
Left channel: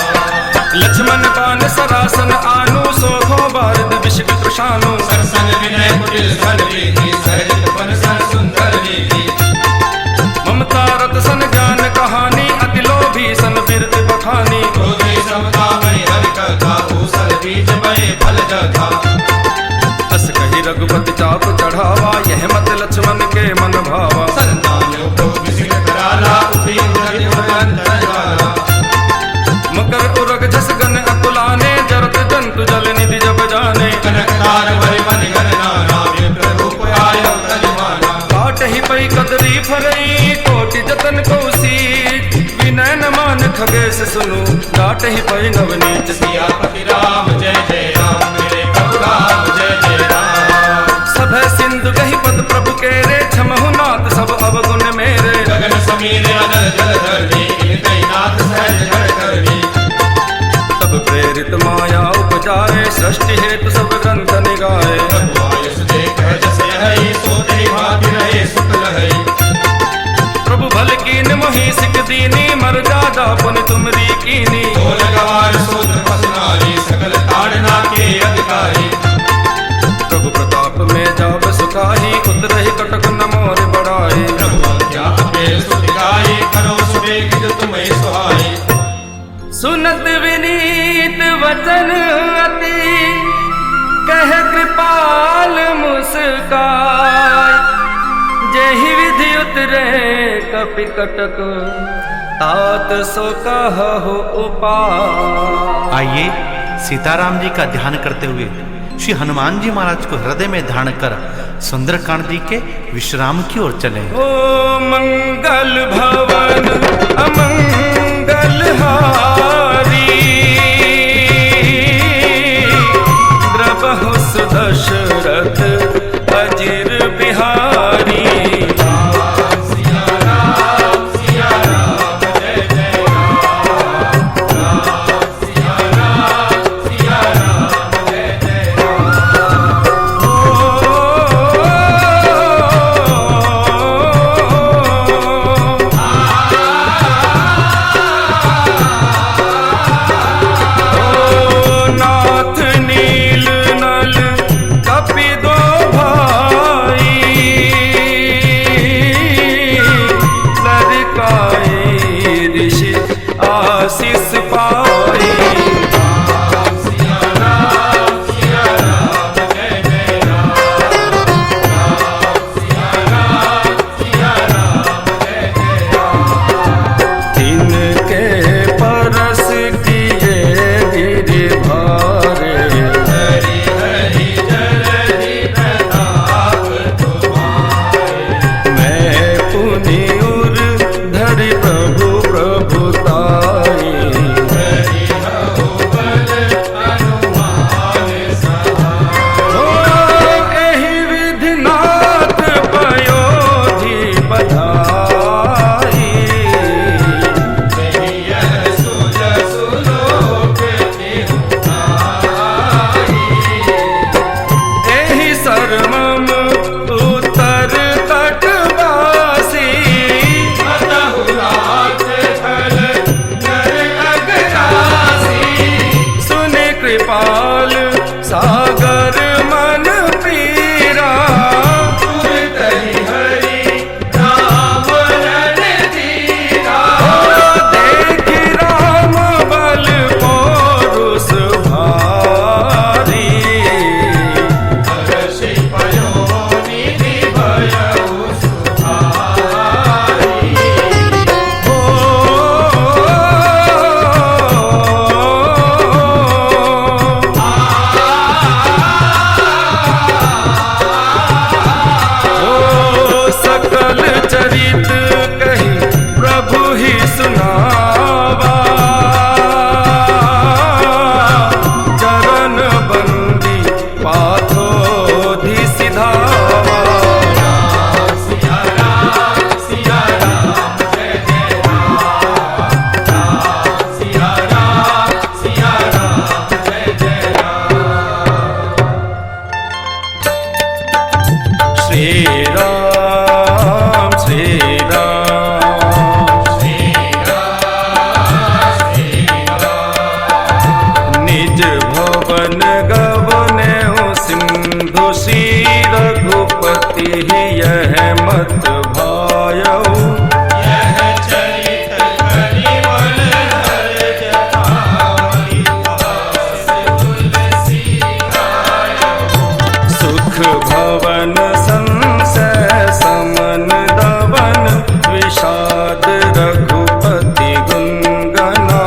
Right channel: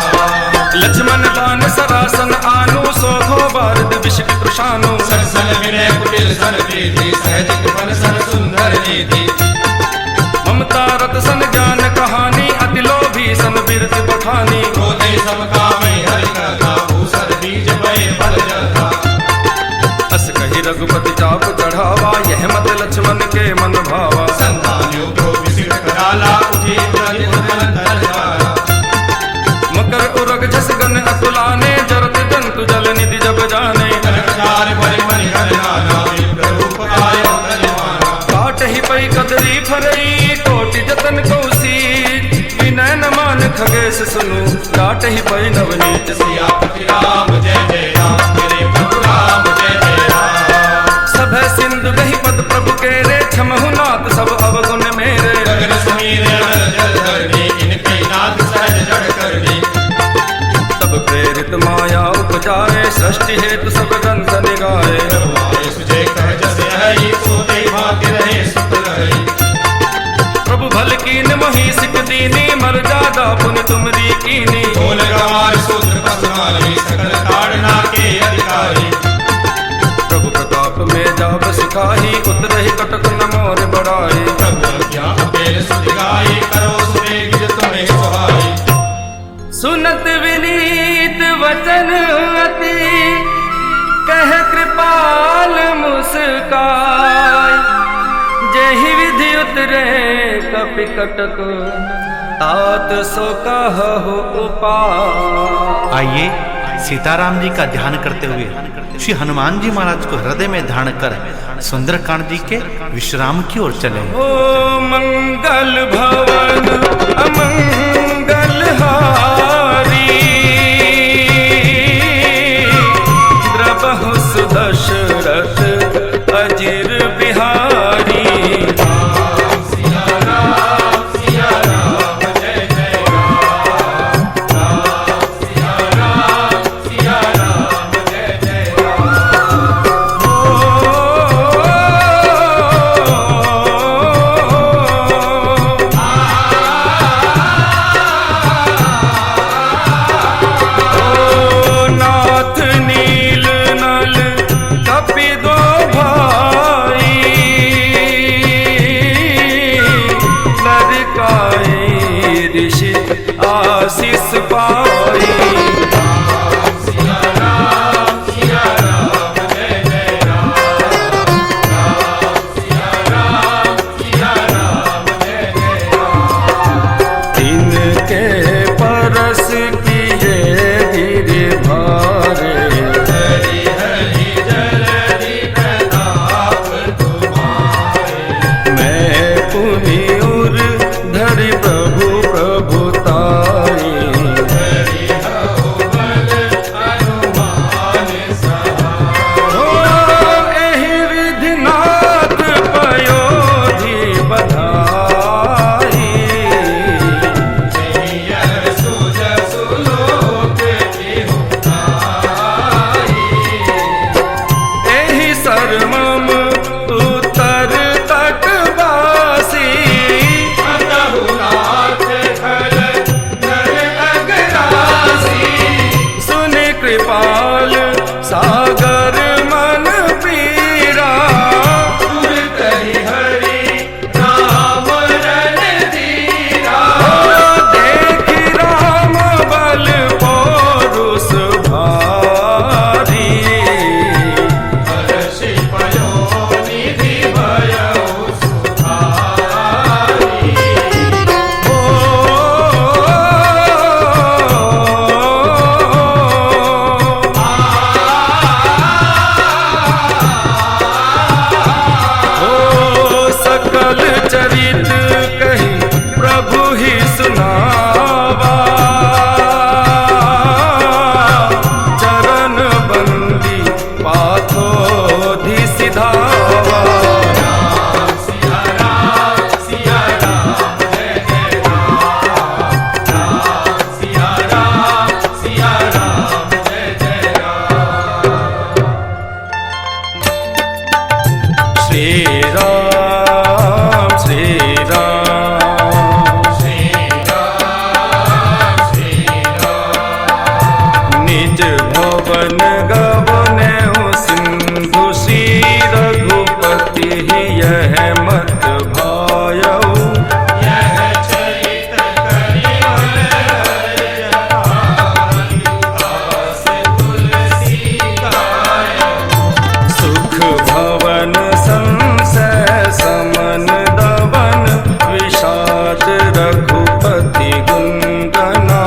लक्ष्मण बान सरासन आनु, सोखो बारद विषिक तृषानु। सरसन विनय कुटिल स्वर रीति, सहज कृपन सर सुंदर नीति। ममता रत सन ज्ञान कहानी, अति लोभी सन बिरत बखानी। क्रोधे सम कामे हरि कथा, भूषण बीज बये फल जथा। अस कही रघुपति चाप चढ़ावा, यह मत लक्ष्मण के मन भावा। संतान योग विसिल कराला, उठी उलटि उलंदन ज्वाला। मकर उरग झस गन अतुलाने, जरत जंतु जल निधि जब जाने। कनकदार भरि मनि गण नाना, विप्र रूप आयो बलवाना। काट ही पई कदरी फरई, कोटि जतन कौसीज। विनय न मान खगेश सुनु, डाट ही पई नवनीत। सियापति राम जय जय राम, मेरे प्रभु राम जय जय राम। सब सिंधु गही पद प्रभु केरे, छमहु नाथ सब अवगुण मेरे। गगन समीर अनल जल धरनी, इनकई नाथ सहज जड़ करनी। तब प्रेरित माया उपजाए, सृष्टि हेतु सब ग्रंथ निगाए। प्रभु आयुष जे कह जस यही, सो देहि भाति रहे सुख लहई। प्रभु भल कीन मोहि सिक दीनी, मर जादा पुनि तुमरी कीनी। बोल गवार सूत्र पसुमारी, सकल ताड़ना के अधिकारी। प्रभु प्रताप में जाब सुखाही, उतरहि कटक न मोर बड़ाई। प्रभु हत्या अपेर सुधि गाई, करो सुरेख जो तुम्हें सुहाई। सुनत विनीत वचन अति, कह कृपाल मुस्काय। जेहि विधि उतरे कपि कटक, तात सो कहु उपाय। आइए सीताराम जी का ध्यान करते हुए श्री हनुमान जी महाराज को हृदय में धारण कर सुंदरकांड जी के विश्राम की ओर चले। ओ मंगल भवन अमंगल हारी, द्रबहु सुदशरथ अजिर बिहारी। ऋषि आशीष पाई। तिनके परस किए गिर भारे, मैं पुनि उर धरि प्रभु प्रभुताई। ओ एहि विधि नाथ पयोधि बधाई। एहि सर्वम उत्तर तटवासी, सुनि कृपाल सागर मन पीरा। देखि राम बल पौरुष भारी, श्री राम श्री राम निज भवन गवने सिंधु श्री रघुपति यह मत भायऊ सुख भवन संशय समन दवन विषाद रघुपति गुंगना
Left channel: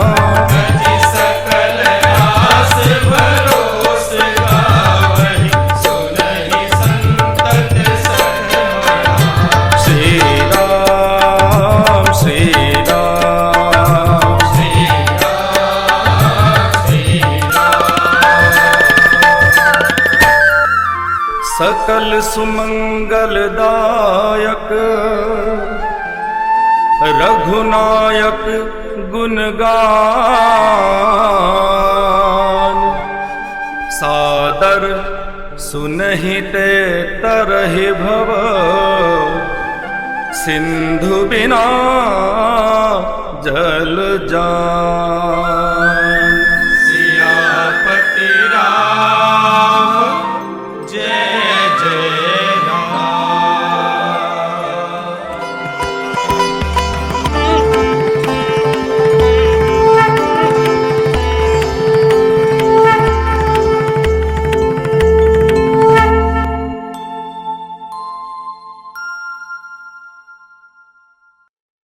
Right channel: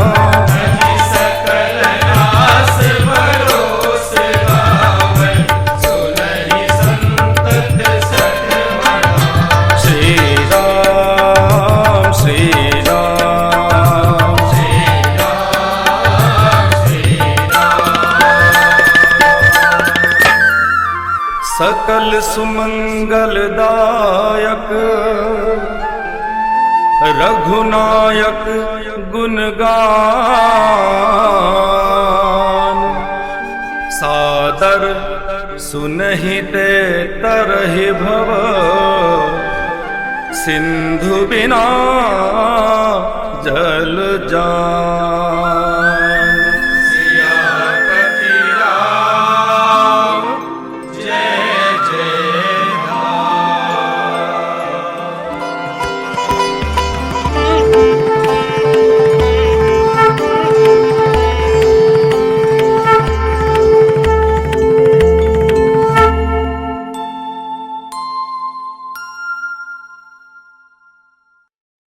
श्री राम श्री राम सकल सुमंगलदायक रघुनायक गुणगान सादर सुनहिते तरहि भव सिंधु बिना जल जान।